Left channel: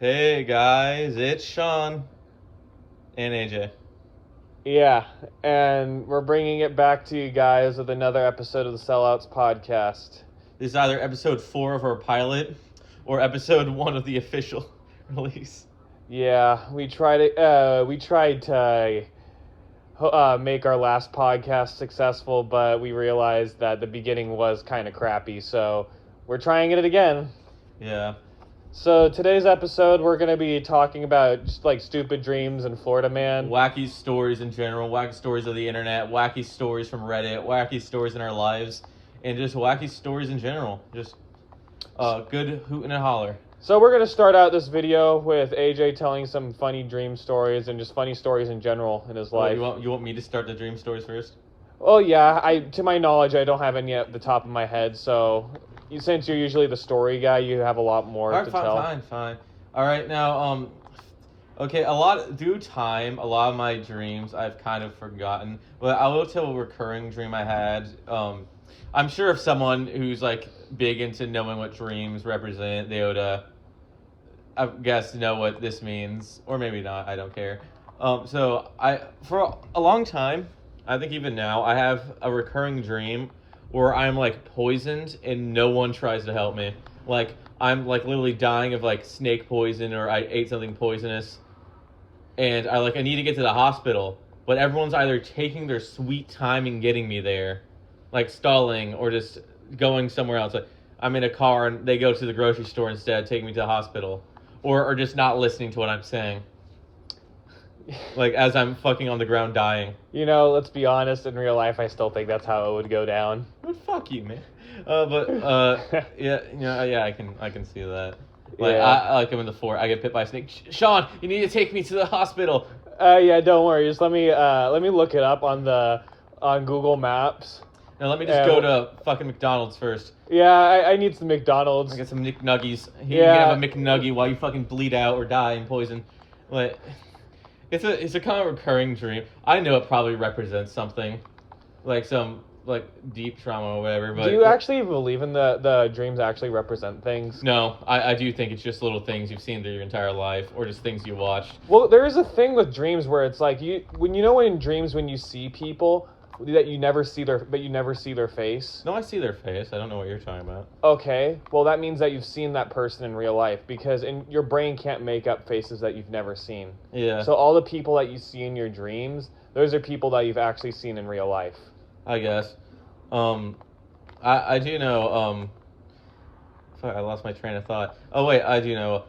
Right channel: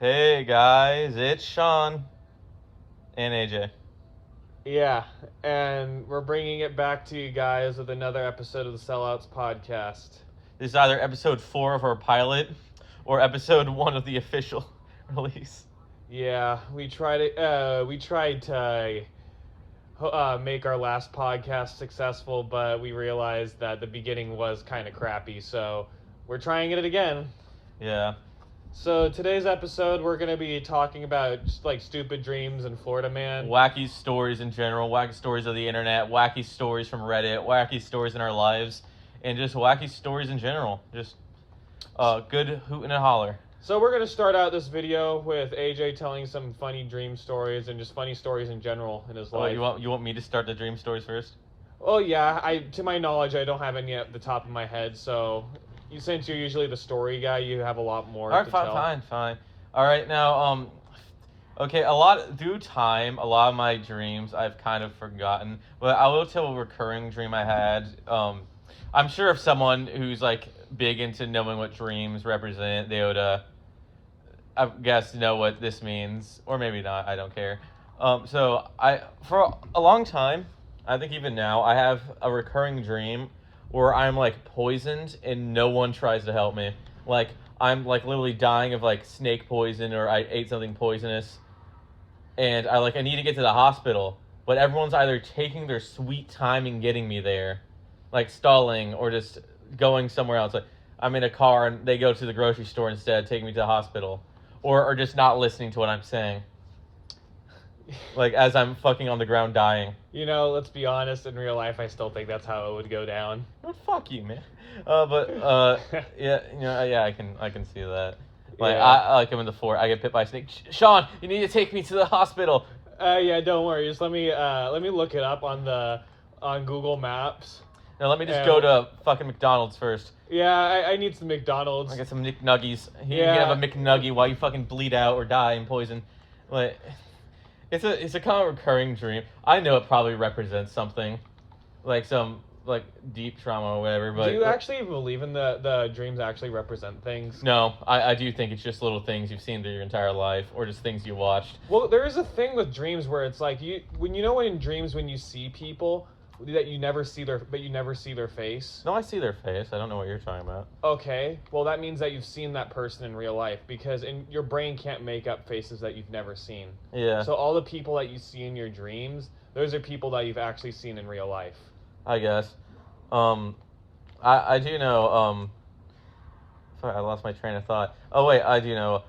Hey guys, it's Sean and AJ. Yeah, and we're bringing it back to you guys with another episode of the Sellouts podcast. This is either episode 4 of our pilot or episode 1 of the official release. Yeah, we tried to make our last podcast successful, but we realized that the beginning was kind of crappy, so we're trying it again. Yeah. So today's episode, we're gonna be talking about just like stupid dreams in Florida Man. Wacky stories in general, wacky stories of the internet, wacky stories from Reddit, wacky stories in our lives, and just wacky stories in general. Just good hoot and a holler. So we're gonna start out this video with AJ telling some funny dream stories and just funny stories in general in his life. You want me to start the dream stories first? Oh yeah, to my knowledge, I don't have any at the top of my head. So, since you're usually the story guy, you have a lot more to tell. Fine. All right, now, okay, due time, a lot of my dreams I've kind of forgotten, but I will tell a recurring dream I had. I'm sure if someone who's like big into knowing what dreams represent, they would, I guess, know what this means, or maybe not. I don't care. For a long time, I think even now, I have a recurring dream where I'm like poisoned and no one tries to help me. Like I'm like literally dying of like snake poison, or I ate something poisonous, and I need to get to the hospital, but everyone's either taking their sweet time in getting me there, like stalling, or just going somewhere else. Like I'm in a car and they go to the grocery store instead, taking me to the hospital, or just not listening to what I'm saying. Like as I'm fucking on the ground dying. You know, let's be honest. In real life, I still think that's how it would go down. Well, fuck you, man. Yeah, I can see that. Like Yeah. I'm in the fort. I get bit by a snake. Sean, you need to take me to the hospital. Yeah, don't worry. Just let me look it up on Google Maps. Now let me just go to fucking McDonald's first. Yeah, I need some McDonald's. I get some McNuggies. You Yeah. can have a McNuggie while you fucking bleed out or die in poison. Like, it's a kind of recurring dream. I know it probably represents something, like some like deep trauma or whatever. But do you actually believe in the dreams actually represent things? No, I do think it's just little things you've seen through your entire life, or just things you watched. Well, there is a thing with dreams where it's like when in dreams when you see people that you never see their face. No, I see their face. I don't know what you're talking about. Okay, well that means that you've seen that person in real life, because your brain can't make up faces that you've never seen. Yeah. So all the people that you see in your dreams, those are people that you've actually seen in real life. I guess. I do know. Fuck, I lost my train of thought. Oh wait, I do know.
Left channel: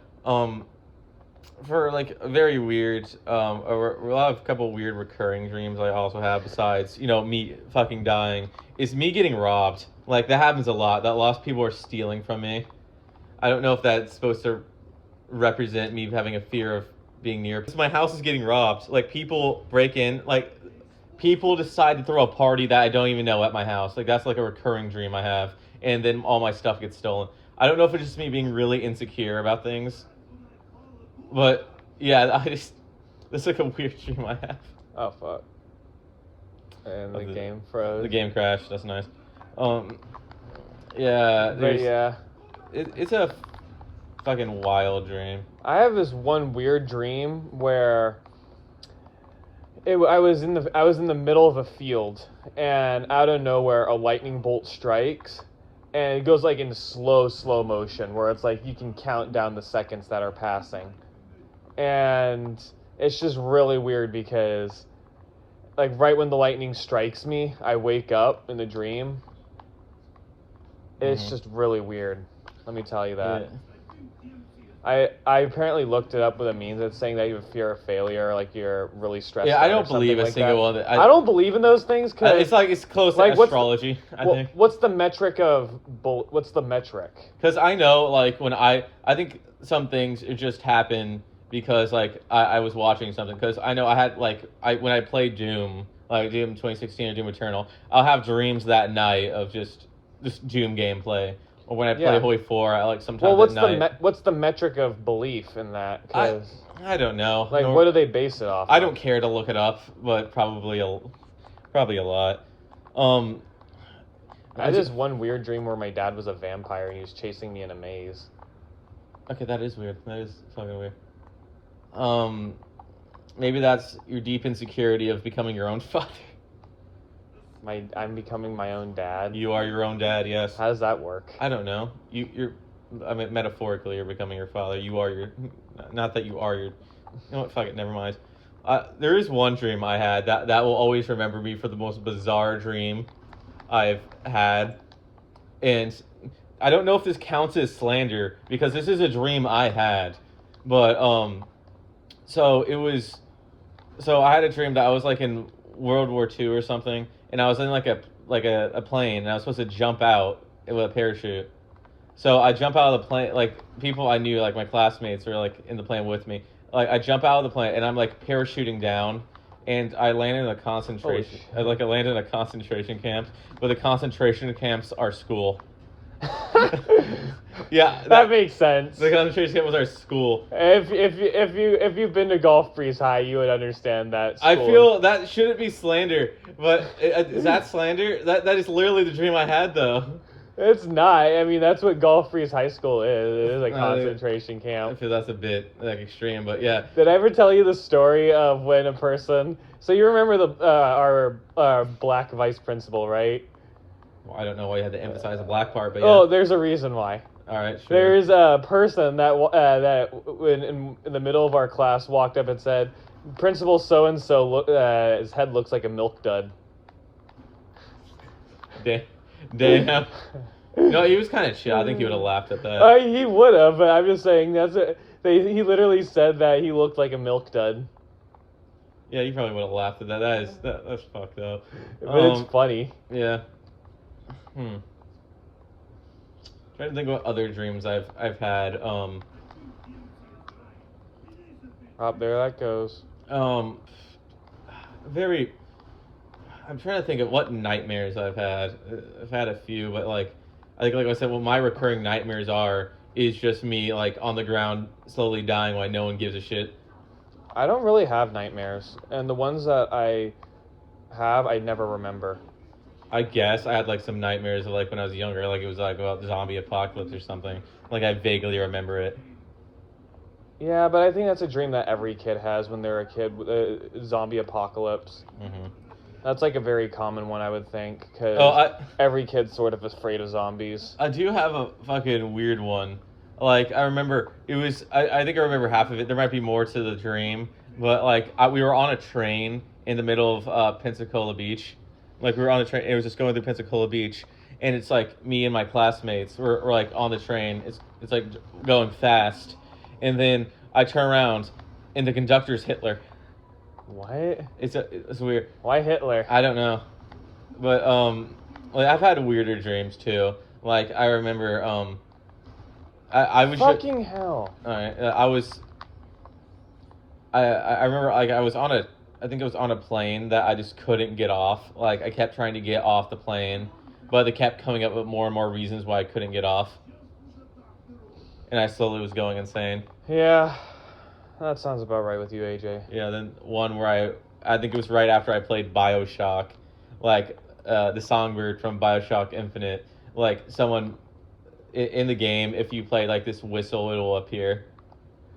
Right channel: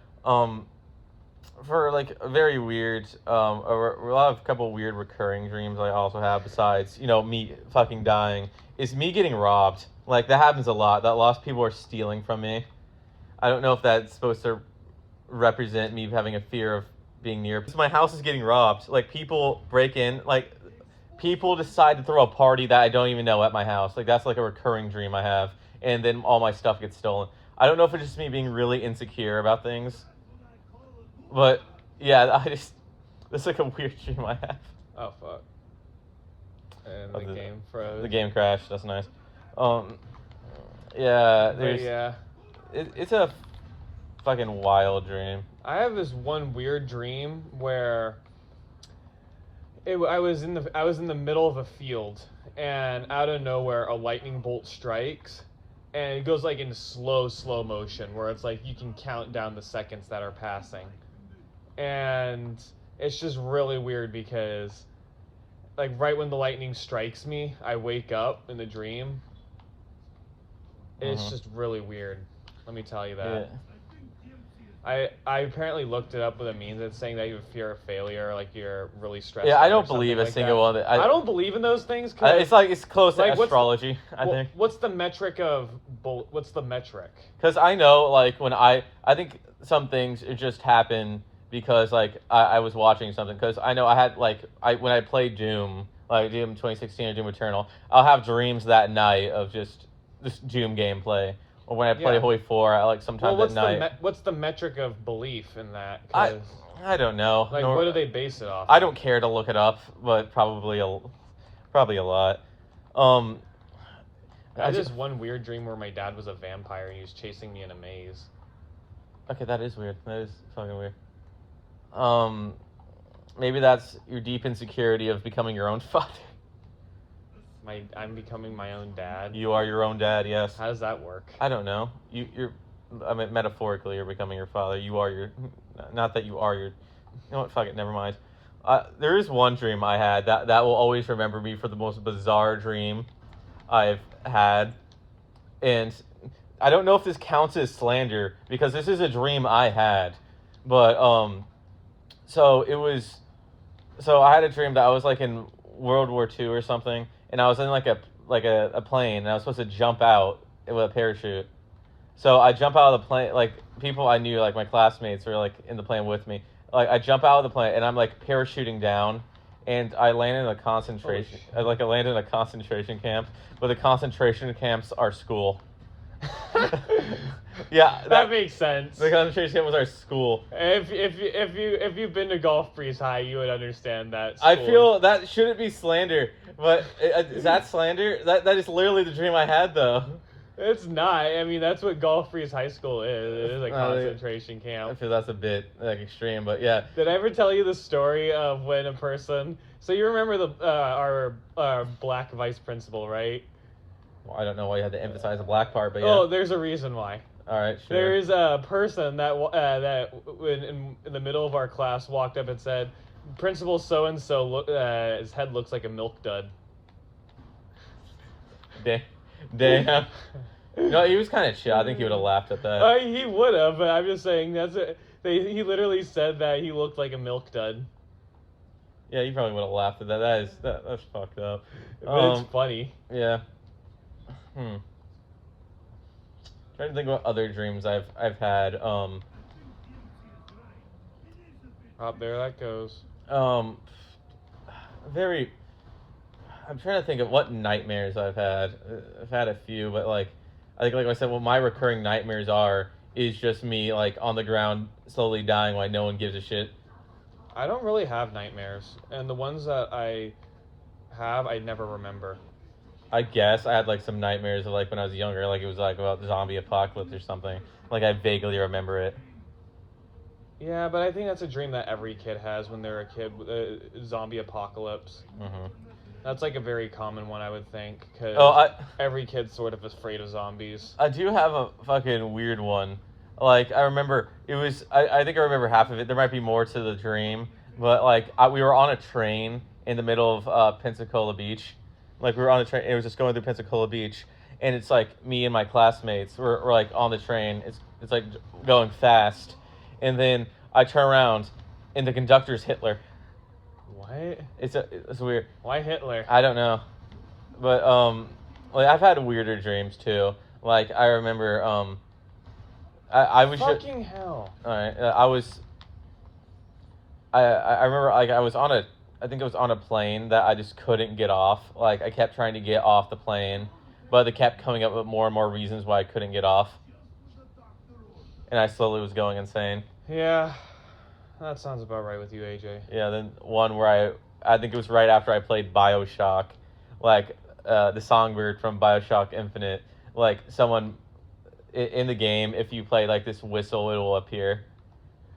For like a very weird, a couple weird recurring dreams I also have, besides me fucking dying, is me getting robbed. Like that happens a lot. That lost people are stealing from me. I don't know if that's supposed to represent me having a fear of being near. Because my house is getting robbed. Like people break in. Like people decide to throw a party that I don't even know at my house. Like that's like a recurring dream I have, and then all my stuff gets stolen. I don't know if it's just me being really insecure about things. But yeah, this is like a weird dream I have. Oh fuck. And the game froze. The game crashed. That's nice. Yeah. But yeah. It's a fucking wild dream. I have this one weird dream where I was in the middle of a field, and out of nowhere a lightning bolt strikes, and it goes like in slow motion, where it's like you can count down the seconds that are passing. And it's just really weird because, like, right when the lightning strikes me, I wake up in the dream. It's just really weird. Let me tell you that. Yeah. I apparently looked it up what it means. It's saying that you have fear of failure, like you're really stressed. Yeah, out I don't believe a single one. I don't believe in those things because it's close to astrology. I think. What's the metric of what's the metric? Because I know, like, when I think some things just happen. Because like I was watching something, because I know I had when I played Doom, like Doom 2016 or Doom Eternal, I'll have dreams that night of just this Doom gameplay. Or when I play Hoi 4, I like sometimes what's the metric of belief in that? I don't know. Like what do they base it off? I don't care to look it up, but probably a lot. I had this one weird dream where my dad was a vampire and he was chasing me in a maze. Okay, that is weird. That is fucking weird. Maybe that's your deep insecurity of becoming your own father. I'm becoming my own dad. You are your own dad, yes. How does that work? I don't know. I mean, metaphorically, you're becoming your father. You are your, not that you are your. You know what? Fuck it. Never mind. There is one dream I had that will always remember me for the most bizarre dream I've had, and I don't know if this counts as slander because this is a dream I had, but so it was, so I had a dream that I was like in World War II or something, and I was in like a plane, and I was supposed to jump out with a parachute. So I jump out of the plane, like people I knew, like my classmates were like in the plane with me. Like I jump out of the plane and I'm like parachuting down, and I land in a concentration. I land in a concentration camp, but the concentration camps are school. Yeah, that makes sense. The concentration camp was our school. If you've been to Gulf Breeze High, you would understand that. I feel that shouldn't be slander, but is that slander? That is literally the dream I had, though. It's not. I mean, that's what Gulf Breeze High School is. It is a concentration camp. I feel that's a bit like extreme, but yeah. Did I ever tell you the story of when a person? So you remember our black vice principal, right? Well, I don't know why you had to emphasize the black part, but yeah. Oh, there's a reason why. All right, sure. There's a person that in the middle of our class walked up and said, "Principal so and so, his head looks like a milk dud." Damn. No, he was kind of chill. I think he would have laughed at that. He would have, but I'm just saying he literally said that he looked like a milk dud. Yeah, you probably would have laughed at that. That's fucked up. But it's funny. Yeah. Trying to think what other dreams I've had. Up there that goes. Very. I'm trying to think of what nightmares I've had. I've had a few, but like I said, what my recurring nightmares is just me like on the ground slowly dying while no one gives a shit. I don't really have nightmares, and the ones that I have, I never remember. I guess I had like some nightmares of like when I was younger, like it was like about zombie apocalypse or something. Like I vaguely remember it. Yeah, but I think that's a dream that every kid has when they're a kid. Zombie apocalypse. Mm-hmm. That's like a very common one, I would think, because every kid's sort of afraid of zombies. I do have a fucking weird one. Like, I remember, it was, I think I remember half of it. There might be more to the dream, but like, we were on a train in the middle of Pensacola Beach. Like, we were on a train, it was just going through Pensacola Beach, and it's like, me and my classmates were like on the train. It's like going fast, and then I turn around, and the conductor's Hitler. What? It's weird. Why Hitler? I don't know, but like I've had weirder dreams too. Like I remember I was fucking hell. All right, I remember like I think I was on a plane that I just couldn't get off. Like I kept trying to get off the plane, but they kept coming up with more and more reasons why I couldn't get off, and I slowly was going insane. Yeah. That sounds about right with you, AJ. Yeah, then one where I think it was right after I played BioShock, like the songbird from BioShock Infinite, like someone in the game, if you play like this whistle, it will appear.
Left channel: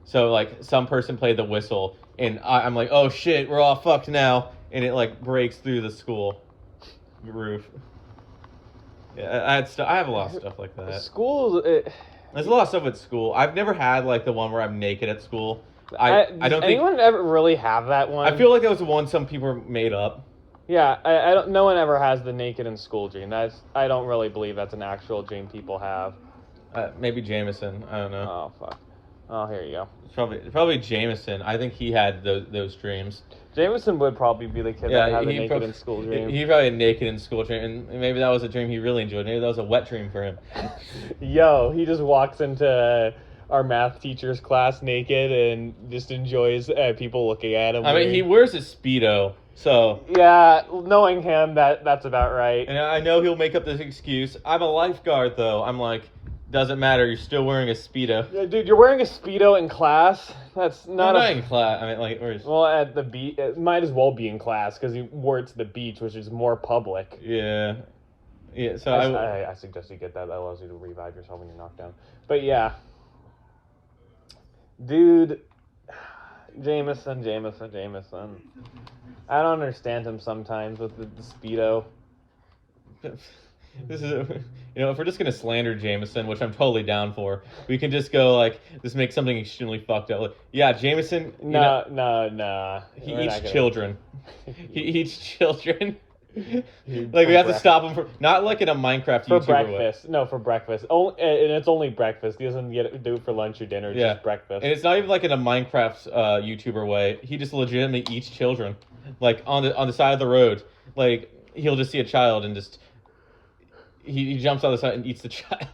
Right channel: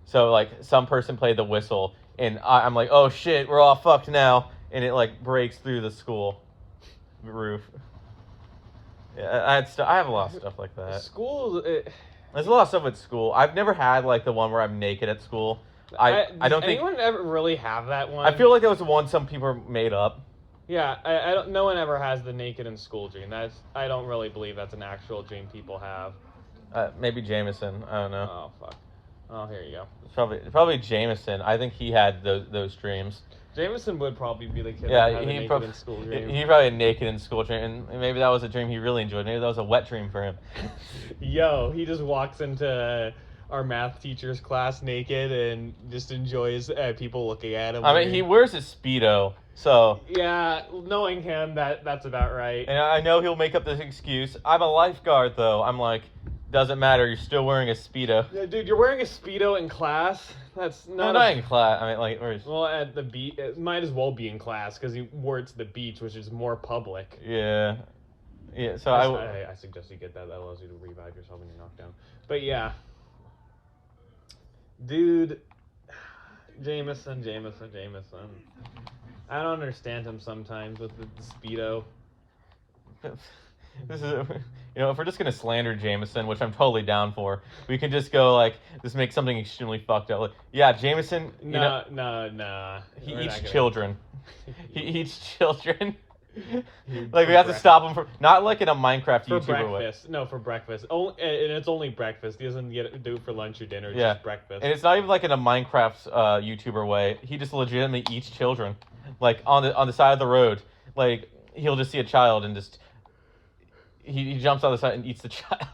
So like some person played the whistle, and I'm like, oh shit, we're all fucked now, and it like breaks through the school roof. Yeah, I have a lot of stuff like that. School. There's a lot of stuff with school. I've never had like the one where I'm naked at school. I don't think anyone ever really have that one. I feel like that was one some people made up. Yeah, I don't. No one ever has the naked in school dream. I don't really believe that's an actual dream people have. Maybe Jameson. I don't know. Oh fuck. Oh, here you go. Probably Jameson. I think he had those dreams. Jameson would probably be the kid that had the naked in school dream. He probably had naked in school dream, and maybe that was a dream he really enjoyed. Maybe that was a wet dream for him. Yo, he just walks into our math teacher's class naked and just enjoys people looking at him. I mean, he wears a Speedo, so... Yeah, knowing him, that's about right. And I know he'll make up this excuse. I'm a lifeguard, though. I'm like, doesn't matter, you're still wearing a Speedo. Yeah, dude, you're wearing a Speedo in class? That's not in class. I mean, like, where's... Well, at the beach, it might as well be in class, because he wore it to the beach, which is more public. Yeah. Yeah, so I suggest you get that. That allows you to revive yourself when you're knocked down. But yeah. Dude, Jameson. I don't understand him sometimes with the Speedo. This is, if we're just gonna slander Jameson, which I'm totally down for, we can just go like, just make something extremely fucked up. Like, yeah, Jameson. No. He eats children. He eats children. Like we have to stop him not like in a Minecraft for YouTuber breakfast. way. No, for breakfast. Oh, and it's only breakfast. He doesn't do it for lunch or dinner. It's just breakfast. And it's not even like in a Minecraft YouTuber way. He just legitimately eats children, like on the side of the road. Like he'll just see a child and just he jumps on the side and eats the child.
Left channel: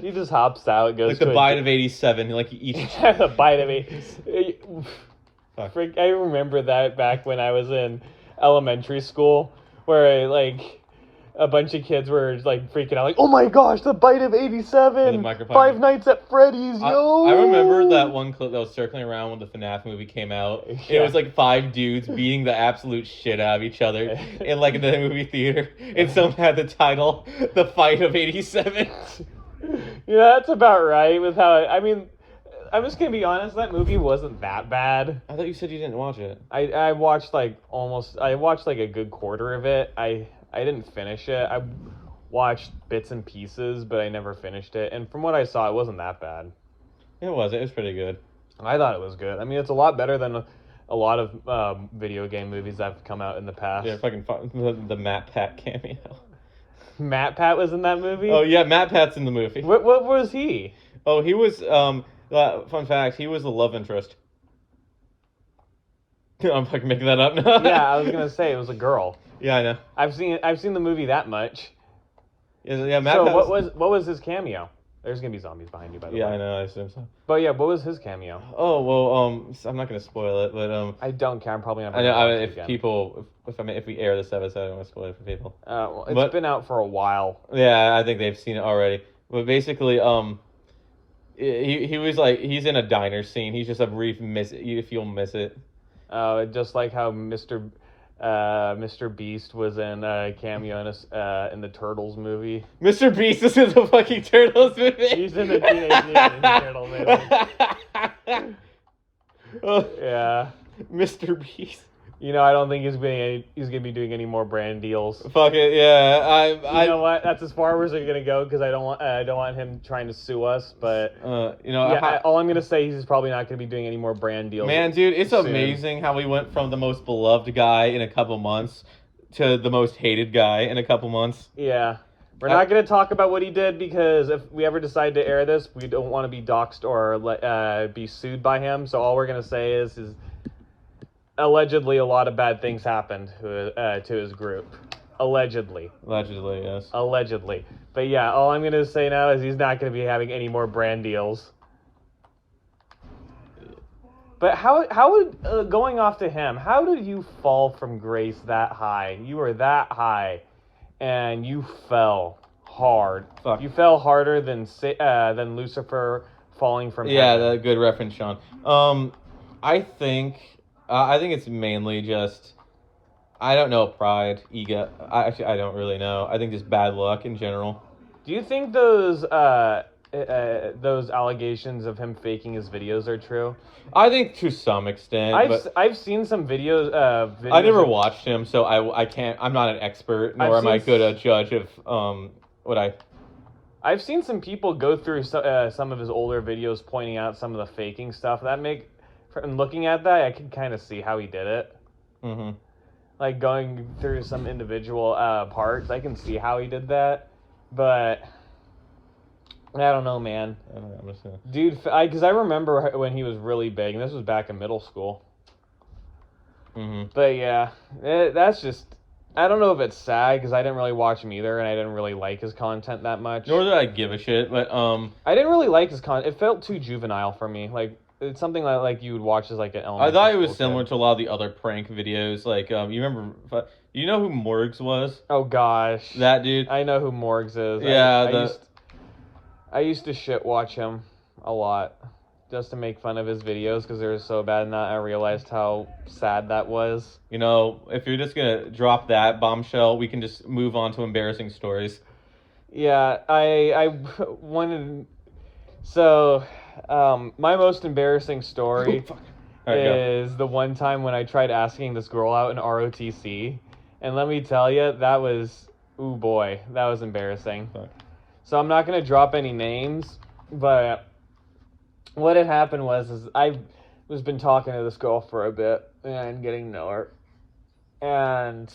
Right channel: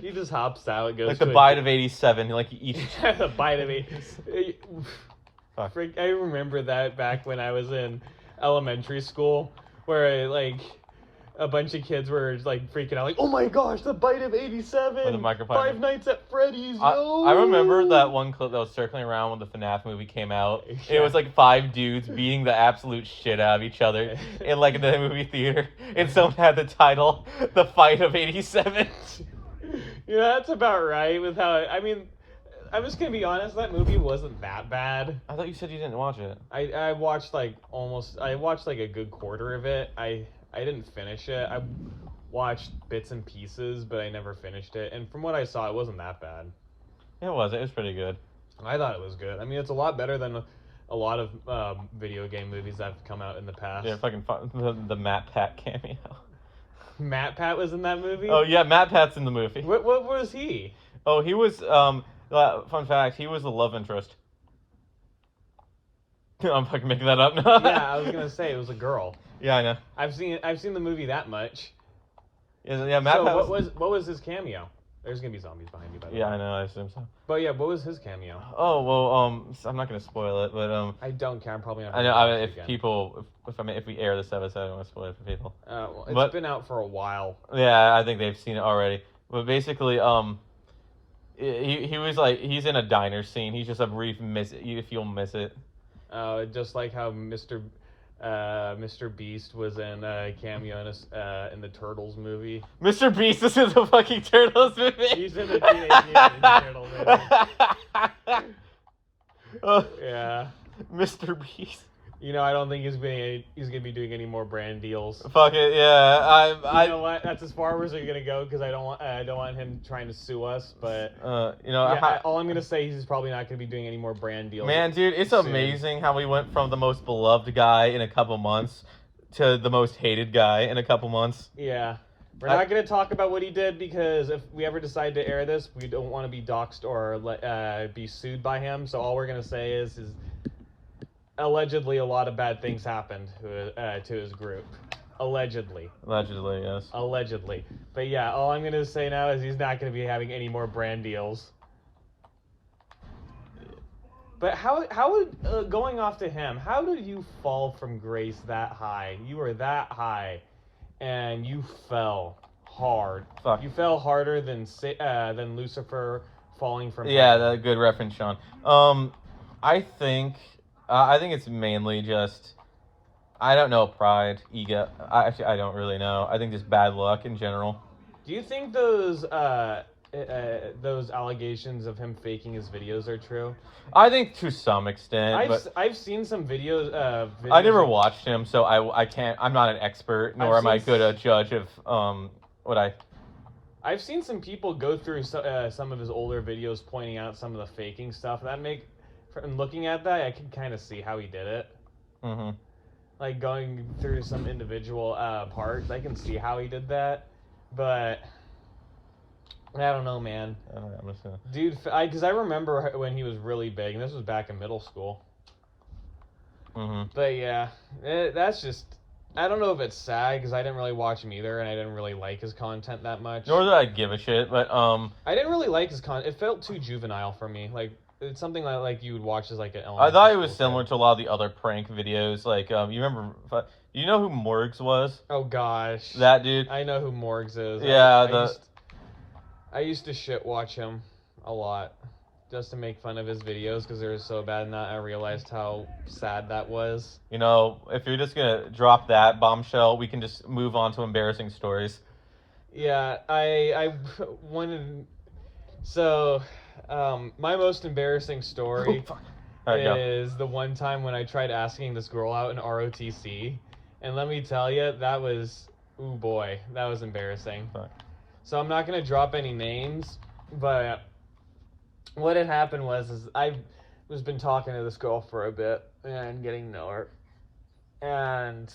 He just hops out, goes like the bite of 87. Like he eats the bite of 80. I remember that back when I was in elementary school, where like a bunch of kids were like freaking out, like, "Oh my gosh, the bite of 87! Five Nights at Freddy's, yo!" I remember that one clip that was circling around when the FNAF movie came out. Yeah. It was like 5 dudes beating the absolute shit out of each other in like the movie theater, and someone had the title "The Fight of 87." Yeah, that's about right. With how I'm just gonna be honest. That movie wasn't that bad. I thought you said you didn't watch it. I watched like a good quarter of it. I didn't finish it. I watched bits and pieces, but I never finished it. And from what I saw, it wasn't that bad. It was pretty good. I thought it was good. I mean, it's a lot better than a lot of video game movies that have come out in the past. Yeah, fucking the Matt Pat cameo. Matt Pat was in that movie? Oh yeah, Matt Pat's in the movie. What was he? Oh, he was fun fact, he was the love interest. I'm fucking making that up now. Yeah, I was gonna say it was a girl. Yeah, I know. I've seen the movie that much. Yeah, Matt so Pat what was his cameo? There's gonna be zombies behind you, by the way. Yeah, I know. I assume so. But yeah, what was his cameo? Oh well, I'm not gonna spoil it, but I don't care. I'm probably not. I know if we air this episode, I don't want to spoil it for people. Well, it's been out for a while. Yeah, I think they've seen it already. But basically, he was like, he's in a diner scene. He's just a brief miss. If you'll miss it. Just like how Mr. Beast was in a cameo in the Turtles movie. Mr. Beast is in the fucking Turtles movie. He's in the Teenage Mutant Turtle movie. Yeah. Mr. Beast. I don't think he's gonna be doing any more brand deals. Fuck it, yeah. You know what? That's as far as they're gonna go because I don't want him trying to sue us. But all I'm gonna say is he's probably not gonna be doing any more brand deals. Man, dude, it's amazing how we went from the most beloved guy in a couple months to the most hated guy in a couple months. Yeah. We're not going to talk about what he did because if we ever decide to air this, we don't want to be doxxed or be sued by him. So all we're going to say is allegedly a lot of bad things happened to his group. Allegedly. Allegedly, yes. Allegedly. But yeah, all I'm going to say now is he's not going to be having any more brand deals. But how would, going off to him, how did you fall from grace that high? You were that high, and you fell hard. Fuck. You fell harder than Lucifer falling from heaven. Yeah, good reference, Sean. I think it's mainly just, I don't know, pride, ego. I don't really know. I think just bad luck in general. Do you think those allegations of him faking his videos are true? I think to some extent. I've seen some videos. I never watched him, so I can't. I'm not an expert, nor am I good a judge of what I. I've seen some people go through some of his older videos, pointing out some of the faking stuff. From looking at that, I can kind of see how he did it. Mm-hmm. Like going through some individual parts, I can see how he did that, but. I don't know, man. Dude, because I remember when he was really big, and this was back in middle school. Mm-hmm. But yeah, that's just, I don't know if it's sad, because I didn't really watch him either, and I didn't really like his content that much. Nor did I give a shit, but I didn't really like his content. It felt too juvenile for me. Like, it's something like you would watch as like an elementary I thought it was school similar kid. to a lot of the other prank videos. Like, you remember, you know who Morgs was? Oh gosh. That dude? I know who Morgs is. Yeah, I used to shit watch him a lot just to make fun of his videos because they were so bad, and I realized how sad that was. You know, if you're just gonna drop that bombshell, we can just move on to embarrassing stories. Yeah, I wanted... So, My most embarrassing story All right, go. is the one time when I tried asking this girl out in ROTC, and let me tell you, that was, ooh boy, that was embarrassing. Sorry. So I'm not gonna drop any names, but what had happened was I was been talking to this girl for a bit and getting to know her, and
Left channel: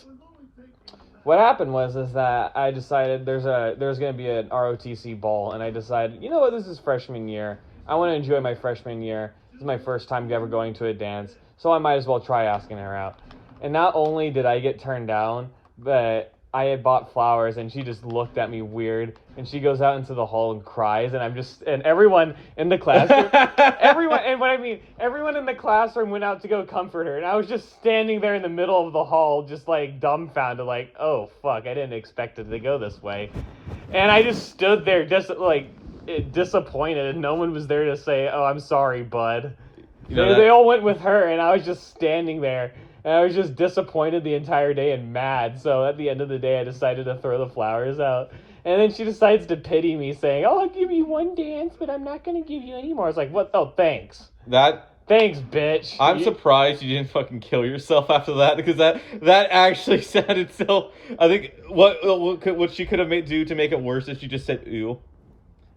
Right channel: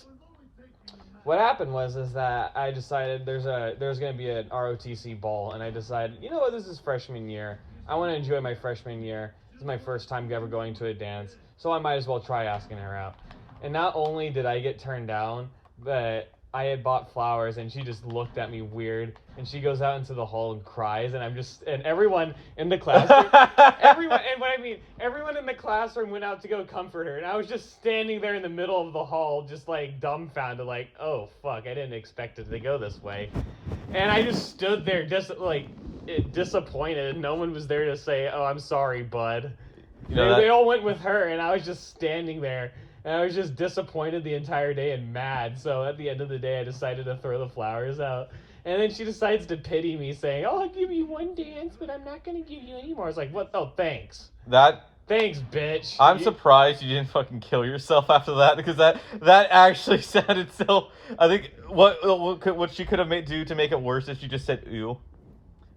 what happened was that I decided there's gonna be an ROTC ball, and I decided, you know what, this is freshman year. I want to enjoy my freshman year. This is my first time ever going to a dance, so I might as well try asking her out. And not only did I get turned down, but I had bought flowers, and she just looked at me weird, and she goes out into the hall and cries, and everyone in the classroom, everyone in the classroom went out to go comfort her, and I was just standing there in the middle of the hall, just like dumbfounded, like, oh fuck, I didn't expect it to go this way, and I just stood there, just like disappointed, and no one was there to say, oh, I'm sorry, bud. They all went with her, and I was just standing there. And I was just disappointed the entire day and mad. So at the end of the day, I decided to throw the flowers out. And then she decides to pity me, saying, oh, I'll give you one dance, but I'm not going to give you any more. I was like, what? Oh, thanks. Thanks, bitch. I'm surprised you didn't fucking kill yourself after that, because that actually sounded so... I think what she could have do to make it worse is she just said, ew.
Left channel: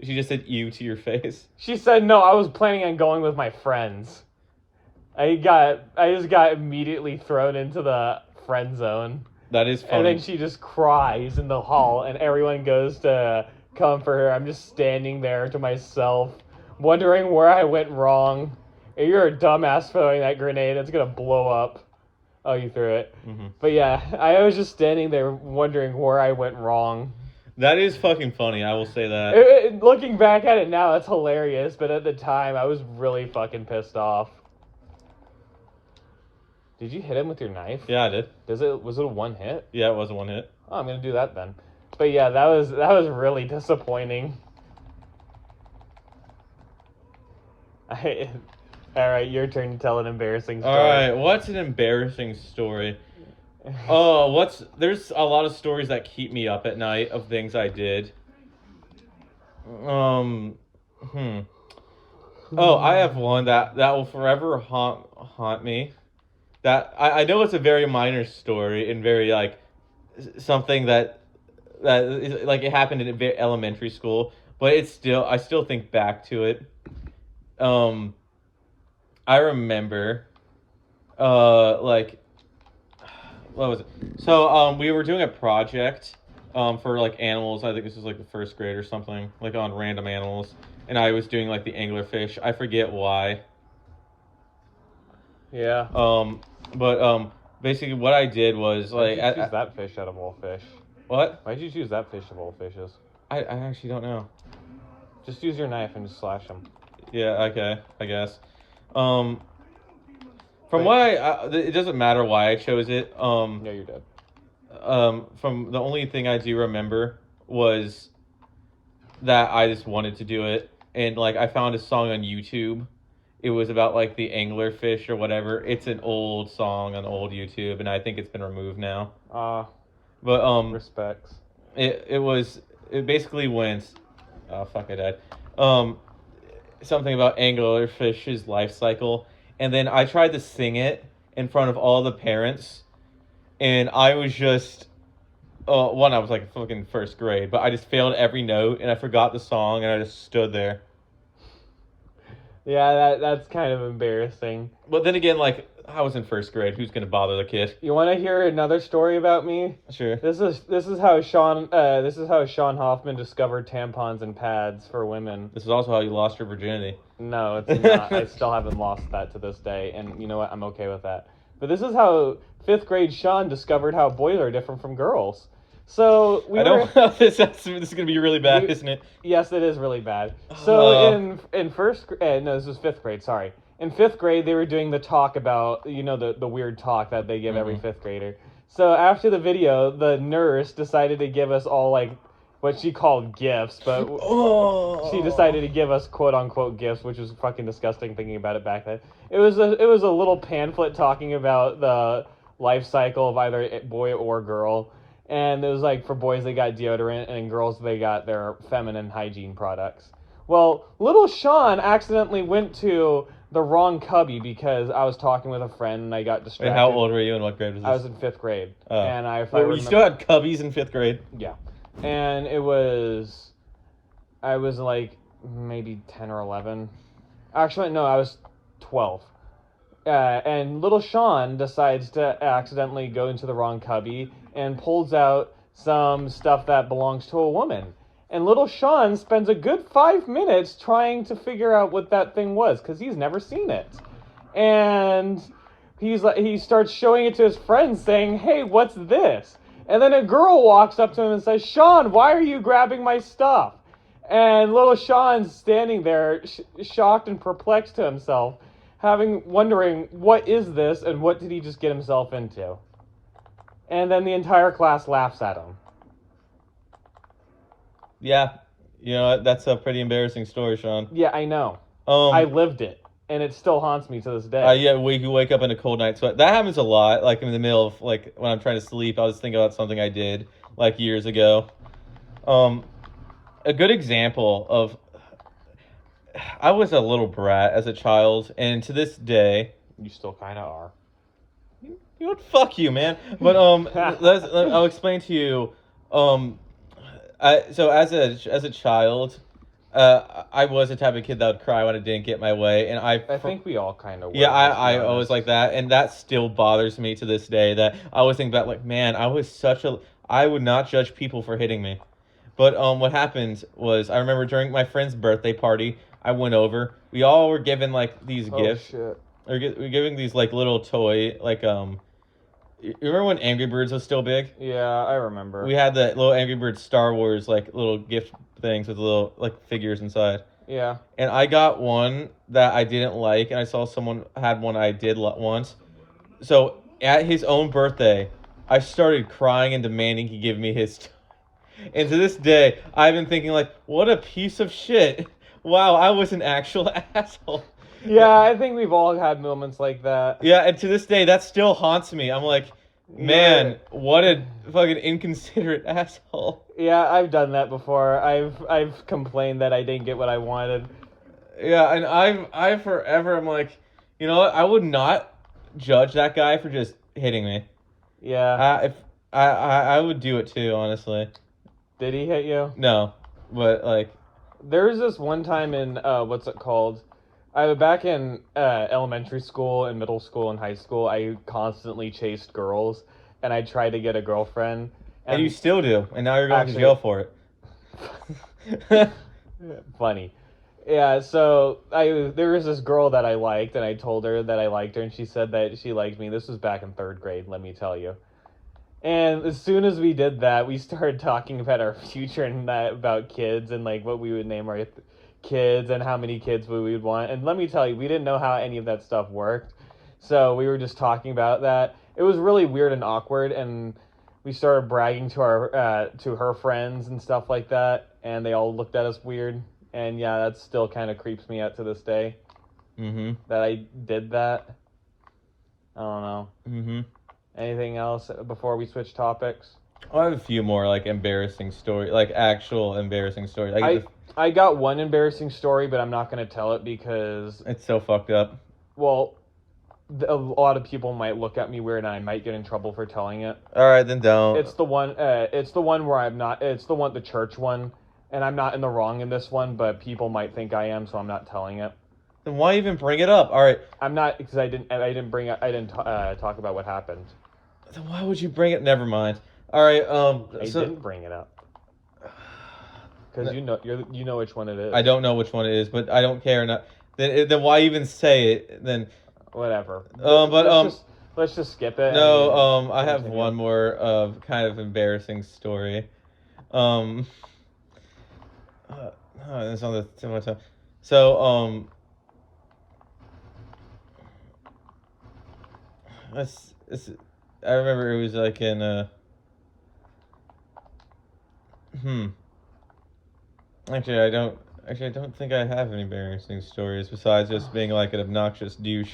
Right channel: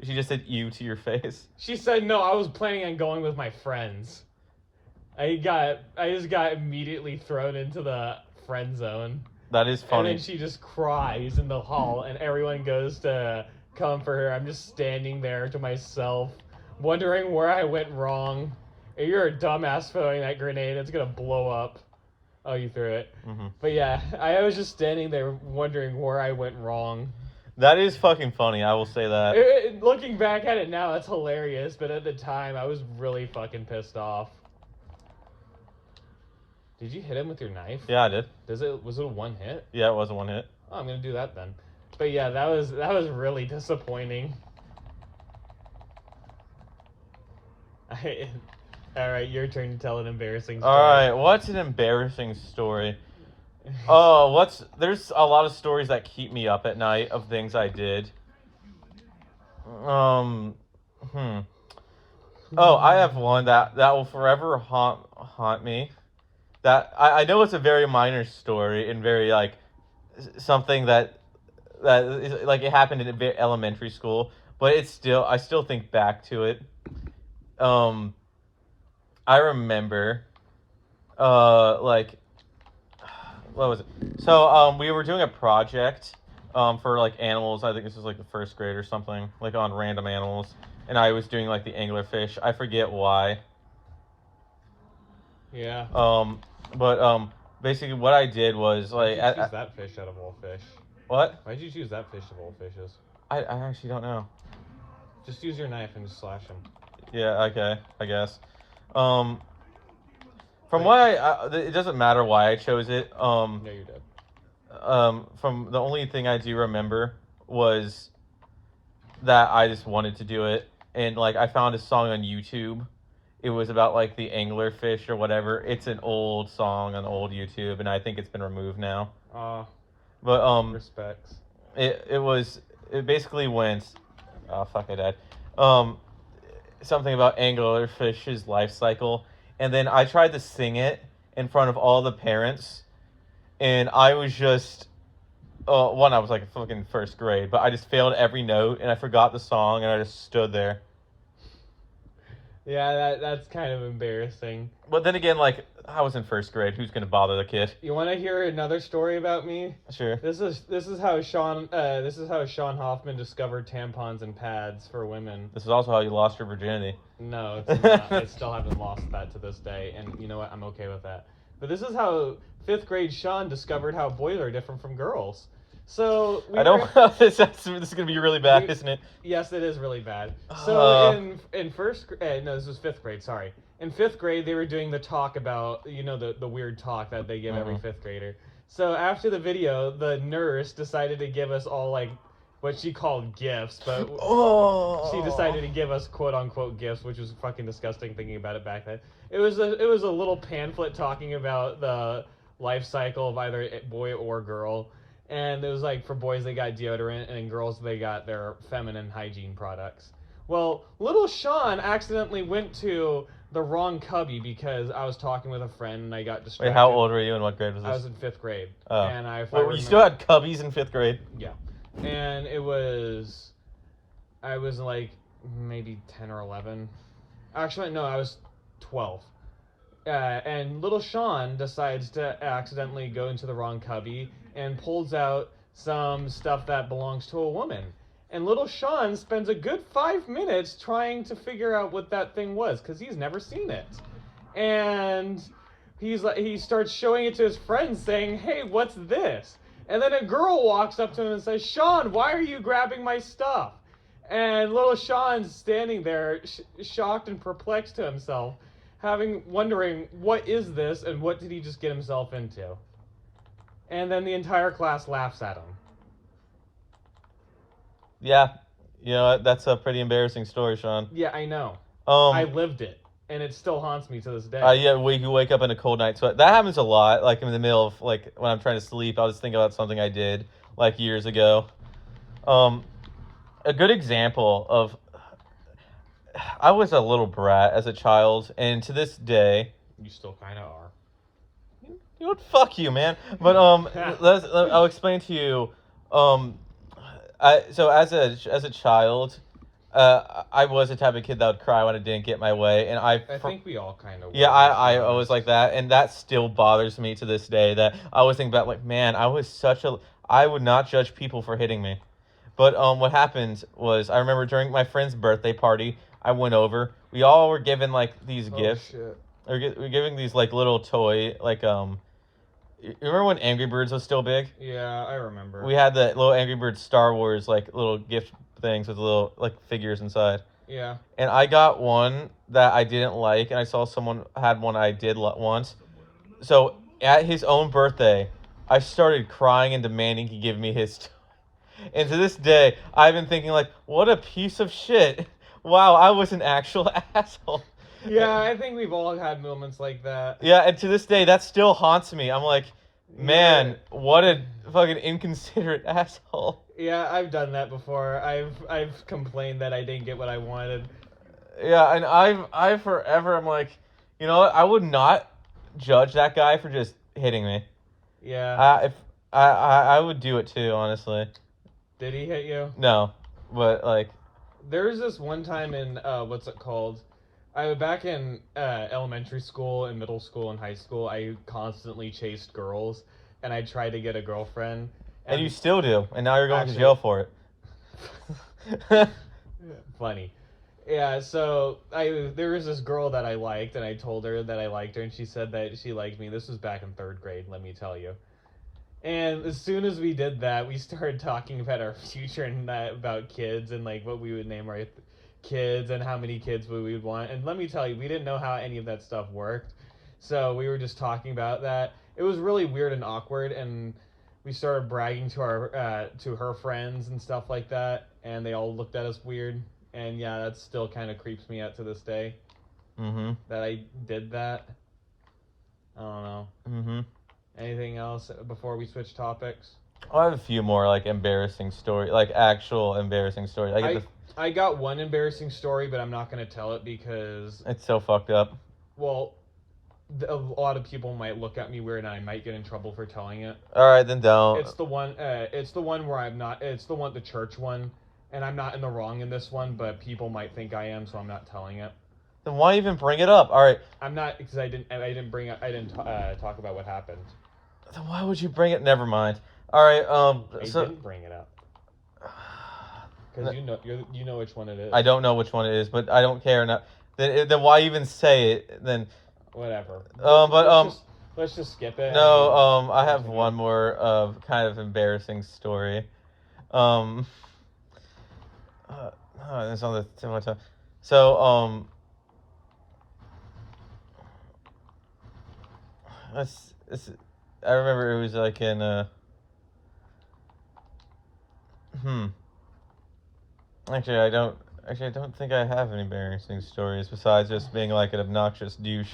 She just said ew to your face. She said, no, I was planning on going with my friends. I just got immediately thrown into the friend zone. That is funny. And then she just cries in the hall, and everyone goes to comfort her. I'm just standing there to myself, wondering where I went wrong. If you're a dumbass throwing that grenade, it's gonna blow up. Oh, you threw it. Mm-hmm. But yeah, I was just standing there wondering where I went wrong. That is fucking funny, I will say that. Looking back at it now, it's hilarious, but at the time, I was really fucking pissed off. Did you hit him with your knife? Yeah, I did. Was it a one hit? Yeah, it was a one hit. Oh, I'm gonna do that then. But yeah, that was really disappointing. Alright, your turn to tell an embarrassing story. Alright, what's an embarrassing story? There's a lot of stories that keep me up at night of things I did. Oh, I have one that will forever haunt me. That I know it's a very minor story and very like something that is, like, it happened in elementary school, but I still think back to it. I remember like, what was it? So we were doing a project for like animals. I think this was like the first grade or something, like on random animals, and I was doing like the anglerfish. I forget why. Yeah. But basically what I did was like... Why did you choose that fish out of all fish? What? Why did you choose that fish of all fishes? I actually don't know. Just use your knife and just slash them. Yeah, okay, I guess. From what it doesn't matter why I chose it. No, you're dead. From the only thing I do remember was that I just wanted to do it. And like, I found a song on YouTube. It was about like the anglerfish or whatever. It's an old song on old YouTube, and I think it's been removed now. But respects. It basically went, oh fuck, I died. Something about anglerfish's life cycle, and then I tried to sing it in front of all the parents, and I was just I was like fucking first grade, but I just failed every note, and I forgot the song, and I just stood there. Yeah, that's kind of embarrassing. But then again, like, I was in first grade. Who's gonna bother the kid? You want to hear another story about me? Sure. This is how Sean Hoffman discovered tampons and pads for women. This is also how you lost your virginity. No, it's not. I still haven't lost that to this day, and you know what? I'm okay with that. But this is how 5th grade Sean discovered how boys are different from girls. So I don't know if this is gonna be really bad, isn't it? Yes, it is really bad. So in first grade, no, this was 5th grade. Sorry, in 5th grade they were doing the talk about, you know, the weird talk that they give every 5th grader. So after the video, the nurse decided to give us all like what she called gifts, but she decided to give us quote unquote gifts, which was fucking disgusting thinking about it back then. It was a little pamphlet talking about the life cycle of either a boy or girl. And it was like, for boys they got deodorant, and girls they got their feminine hygiene products. Well, little Sean accidentally went to the wrong cubby because I was talking with a friend and I got distracted. Wait, how old were you and what grade was this? I was in 5th grade. Oh. And if I Wait, remember, you still had cubbies in 5th grade? Yeah. And I was like maybe 10 or 11. Actually, no, I was 12. And little Sean decides to accidentally go into the wrong cubby and pulls out some stuff that belongs to a woman. And little Sean spends a good 5 minutes trying to figure out what that thing was because he's never seen it. And he starts showing it to his friends saying, "Hey, what's this?" And then a girl walks up to him and says, "Sean, why are you grabbing my stuff?" And little Sean's standing there shocked and perplexed to himself, wondering, what is this and what did he just get himself into? And then the entire class laughs at him. Yeah. You know what? That's a pretty embarrassing story, Sean. Yeah, I know. I lived it, and it still haunts me to this day. Yeah, you wake up in a cold night sweat. That happens a lot. Like in the middle of like when I'm trying to sleep, I was thinking about something I did like years ago. A good example of I was a little brat as a child, and to this day, You still kind of are. you know, fuck you, man. But I'll explain to you. So as a child, I was the type of kid that would cry when I didn't get my way, and I think we all kind of were. Yeah, I always like that, and that still bothers me to this day. That I always think about, like, man, I would not judge people for hitting me. But what happened was, I remember during my friend's birthday party, I went over. We all were given like these gifts. Shit. We're giving these like little toy, like You remember when Angry Birds was still big? Yeah, I remember. We had the little Angry Birds Star Wars like little gift things with little like figures inside. Yeah. And I got one that I didn't like, and I saw someone had one I did once. So at his own birthday, I started crying and demanding he give me his. And to this day, I've been thinking like, what a piece of shit. Wow, I was an actual asshole. Yeah, I think we've all had moments like that. Yeah, and to this day, that still haunts me. I'm like, man, what a fucking inconsiderate asshole. Yeah, I've done that before. I've complained that I didn't get what I wanted. Yeah, and I've forever, I'm like, you know what? I would not judge that guy for just hitting me. Yeah. I would do it too, honestly. Did he hit you? No, but like, there was this one time in what's it called? Back in elementary school and middle school and high school, I constantly chased girls, and I tried to get a girlfriend. And you still do, and now you're going to jail for it. Funny. Yeah, so there was this girl that I liked, and I told her that I liked her, and she said that she liked me. This was back in 3rd grade, let me tell you. And as soon as we did that, we started talking about our future and about kids and like what we would name our kids and how many kids we would want. And let me tell you, we didn't know how any of that stuff worked. So we were just talking about that. It was really weird and awkward, and we started bragging to her friends and stuff like that, and they all looked at us weird. And yeah, that still kind of creeps me out to this day. Mm-hmm. That I did that. I don't know. Mm-hmm. Anything else before we switch topics? I have a few more like embarrassing stories, like actual embarrassing stories. I got one embarrassing story, but I'm not going to tell it because it's so fucked up. Well, a lot of people might look at me weird, and I might get in trouble for telling it. All right, then don't. It's the one. It's the one where I'm not. It's the church one, and I'm not in the wrong in this one, but people might think I am, so I'm not telling it. Then why even bring it up? All right. I'm not, because I didn't talk about what happened. Then why would you bring it? Never mind. All right. I didn't bring it up. Because you know which one it is. I don't know which one it is, but I don't care. Then why even say it? Then whatever. Let's just skip it. No. I have one more kind of embarrassing story. It's on the tip of my tongue. So I remember it was like in Actually, I don't think I have any embarrassing stories besides just being like an obnoxious douche.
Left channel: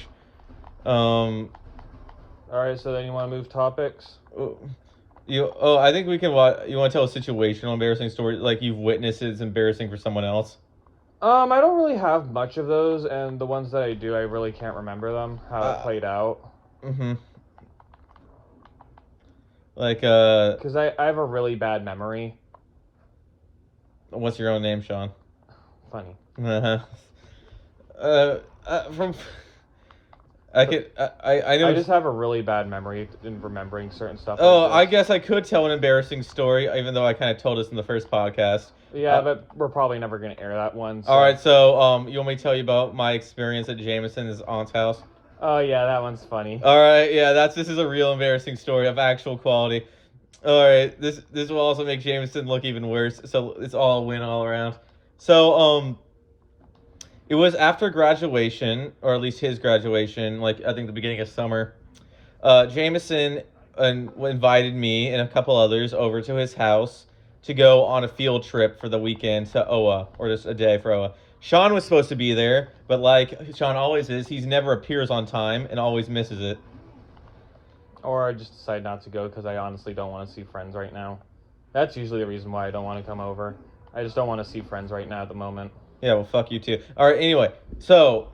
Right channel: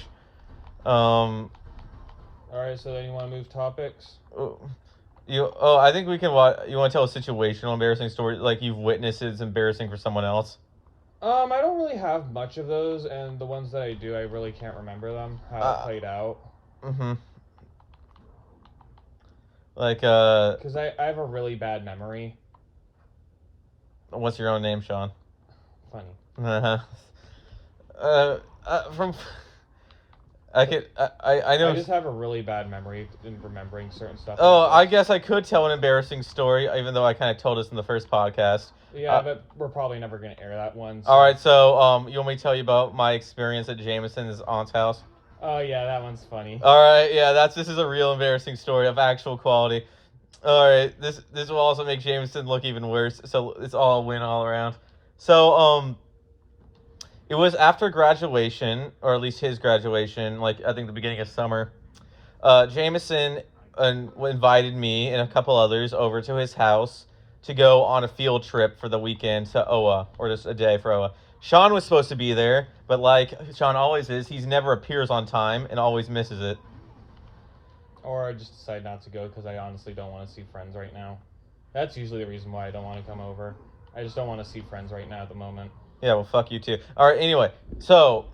All right, so then you want to move topics? I think we can. You want to tell a situational embarrassing story, like you've witnessed it's embarrassing for someone else? I don't really have much of those, and the ones that I do, I really can't remember them, how it played out. Mm-hmm. Like, Because I have a really bad memory. what's your own name, Sean? Funny. Uh-huh. From... I know... I just have a really bad memory in remembering certain stuff. Oh, like I this. guess I could tell an embarrassing story, even though I kind of told us in the first podcast. Yeah, but we're probably never going to air that one. So. All right, so you want me to tell you about my experience at Jameson's aunt's house? Oh yeah, that one's funny. All right, yeah, this is a real embarrassing story of actual quality. All right, this will also make Jameson look even worse. So it's all a win all around. So it was after graduation, or at least his graduation, like I think the beginning of summer. Jameson invited me and a couple others over to his house to go on a field trip for the weekend to Oa, or just a day for Oa. Sean was supposed to be there, but like Sean always is, he's never appears on time and always misses it. Or I just decide not to go because I honestly don't want to see friends right now. That's usually the reason why I don't want to come over. I just don't want to see friends right now at the moment. Yeah, well, fuck you too. All right, anyway, so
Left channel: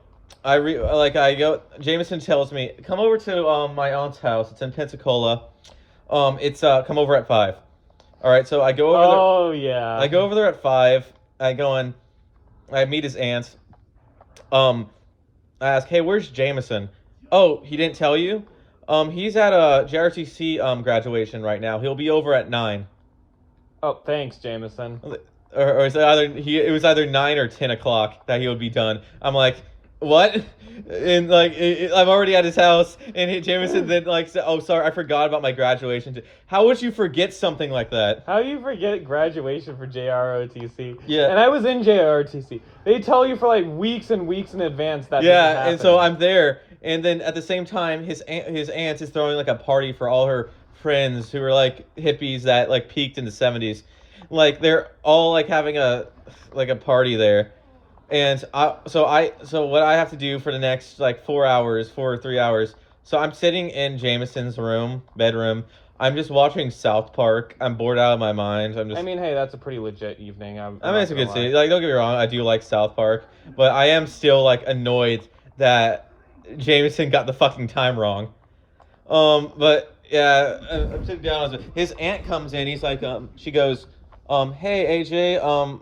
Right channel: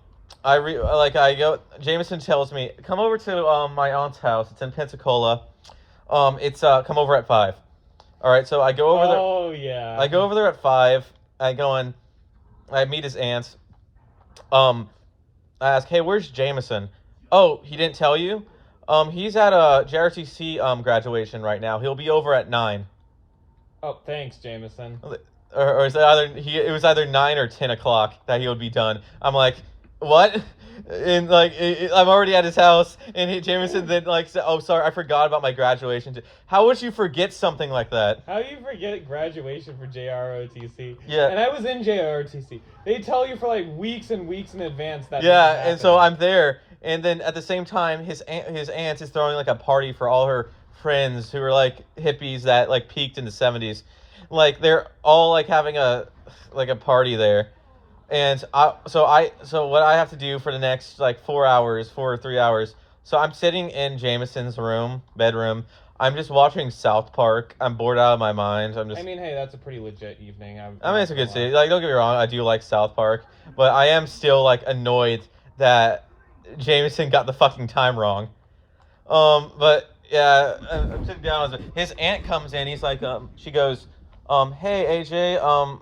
I go. Jameson tells me come over to my aunt's house. It's in Pensacola. It's come over at 5. All right, so I go over there. Oh yeah. I go over there at 5. I meet his aunt. I ask, hey, where's Jameson? Oh, he didn't tell you? He's at a JRTC graduation right now. He'll be over at 9. Oh, thanks, Jameson. Or is it was either 9 or 10 o'clock that he would be done. I'm like, what? And like I'm already at his house, and Jameson then like said, oh sorry, I forgot about my graduation. How would you forget something like that? How do you forget graduation for JROTC? Yeah. And I was in JROTC. They tell you for like weeks and weeks in advance that. Yeah, and so I'm there, and then at the same time, his aunt is throwing like a party for all her friends who are like hippies that like peaked in the 70s. Like they're all like having a party there. And so what I have to do for the next like 4 or 3 hours. So I'm sitting in Jameson's bedroom. I'm just watching South Park. I'm bored out of my mind. I mean, hey, that's a pretty legit evening. I mean, it's a good series. Like, don't get me wrong, I do like South Park, but I am still like annoyed that Jameson got the fucking time wrong. But yeah, I'm sitting down. His aunt comes in. He's like, she goes, hey AJ,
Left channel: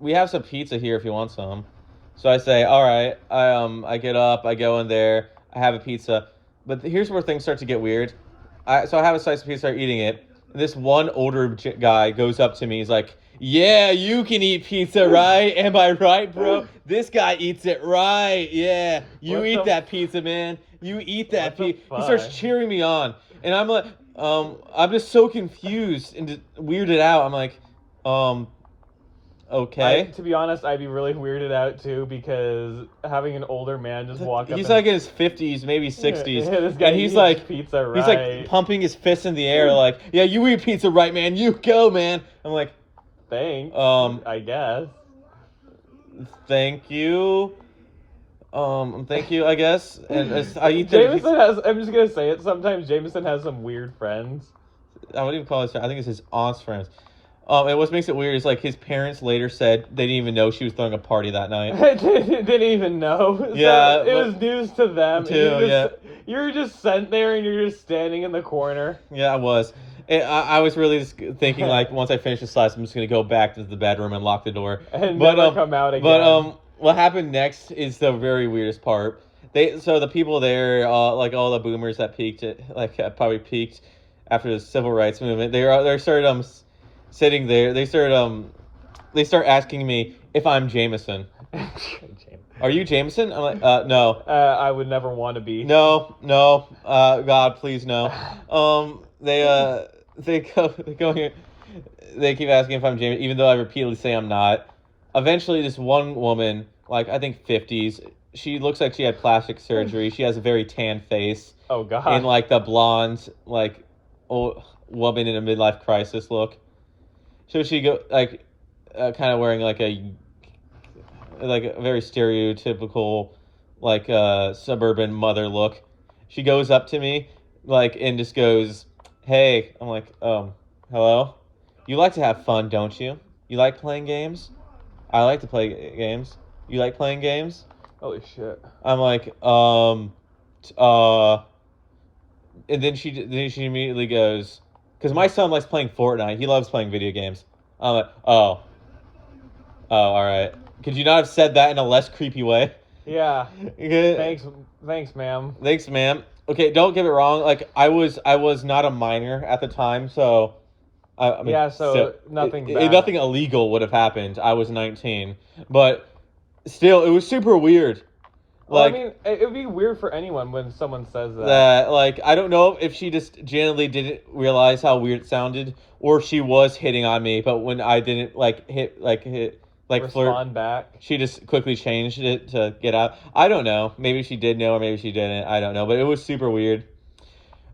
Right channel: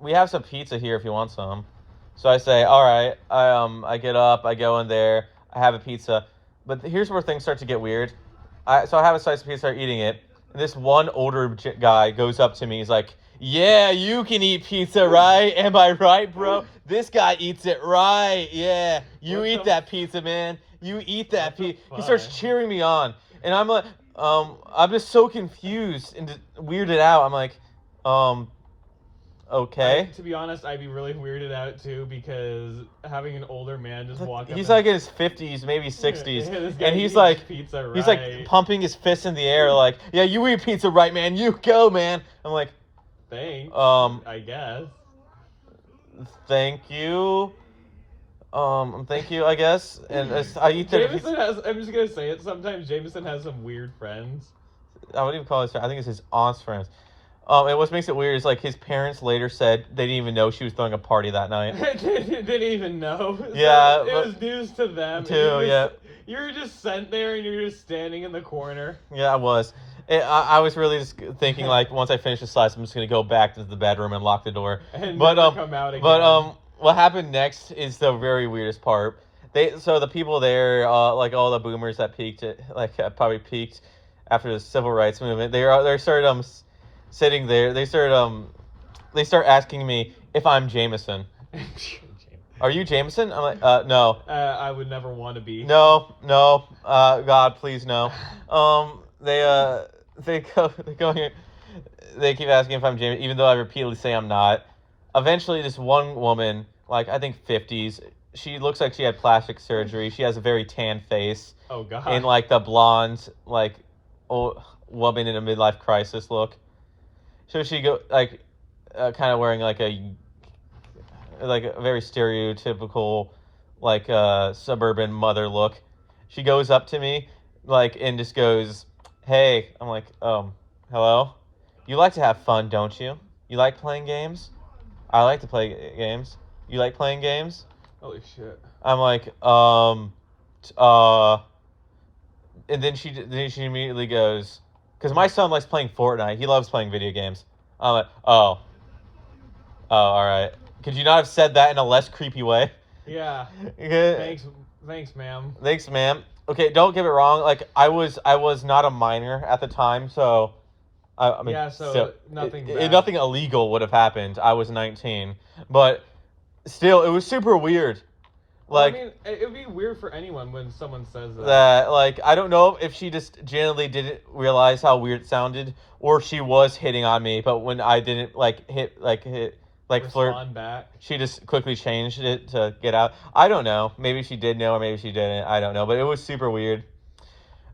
we have some pizza here if you want some. So I say, all right. I get up, I go in there, I have a pizza. But here's where things start to get weird. So I have a slice of pizza, start eating it. And this one older guy goes up to me. He's like, yeah, you can eat pizza, right? Am I right, bro? This guy eats it right. Yeah, you eat that pizza, man. You eat that pizza. He starts cheering me on. And I'm like, I'm just so confused and weirded out. I'm like, okay. To be honest, I'd be really weirded out too because having an older man just walk up. He's like in his 50s, maybe 60s, this guy and he's like, pizza right. He's like pumping his fist in the air, like, yeah, you eat pizza right, man. You go, man. I'm like, thanks. I guess. Thank you. Thank you, I guess. And I eat. Jameson has. I'm just gonna say it. Sometimes Jameson has some weird friends. I wouldn't even call it. I think it's his aunt's friends. And what makes it weird is like his parents later said they didn't even know she was throwing a party that night. Didn't even know. Yeah, so it was news to them. Too, you were just sent there and you're just standing in the corner. Yeah, I was. I was really just thinking like once I finish this class, I'm just gonna go back to the bedroom and lock the door and never come out again. But what happened next is the very weirdest part. So the people there, like all the boomers that peaked, probably peaked after the civil rights movement. They started sitting there. They start asking me if I'm Jameson. Are you Jameson? I'm like, no. I would never want to be. No. God, please no. They go here. They keep asking if I'm Jameson, even though I repeatedly say I'm not. Eventually, this one woman, like I think 50s, she looks like she had plastic surgery. She has a very tan face. Oh God. And like the blonde, like old woman in a midlife crisis look. So she kind of wearing like a very stereotypical, like suburban mother look. She goes up to me, like, and just goes, "Hey," I'm like, "Hello? You like to have fun, don't you? You like playing games?" I like to play games. You like playing games? Holy shit. I'm like, and then she immediately goes, because my son likes playing Fortnite. He loves playing video games. I'm like, all right. Could you not have said that in a less creepy way? Yeah. Okay. Thanks, ma'am. Thanks, ma'am. Okay, don't get it wrong. Like I was not a minor at the time, so I mean, Yeah, so nothing bad. nothing illegal would have happened. I was 19, but still, it was super weird. Well, Like I mean, it would be weird for anyone when someone says that. that. Like I don't know if she just genuinely didn't realize how weird it sounded, or she was hitting on me. But when I didn't hit Respond flirt back. she just quickly changed it to get out. I don't know. Maybe she did know, or maybe she didn't. I don't know. But it was super weird.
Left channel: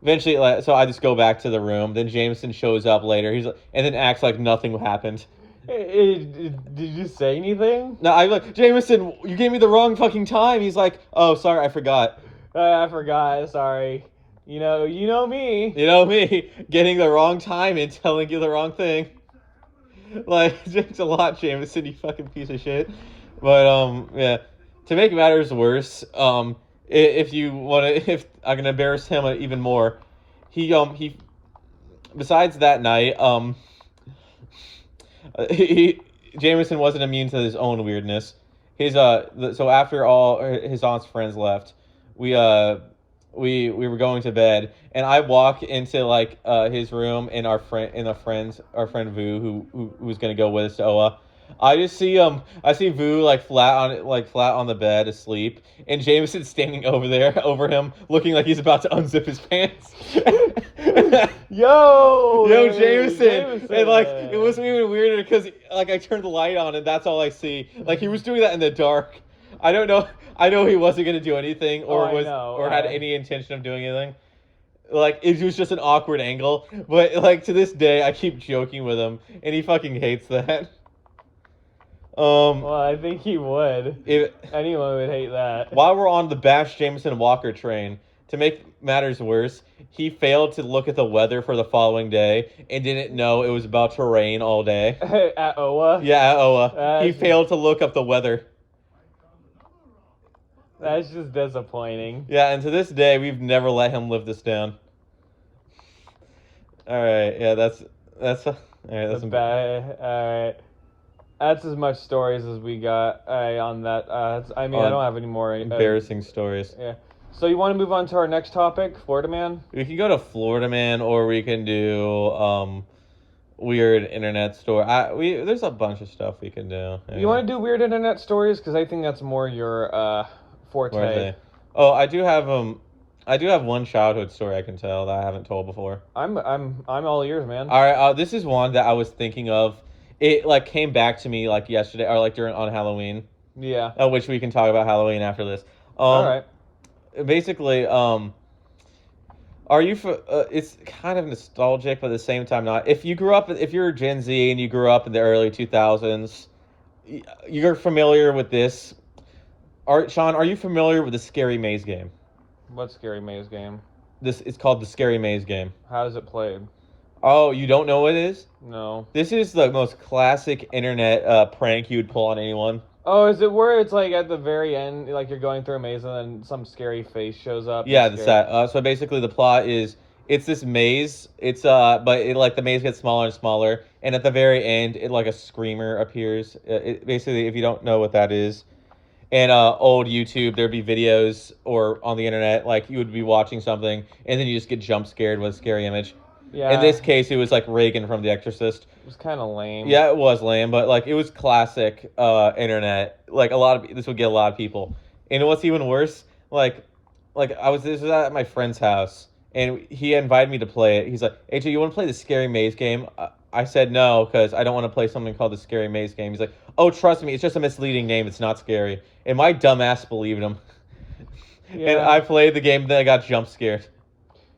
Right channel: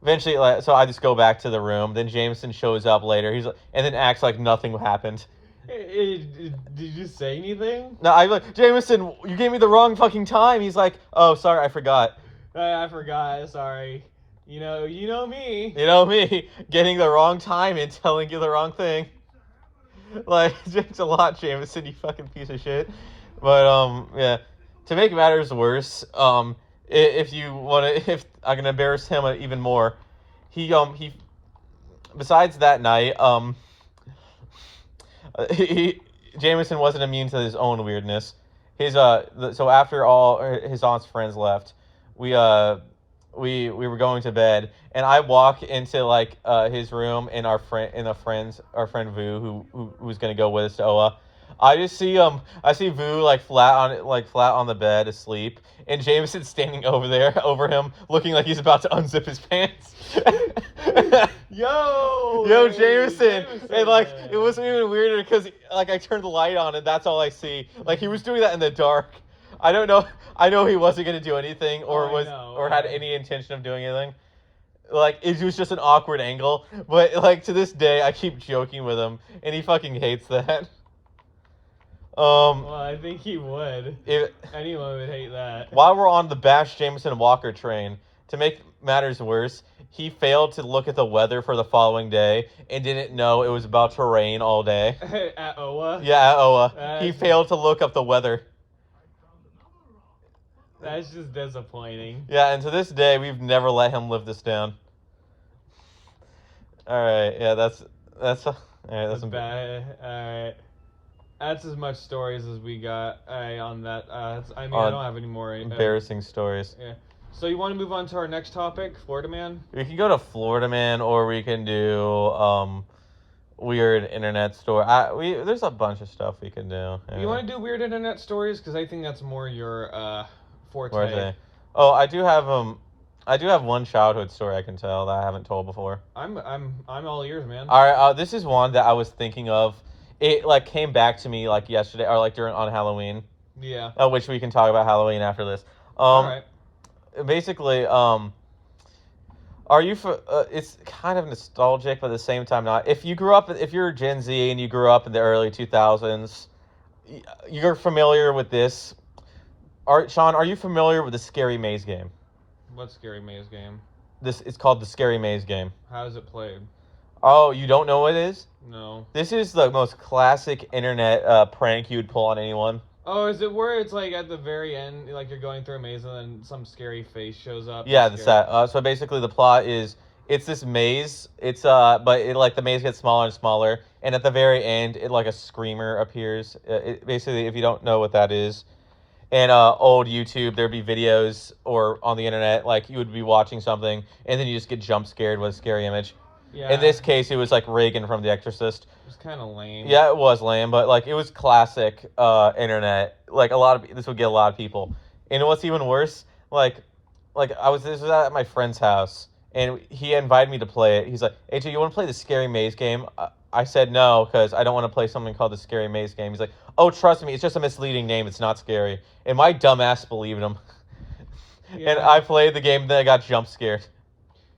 Eventually, so I just go back to the room. Then Jameson shows up later. And then acts like nothing happened. Did you say anything? No, I'm like, Jameson, you gave me the wrong fucking time. He's like, oh, sorry, I forgot. I forgot. Sorry. You know me. You know me, getting the wrong time and telling you the wrong thing. Like, it's a lot, Jameson, you fucking piece of shit. But yeah. To make matters worse, if I'm gonna embarrass him even more, he besides that night, Jameson wasn't immune to his own weirdness. So after all his aunt's friends left, we were going to bed, and I walk into his room, and our friend Vu, who was gonna go with us to Oa. I just see I see Vu flat on the bed asleep, and Jameson standing over him, looking like he's about to unzip his pants. Yo, Jameson. And it wasn't even weirder because I turned the light on and that's all I see. Like he was doing that in the dark. I don't know. I know he wasn't gonna do anything or had any intention of doing anything. It was just an awkward angle. But to this day, I keep joking with him, and he fucking hates that. Well, I think he would. Anyone would hate that. While we're on the Bash Jameson Walker train, to make matters worse, he failed to look at the weather for the following day and didn't know it was about to rain all day. At Oa? Yeah, at Oa. He failed to look up the weather. That's just disappointing. Yeah, and to this day, we've never let him live this down. All right, yeah, that's all right. That's bad. All right. That's as much stories as we got on that. I don't have any more embarrassing stories. Yeah. So you want to move on to our next topic, Florida Man? We can go to Florida Man, or we can do weird internet story. There's a bunch of stuff we can do. Yeah. You want to do weird internet stories? Because I think that's more your forte. Oh, I do have one childhood story I can tell that I haven't told before. I'm all ears, man. All right. This is one that I was thinking of. It came back to me yesterday or on Halloween. Yeah. Which we can talk about Halloween after this. All right. Basically, are you it's kind of nostalgic, but at the same time not. If you're Gen Z and you grew up in the early 2000s, you're familiar with this. Sean, are you familiar with the Scary Maze game? What Scary Maze game? It's called the Scary Maze game. How is it played? Oh, you don't know what it is? No. This is the most classic internet prank you'd pull on anyone. Oh, is it where it's at the very end, you're going through a maze and then some scary face shows up? Yeah, that's that. So basically the plot is it's this maze. It's but the maze gets smaller and smaller, and at the very end, a screamer appears. Basically, if you don't know what that is, and old YouTube, there'd be videos or on the internet, you would be watching something, and then you just get jump scared with a scary image. Yeah. In this case, it was Reagan from The Exorcist. It was kind of lame. Yeah, it was lame, but it was classic internet. This would get a lot of people. And what's even worse, this was at my friend's house, and he invited me to play it. He's like, "AJ, you want to play the Scary Maze game?" I said no because I don't want to play something called the Scary Maze game. He's like, "Oh, trust me, it's just a misleading name. It's not scary." And my dumbass believed him. Yeah. And I played the game, then I got jump scared.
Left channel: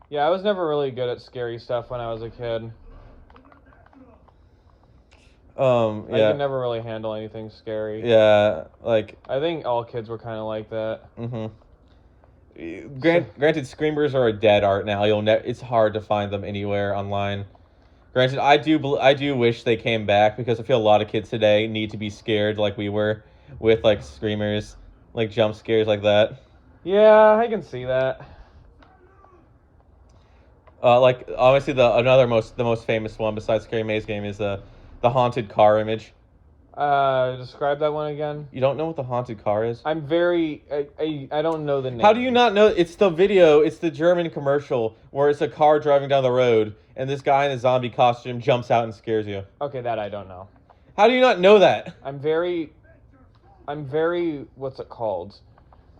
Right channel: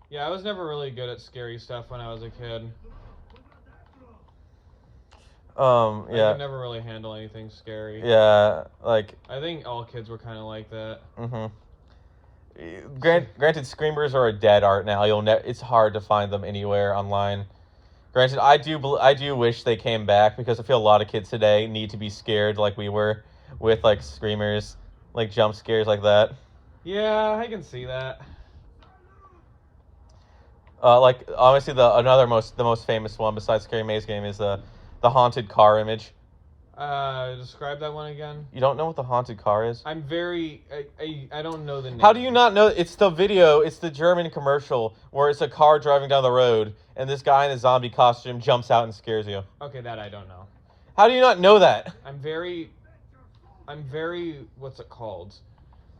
Yeah, I was never really good at scary stuff when I was a kid. Yeah. I could never really handle anything scary. Yeah, I think all kids were kind of like that. Mm-hmm. Granted, screamers are a dead art now. It's hard to find them anywhere online. Granted, I do wish they came back because I feel a lot of kids today need to be scared like we were with like screamers, like jump scares like that. Yeah, I can see that. Like obviously the most famous one besides Scary Maze game is the haunted car image. Describe that one again. You don't know what the haunted car is? I'm very. I don't know the name. How do you not know? It's the video. It's the German commercial where it's a car driving down the road and this guy in a zombie costume jumps out and scares you. Okay, that I don't know. How do you not know that? I'm very. What's it called?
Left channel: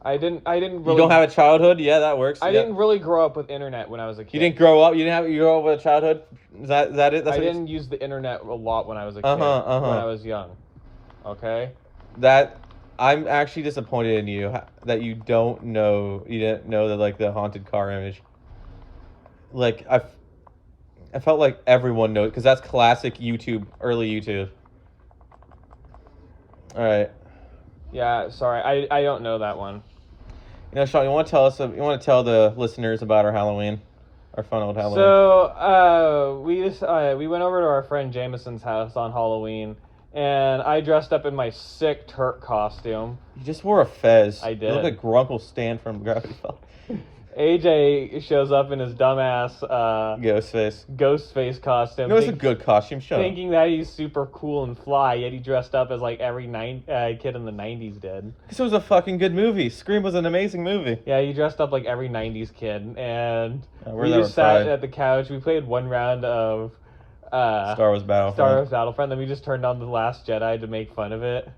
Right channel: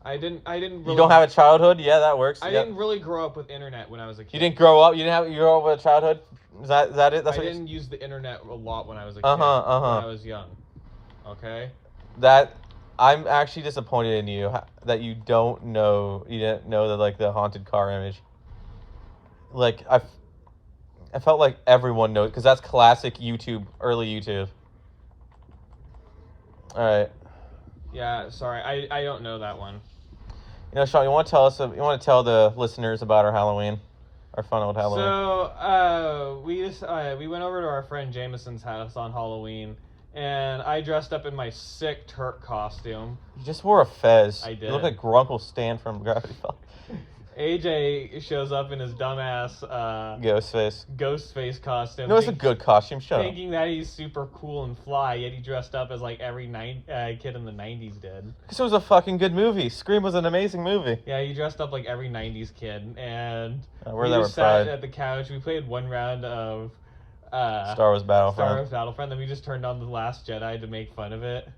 I didn't really. You don't have a childhood? Yeah, that works. I didn't really grow up with internet when I was a kid. You didn't grow up. You grew up with a childhood. Is that it? That's I didn't use the internet a lot when I was a kid. When I was young. Okay. That I'm actually disappointed in you that you don't know. You didn't know that like the haunted car image. Like I felt like everyone knows because that's classic YouTube, early YouTube. All right. Yeah. Sorry, I don't know that one. You know, Sean, you want to tell the listeners about our Halloween, our fun old Halloween. So, we went over to our friend Jameson's house on Halloween, and I dressed up in my sick Turk costume. You just wore a fez. I did. You look like Grunkle Stan from Gravity Falls. AJ shows up in his dumbass ghost face costume. No, it's a good costume. Thinking that he's super cool and fly, yet he dressed up as like every kid in the 90s did. Because it was a fucking good movie. Scream was an amazing movie. Yeah, he dressed up like every 90s kid, and we just just sat at the couch. We played one round of Star Wars Battlefront. Then we just turned on The Last Jedi to make fun of it.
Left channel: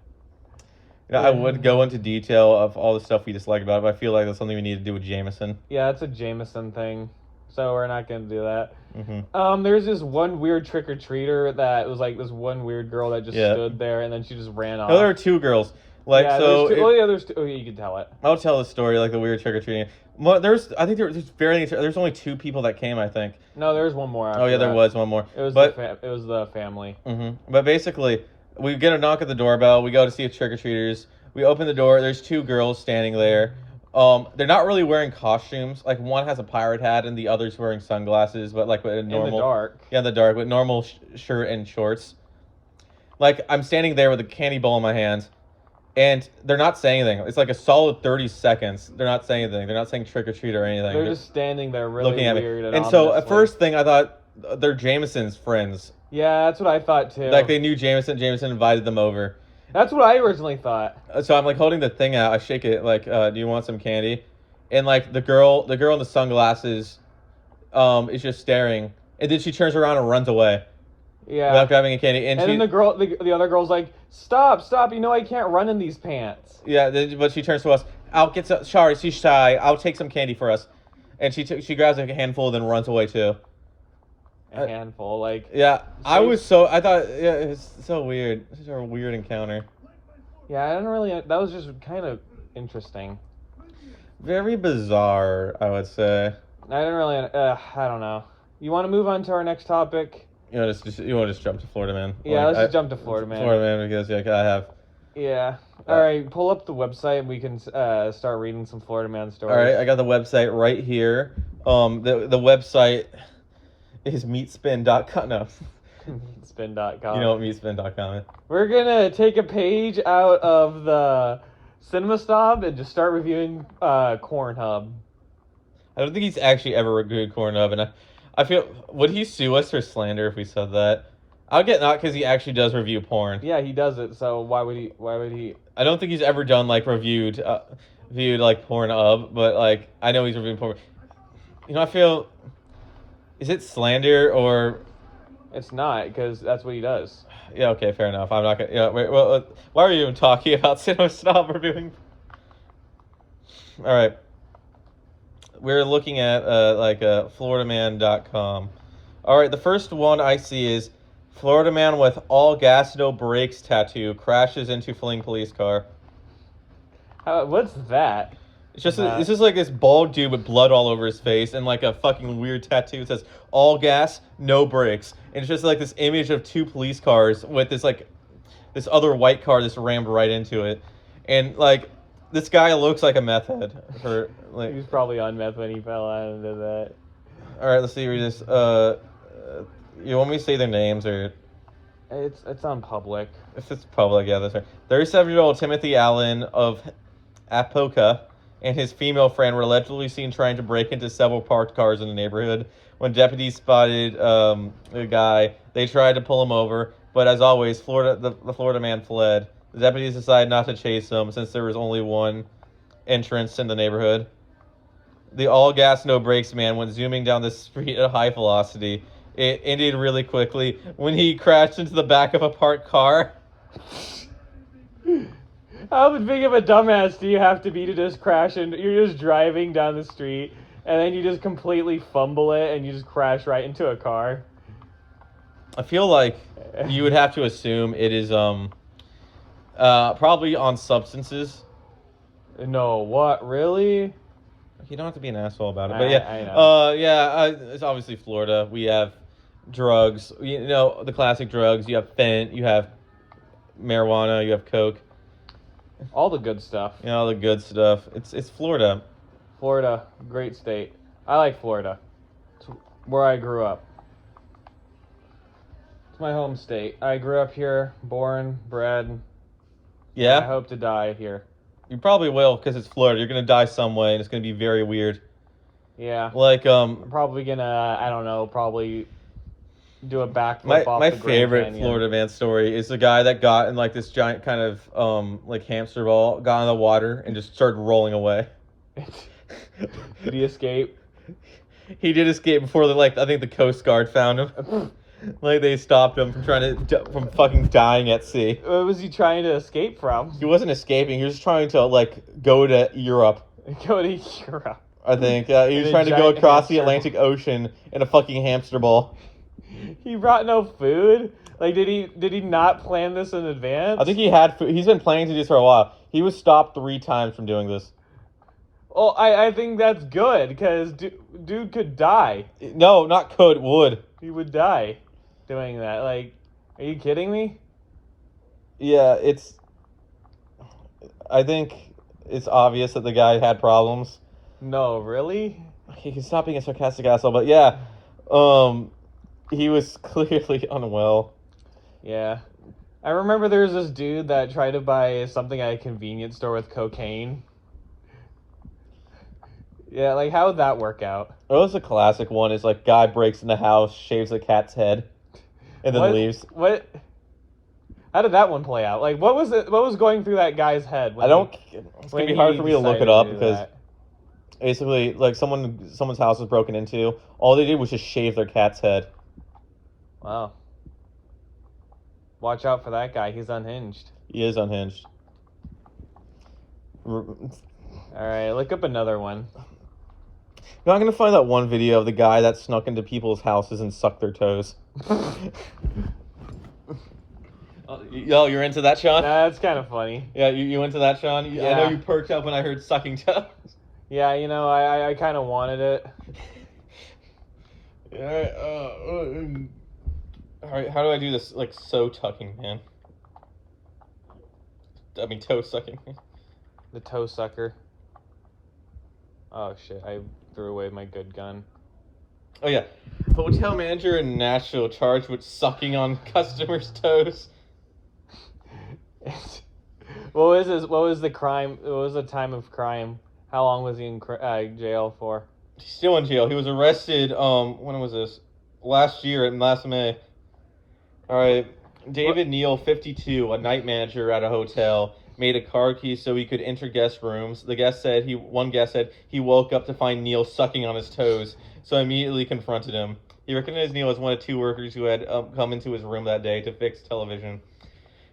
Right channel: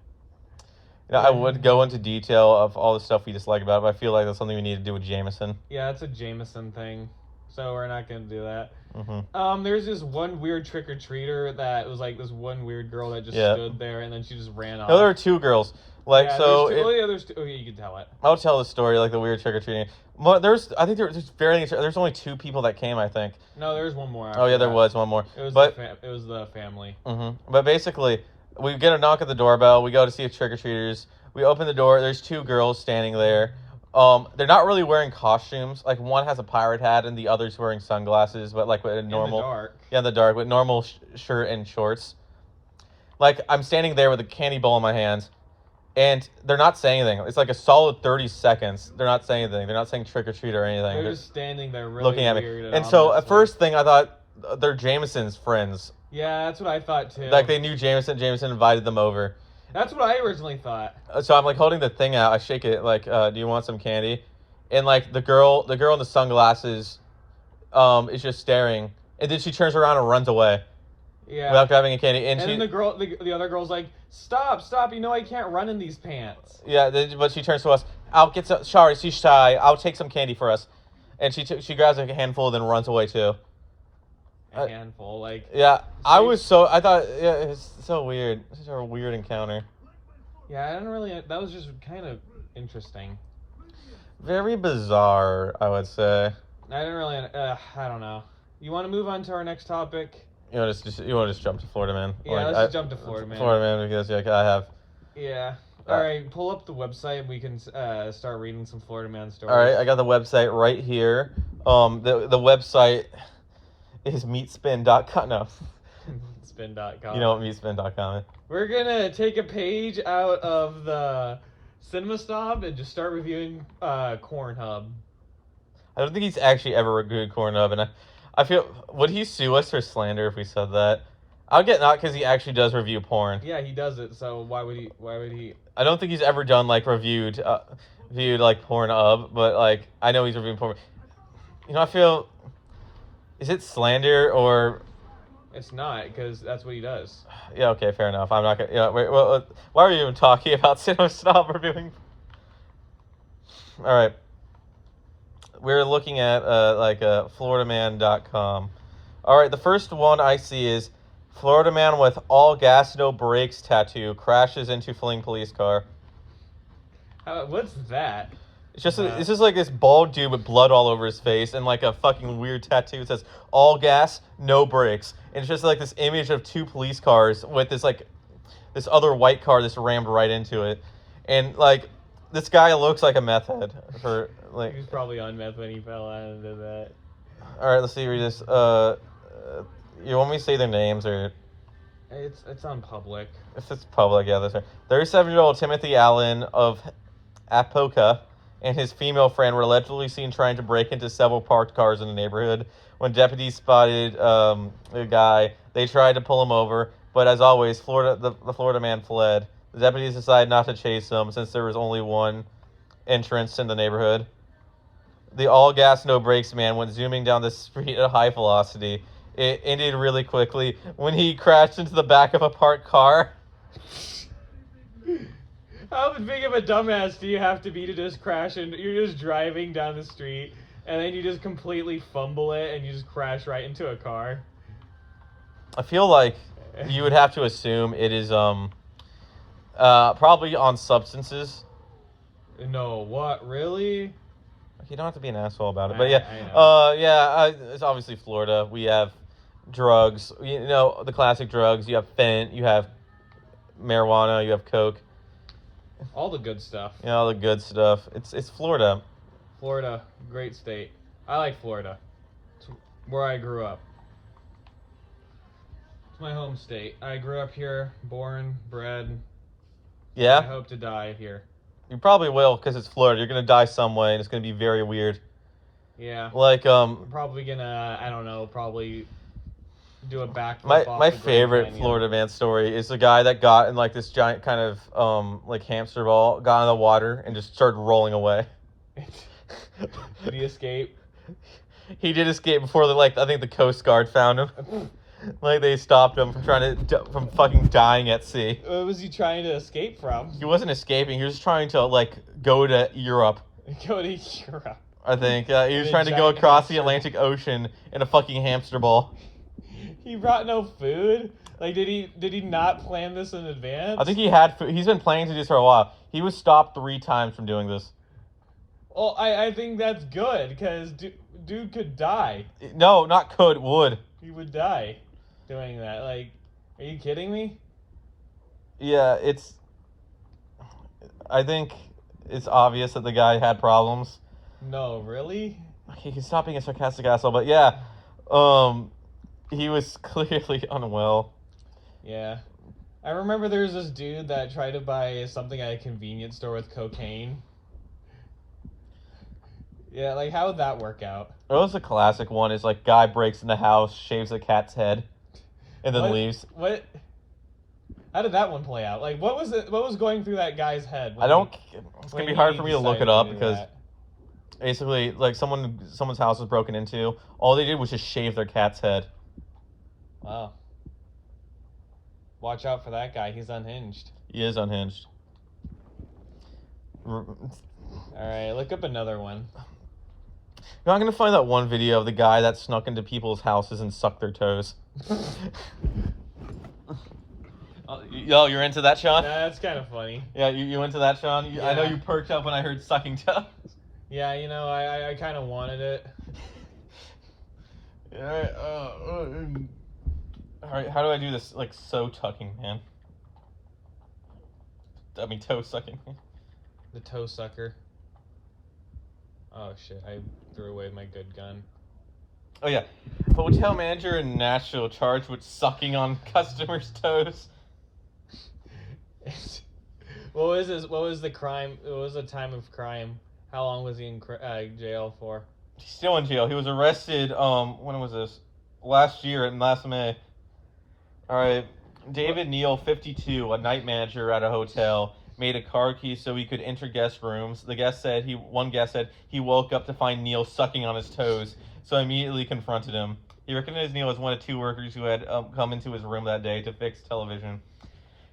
Yeah, I would go into detail of all the stuff we dislike about it, but I feel like that's something we need to do with Jameson. Yeah, it's a Jameson thing, so we're not going to do that. Mm-hmm. There's this one weird trick-or-treater that was like this one weird girl that just stood there, and then she just ran off. No, there were two girls. Like, yeah, so... there's two. Okay, you can tell it. I'll tell the story, like the weird trick-or-treating. Well, there's only two people that came, I think. No, there's one more after Oh, yeah, that. there was one more. It was the family. Mm-hmm. But basically... We get a knock at the doorbell. We go to see if trick-or-treaters. We open the door. There's two girls standing there. They're not really wearing costumes. Like, one has a pirate hat and the other's wearing sunglasses, but like with a normal... In the dark. Yeah, in the dark, with normal shirt and shorts. Like, I'm standing there with a candy bowl in my hands, and they're not saying anything. It's like a solid 30 seconds. They're not saying anything. They're not saying trick-or-treat or anything. They're just standing there really looking at weird me. And so, at first thing, I thought they're Jameson's friends. Yeah, that's what I thought too. Like they knew Jameson. Jameson invited them over. That's what I originally thought. So I'm like holding the thing out. I shake it like, "Do you want some candy?" And like the girl in the sunglasses, is just staring, and then she turns around and runs away. Yeah. Without grabbing a candy. And then the other girl's like, "Stop! You know I can't run in these pants." Yeah, but she turns to us. I'll get some. Sorry, she's shy. I'll take some candy for us. And she grabs like a handful, then runs away too. A handful, like... Yeah, I thought, yeah, it's so weird. It's a weird encounter. Yeah, I didn't really... That was just kind of interesting. Very bizarre, I would say. I didn't really... I don't know. You want to move on to our next topic? You want to just jump to Florida Man? Yeah, let's just jump to Florida Man. Florida Man, because, yeah, I have... Yeah. Alright, pull up the website and we can start reading some Florida Man stories. Alright, I got the website right here. The website... is meatspin.com. No. Meatspin.com. You know what meatspin.com is. We're gonna take a page out of the Cinema Snob and just start reviewing Cornhub. I don't think he's actually ever reviewed Cornhub, and I feel... Would he sue us for slander if we said that? I'll get not because he actually does review porn. Yeah, he does it, so why would he... I don't think he's ever done, like, viewed, like, Pornhub, but, like, I know he's reviewing porn. You know, I feel... Is it slander or... It's not, because that's what he does. Yeah, okay, fair enough. I'm not gonna... wait, well, why are we even talking about Cinema Snob reviewing? Alright. We're looking at, floridaman.com. Alright, the first one I see is Florida man with all gas, no brakes tattoo crashes into fleeing police car. What's that? It's just it's just like this bald dude with blood all over his face and like a fucking weird tattoo that says all gas, no brakes. And it's just like this image of two police cars with this like this other white car that's rammed right into it. And like this guy looks like a meth head for like he was probably on meth when he fell out into that. All right, let's see read this. You want me to say their names or? It's on public. If it's public, yeah, that's right. 37-year-old Timothy Allen of Apoka and his female friend were allegedly seen trying to break into several parked cars in the neighborhood. When deputies spotted the guy, they tried to pull him over, but as always, the Florida man fled. The deputies decided not to chase him since there was only one entrance in the neighborhood. The all-gas, no-brakes man went zooming down the street at a high velocity. It ended really quickly when he crashed into the back of a parked car. How big of a dumbass do you have to be to just crash and you're just driving down the street and then you just completely fumble it and you just crash right into a car? I feel like you would have to assume it is probably on substances. No, what? Really? You don't have to be an asshole about it, but yeah, I know. it's obviously Florida. We have drugs, you know, the classic drugs. You have fent, you have marijuana, you have coke. All the good stuff. You know, all the good stuff. It's Florida. Florida, great state. I like Florida. It's where I grew up. It's my home state. I grew up here, born, bred. Yeah. I hope to die here. You probably will, because it's Florida. You're gonna die some way, and it's gonna be very weird. Yeah. Like I'm probably gonna, I don't know, probably do a backflip off my the Grand favorite Canyon. Florida man story is the guy that got in like this giant kind of like hamster ball, got in the water, and just started rolling away. Did he escape? He did escape before I think the Coast Guard found him. Like they stopped him from fucking dying at sea. What was he trying to escape from? He wasn't escaping. He was just trying to like go to Europe. Go to Europe. I think he was trying to go across the Atlantic Ocean in a fucking hamster ball. He brought no food. Like, did he not plan this in advance? I think he had food. He's been planning to do this for a while. He was stopped 3 times from doing this. Well, I think that's good because dude could die. No, not could, would. He would die doing that. Like, are you kidding me? Yeah, I think it's obvious that the guy had problems. No, really? He can stop being a sarcastic asshole, but yeah, he was clearly unwell. Yeah. I remember there was this dude that tried to buy something at a convenience store with cocaine. Yeah, like, how would that work out? That was a classic one. Is like guy breaks in the house, shaves the cat's head, and then leaves. What? How did that one play out? Like, what was going through that guy's head? It's gonna be hard for me to look it up because that? basically, like someone's house was broken into. All they did was just shave their cat's head. Wow. Watch out for that guy. He's unhinged. He is unhinged. All right, look up another one. You're not gonna find that one video of the guy that snuck into people's houses and sucked their toes. Yo, you're into that, Sean? That's kind of funny. Yeah, you into that, Sean? Yeah. I know you perked up when I heard sucking toes. Yeah, you know, I kind of wanted it. Alright, how do I do this, like, so tucking, man? I mean, toe sucking. The toe sucker. Oh, shit, I threw away my good gun. Oh, yeah. Hotel manager in Nashville charged with sucking on customers' toes. What was the crime? What was the time of crime? How long was he in jail for? He's still in jail. He was arrested, when was this? Last May. Alright. David Neal, 52, a night manager at a hotel, made a car key so he could enter guest rooms. One guest said he woke up to find Neal sucking on his toes, so immediately confronted him. He recognized Neal as one of 2 workers who had come into his room that day to fix television.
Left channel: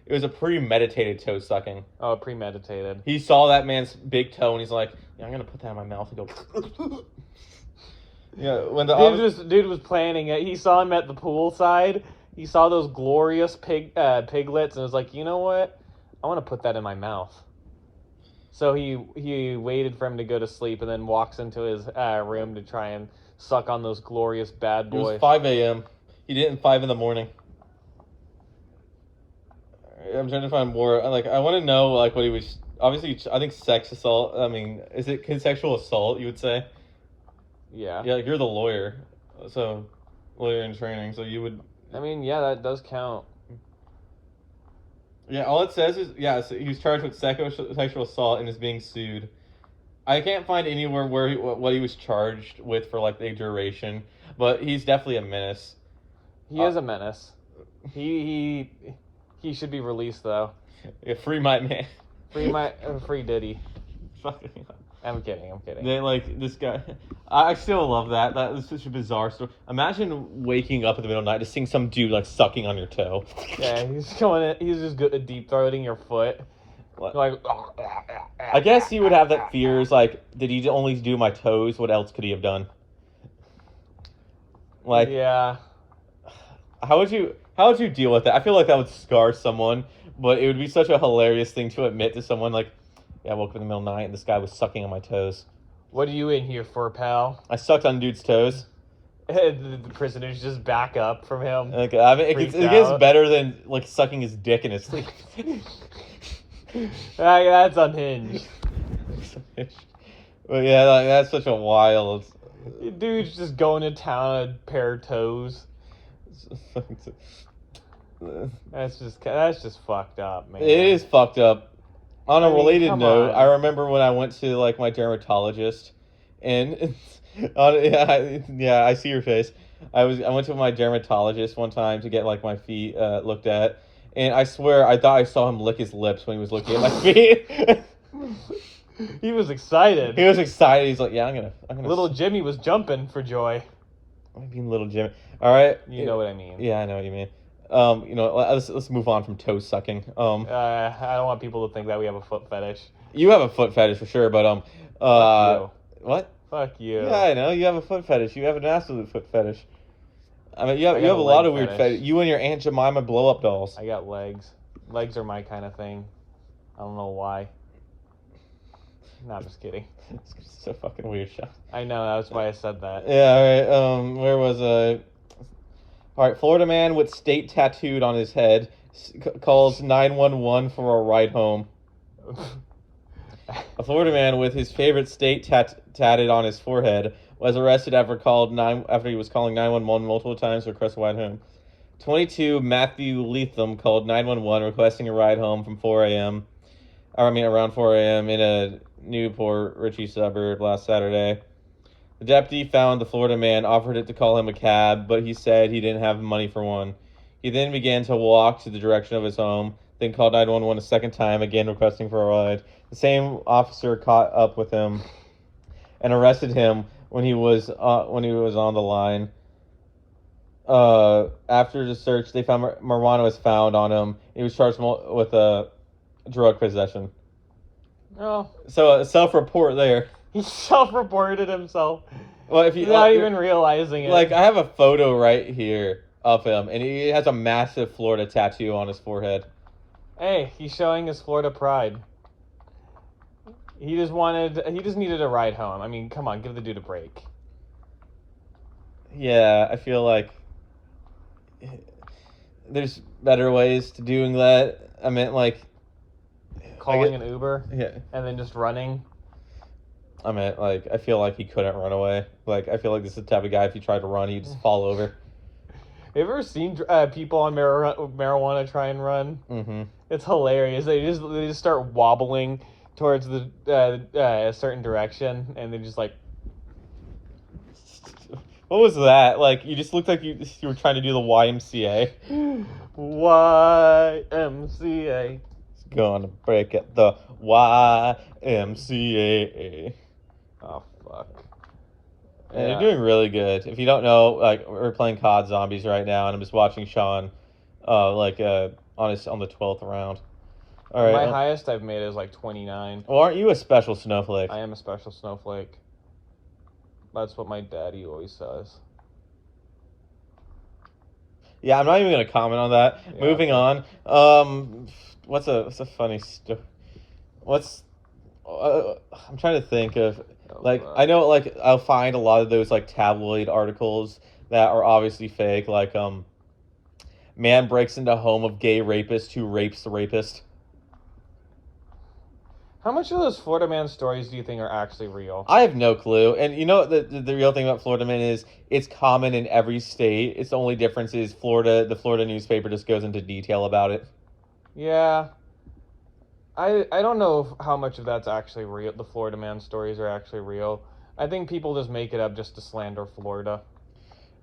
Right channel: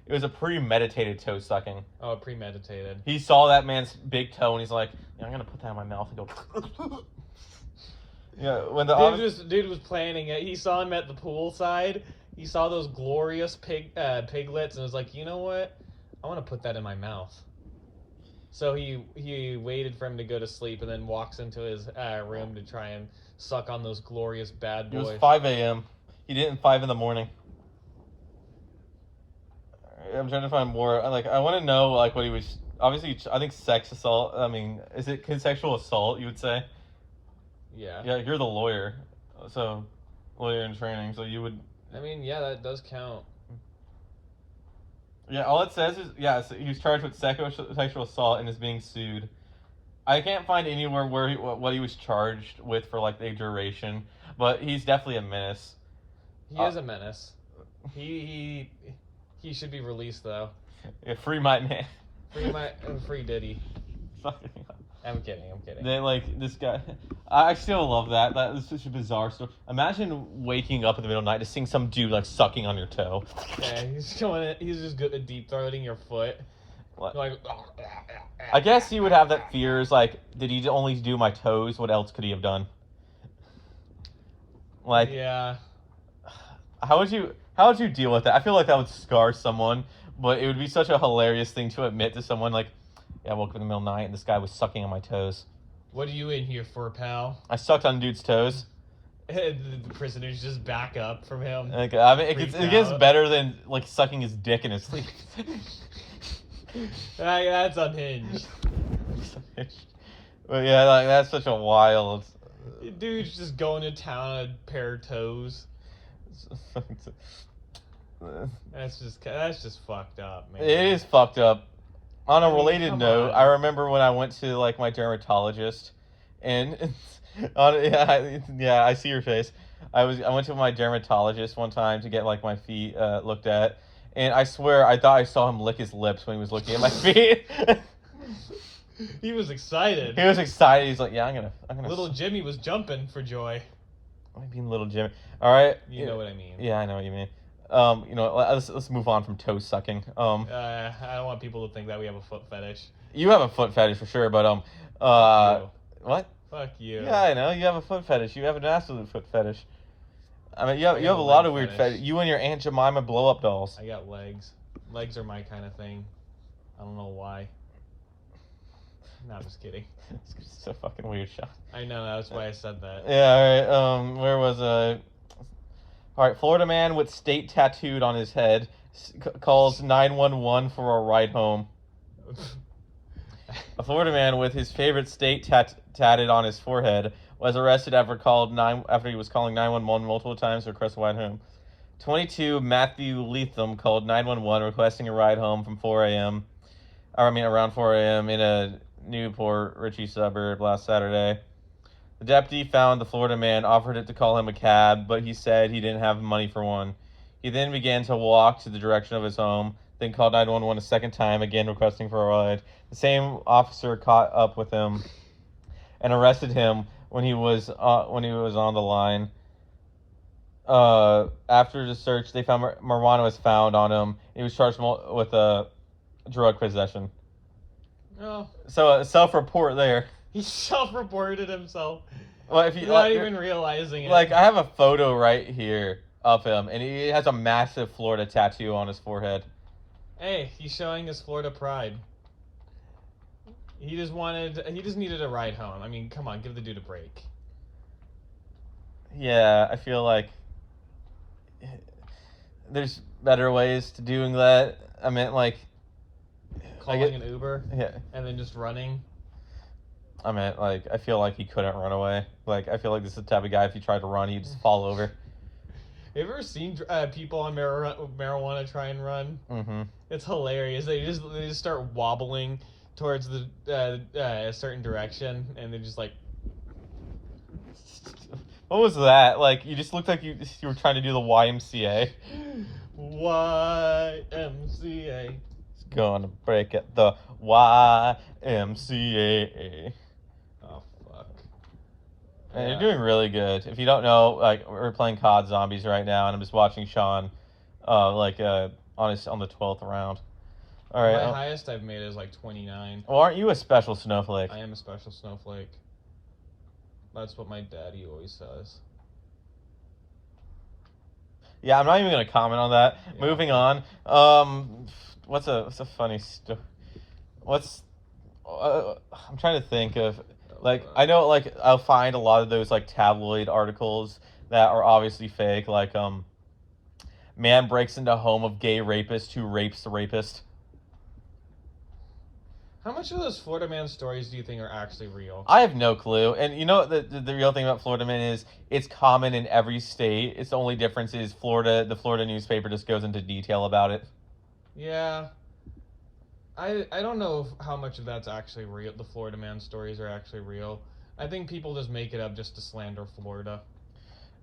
It was a premeditated toe sucking. Oh, premeditated. He saw that man's big toe and he's like, yeah, I'm gonna put that in my mouth and go. Yeah, when dude was planning it. He saw him at the poolside. He saw those glorious piglets and was like, you know what? I want to put that in my mouth. So he waited for him to go to sleep and then walks into his room to try and suck on those glorious bad boys. It was 5 a.m. He did it at 5 in the morning. I'm trying to find more. Like, I want to know, like, what he was... Obviously, I think sex assault... I mean, is it consensual assault, you would say? Yeah. Yeah, like, you're the lawyer. So, while you're in training, so you would. I mean, yeah, that does count. Yeah, all it says is so he was charged with sexual assault and is being sued. I can't find anywhere where what he was charged with for like the duration, but he's definitely a menace. He is a menace. He should be released though. Yeah, free my man. Free Diddy. Fucking. I'm kidding. They like this guy. I still love that. That is such a bizarre story. Imagine waking up in the middle of the night to seeing some dude like sucking on your toe. Yeah, he's going in, he's just good at deep throating your foot. What? Like. I guess he would have that fears like, did he only do my toes? What else could he have done? Like, yeah. How would you deal with that? I feel like that would scar someone, but it would be such a hilarious thing to admit to someone like, yeah, I woke up in the middle of the night and this guy was sucking on my toes. What are you in here for, pal? I sucked on dude's toes. The prisoners just back up from him. Like, I mean, it gets better than like sucking his dick in his sleep. That's unhinged. Well, yeah, like, that's such a wild. Dude's just going to town on a pair of toes. That's just fucked up, man. It is fucked up. On a related note, on. I remember when I went to like my dermatologist, and I see your face. I went to my dermatologist one time to get like my feet looked at, and I swear I thought I saw him lick his lips when he was looking at my feet. He was excited. He was excited. He's like, "Yeah, I'm gonna." Little Jimmy was jumping for joy. I mean, little Jimmy. All right. You know what I mean. Yeah, I know what you mean. Let's move on from toe sucking. I don't want people to think that we have a foot fetish. You have a foot fetish for sure, but Fuck you. What? Fuck you. Yeah, I know you have a foot fetish. You have an absolute foot fetish. I mean, you have a lot of weird fetish. You and your Aunt Jemima blow up dolls. I got legs. Legs are my kind of thing. I don't know why. No, I'm just kidding. It's so fucking weird, Sean. I know, that's why I said that. Yeah, alright, where was I? Alright, Florida man with state tattooed on his head calls 911 for a ride home. A Florida man with his favorite state tatted on his forehead was arrested after he was calling 911 multiple times to request a ride home. 22 Matthew Leatham called 911 requesting a ride home from around 4 a.m. in a Newport Richey suburb last Saturday. The deputy found the Florida man, offered it to call him a cab, but he said he didn't have money for one. He then began to walk to the direction of his home, then called 911 a second time, again requesting for a ride. The same officer caught up with him and arrested him when he was on the line. After the search, they found marijuana was found on him. He was charged with drug possession. Oh. So a self-report there. He self-reported himself. Well, if you without even realizing it. Like, I have a photo right here of him, and he has a massive Florida tattoo on his forehead. Hey, he's showing his Florida pride. He just needed a ride home. I mean, come on, give the dude a break. Yeah, I feel like there's better ways to doing that. I meant like calling an Uber, yeah, and then just running. I meant like I feel like he couldn't run away. Like I feel like this is the type of guy if he tried to run, he'd just fall over. Have you ever seen people on marijuana try and run? Mm-hmm. It's hilarious. They just start wobbling towards a certain direction, and they just like. What was that? Like you just looked like you were trying to do the YMCA. YMCA. Gonna break it, the YMCA. Oh fuck. Yeah. You're doing really good. If you don't know, like we're playing COD Zombies right now, and I'm just watching Sean, on the 12th round. All right. My highest I've made is like 29. Well, aren't you a special snowflake? I am a special snowflake. That's what my daddy always says. Yeah, I'm not even gonna comment on that. Yeah. Moving on. What's a funny story? I'm trying to think of. Like, I know, like, I'll find a lot of those, like, tabloid articles that are obviously fake. Like, man breaks into home of gay rapist who rapes the rapist. How much of those Florida man stories do you think are actually real? I have no clue. And you know the real thing about Florida man is it's common in every state. It's the only difference is the Florida newspaper just goes into detail about it. Yeah. I don't know how much of that's actually real. The Florida man stories are actually real. I think people just make it up just to slander Florida.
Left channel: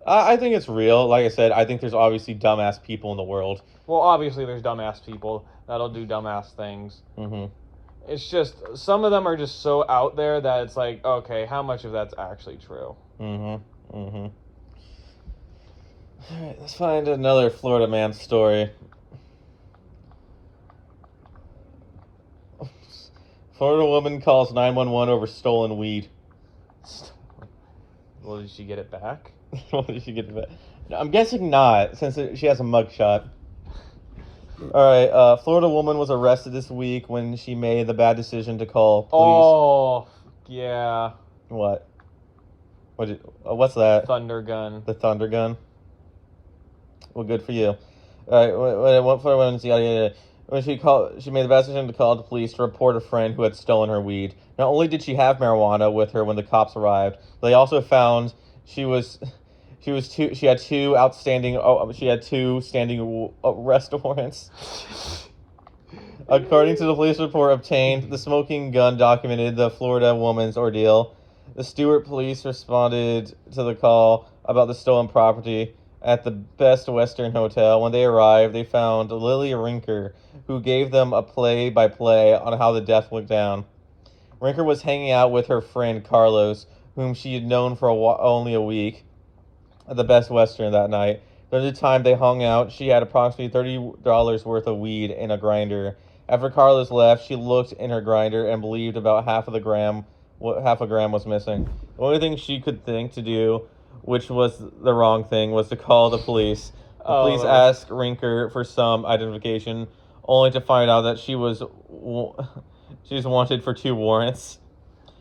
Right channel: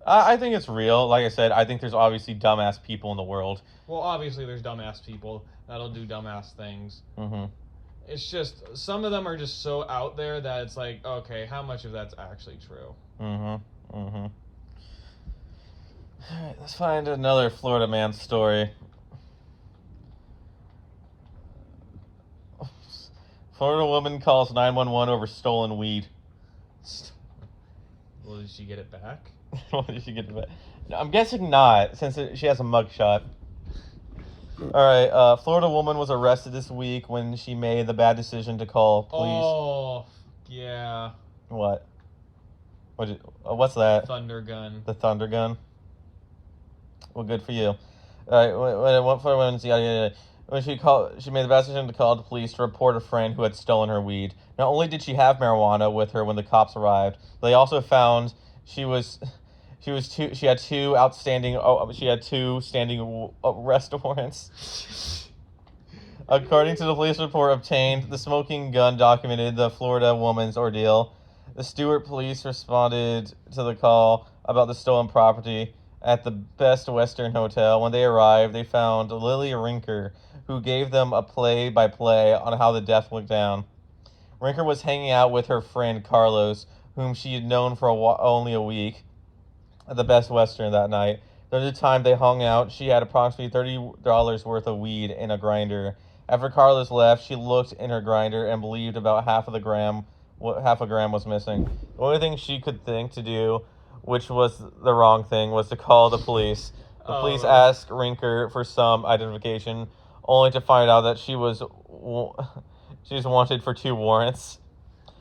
I think it's real. Like I said, I think there's obviously dumbass people in the world. Well, obviously there's dumbass people that'll do dumbass things. Mm-hmm. It's just some of them are just so out there that it's like, okay, how much of that's actually true? Mm-hmm. Mm-hmm. All right, let's find another Florida man story. Florida woman calls 911 over stolen weed. Well, did she get it back? Did she get it back? No, I'm guessing not, since she has a mugshot. All right, Florida woman was arrested this week when she made the bad decision to call police. Oh, yeah. What? What's that? Thunder gun. The thunder gun. Well, good for you. All right, what Florida woman? Yeah. When she made the bad decision to call the police to report a friend who had stolen her weed. Not only did she have marijuana with her when the cops arrived, they also found she had two standing arrest warrants. According to the police report obtained, the smoking gun documented the Florida woman's ordeal. The Stewart police responded to the call about the stolen property at the Best Western Hotel. When they arrived, they found Lily Rinker, who gave them a play-by-play on how the death went down. Rinker was hanging out with her friend Carlos, whom she had known for only a week, at the Best Western that night. During the time they hung out, she had approximately $30 worth of weed in a grinder. After Carlos left, she looked in her grinder and believed about half a gram was missing. The only thing she could think to do, which was the wrong thing, was to call the police. The police asked Rinker for some identification, only to find out that she was wanted for 2 warrants.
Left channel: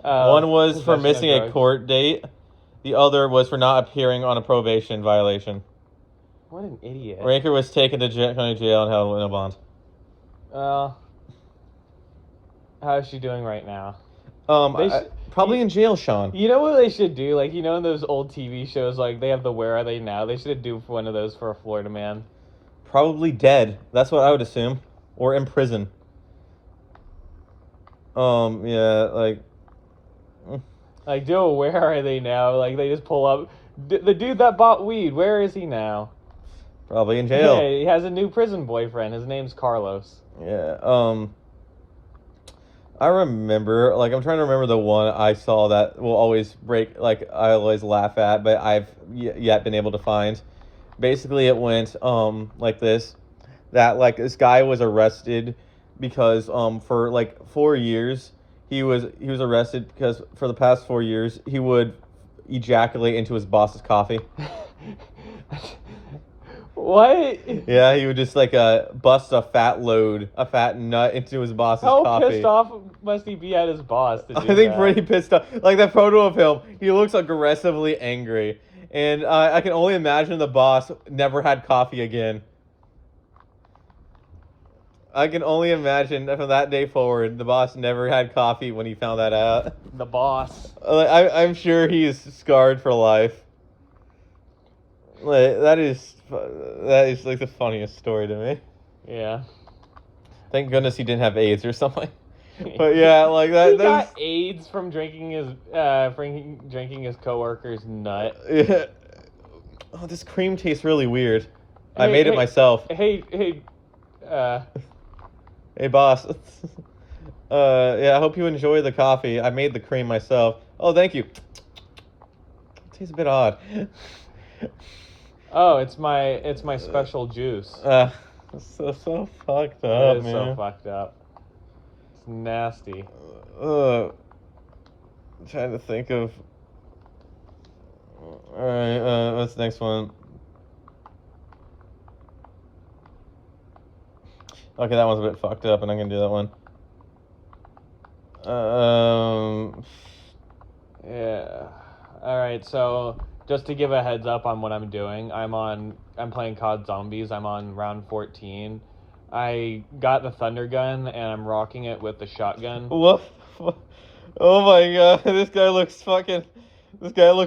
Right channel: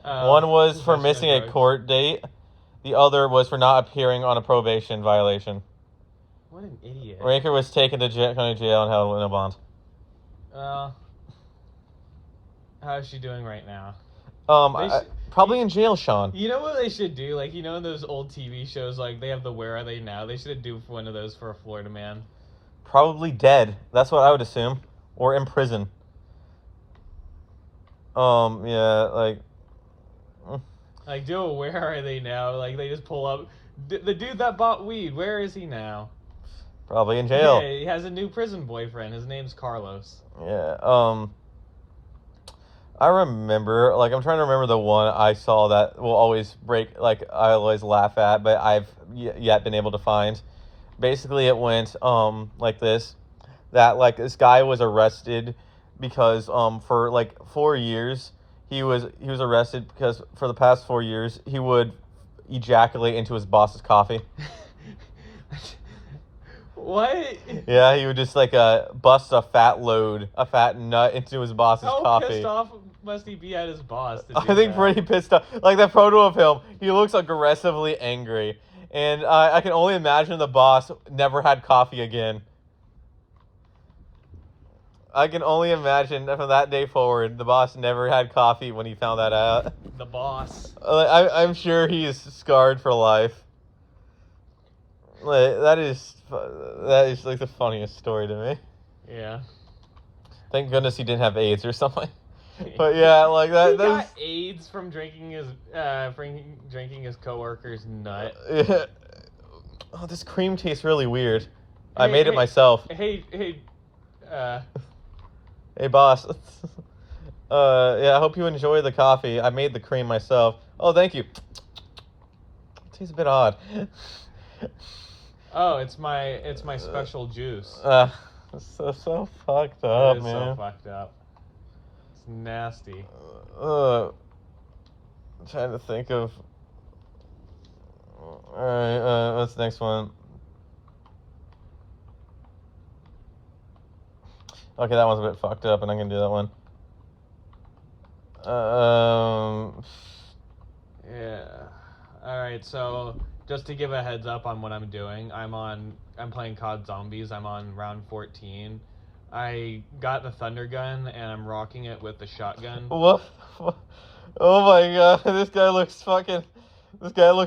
One was for missing a court date. The other was for not appearing on a probation violation. What an idiot. Rinker was taken to county jail and held in a bond. How is she doing right now? Probably in jail, Sean. You know what they should do? Like, you know in those old TV shows, like, they have the Where Are They Now? They should do one of those for a Florida man. Probably dead. That's what I would assume. Or in prison. Yeah, like... Like, do a Where Are They Now? Like, they just pull up... the dude that bought weed, where is he now? Probably in jail. Yeah, he has a new prison boyfriend. His name's Carlos. Yeah, I remember, like, I'm trying to remember the one I saw that will always break, like, I always laugh at, but I've yet been able to find. Basically, it went, like this, that, like, this guy was arrested because, for, like, 4 years, he was arrested because for the past 4 years, he would ejaculate into his boss's coffee. What? Yeah, he would just like bust a fat nut into his boss's coffee. How pissed off must he be at his boss to do I think that? pretty pissed off. Like that photo of him, he looks aggressively angry, and I can only imagine the boss never had coffee again. I can only imagine that from that day forward, the boss never had coffee when he found that out. The boss. I'm sure he is scarred for life. Like, that is like the funniest story to me. Yeah. Thank goodness he didn't have AIDS or something. But yeah, like that. He got AIDS from drinking his coworker's nut. Yeah. Oh, this cream tastes really weird. I made it myself. Hey, Hey, boss. Yeah, I hope you enjoy the coffee. I made the cream myself. Oh, thank you. It tastes a bit odd. Oh, it's my special juice. It's so fucked up, It is man. so fucked up. It's nasty. I'm trying to think of... Alright, what's the next one? Okay, that one's a bit fucked up, and I'm gonna do that one. Yeah. Alright, so just to give a heads up on what I'm doing, I'm playing COD Zombies. I'm on round 14. I got the thunder gun and I'm rocking it with the shotgun. Woof. Oh my god, this guy looks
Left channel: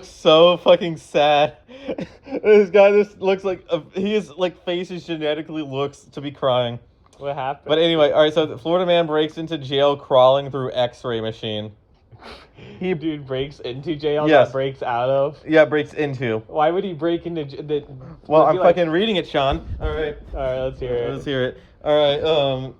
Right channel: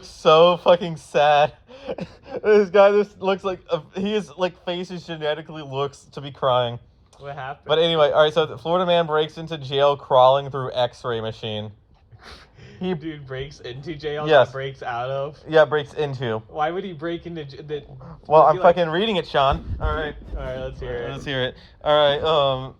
so fucking sad. This guy just looks like his like face is genetically looks to be crying. What happened? But anyway, all right. So the Florida man breaks into jail crawling through X-ray machine. Dude breaks into jail. Yes. Not breaks out of. Yeah, breaks into. Why would he break into the? Well, I'm fucking reading it, Sean. All right. All right, let's hear it. Let's hear it. All right.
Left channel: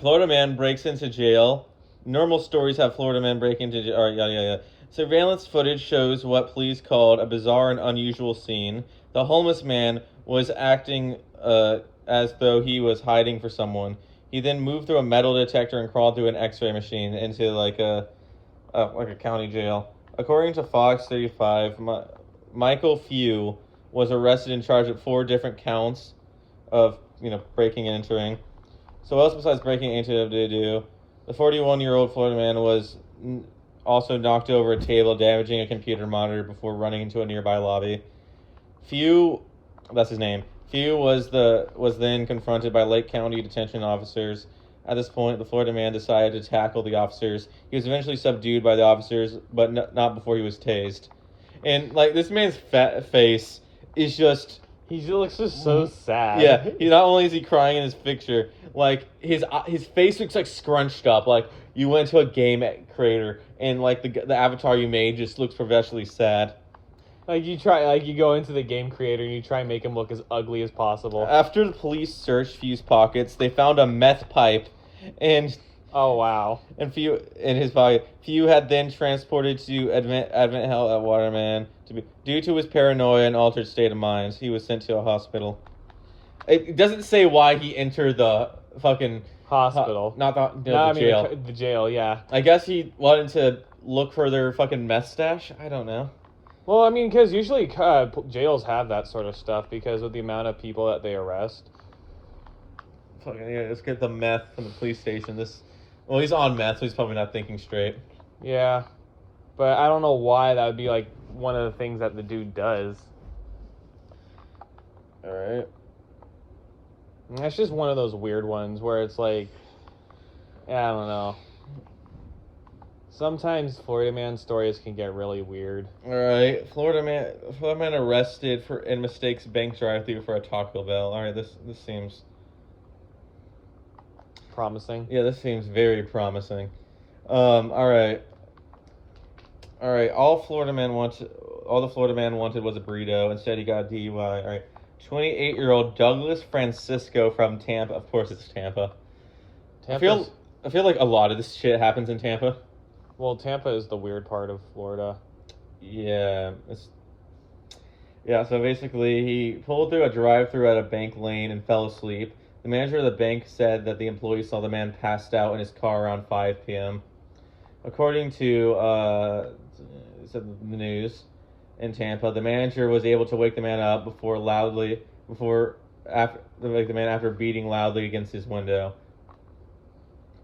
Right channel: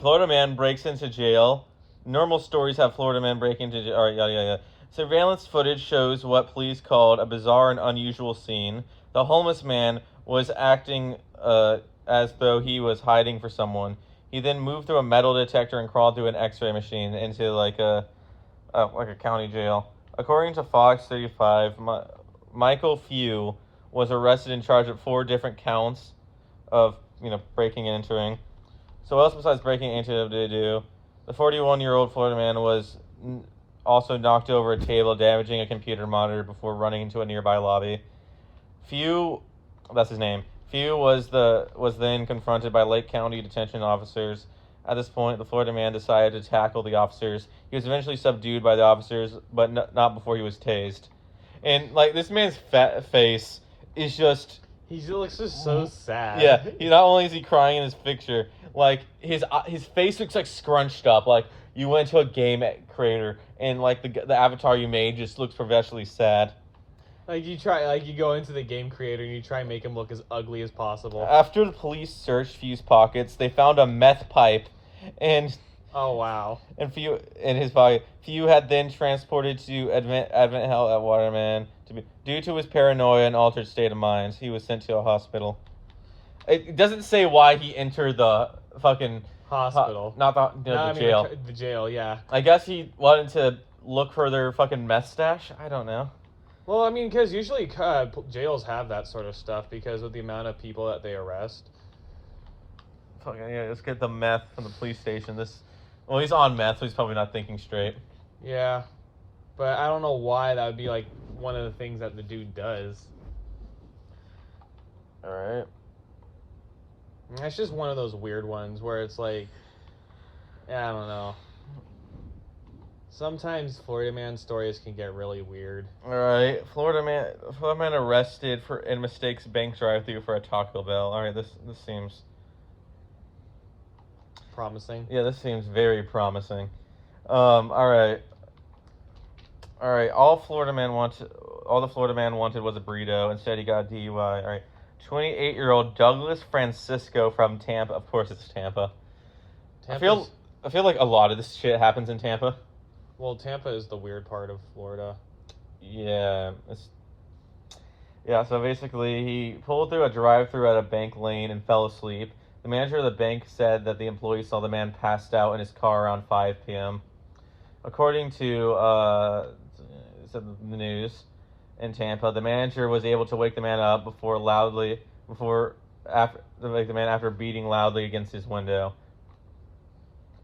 Florida man breaks into jail. Normal stories have Florida men break into jail. All right, yada. Surveillance footage shows what police called a bizarre and unusual scene. The homeless man was acting as though he was hiding for someone. He then moved through a metal detector and crawled through an X-ray machine into like a county jail. According to Fox 35, Michael Few was arrested and charged with 4 different counts of breaking and entering. So what else besides breaking into did they do? The 41-year-old Florida man was also knocked over a table, damaging a computer monitor before running into a nearby lobby. Few, that's his name. Few was then confronted by Lake County detention officers. At this point, the Florida man decided to tackle the officers. He was eventually subdued by the officers, but not before he was tased. And like this man's fat face is just. He looks just so sad. Yeah, not only is he crying in his picture, like his face looks like scrunched up. Like you went to a game creator and like the avatar you made just looks professionally sad. Like you go into the game creator and you try and make him look as ugly as possible. After the police searched Few's pockets, they found a meth pipe, and oh wow, and Few in his body. Few had then transported to Advent Health at Waterman due to his paranoia and altered state of mind. He was sent to a hospital. It doesn't say why he entered the fucking hospital, jail. The jail, yeah. I guess he wanted to look for their fucking meth stash. I don't know. Well, I mean, because usually jails have that sort of stuff because of the amount of people that they arrest. Fucking yeah, let's get the meth from the police station. Well, he's on meth, so he's probably not thinking straight. Yeah, but I don't know why that would be like one of the things that the dude does. All right. That's just one of those weird ones where it's like, I don't know. Sometimes Florida man stories can get really weird. All right, Florida man arrested and mistakes bank drive-thru for a Taco Bell. All right, this seems promising. Yeah, this seems very promising. All right. All the Florida man wanted was a burrito. Instead, he got a DUI. All right, 28-year-old Douglas Francisco from Tampa. Of course, it's Tampa. I feel like a lot of this shit happens in Tampa. Well, Tampa is the weird part of Florida. Yeah, so basically he pulled through a drive-thru at a bank lane and fell asleep. The manager of the bank said that the employee saw the man passed out in his car around 5 p.m. According to the news in Tampa, the manager was able to wake the man up after beating loudly against his window.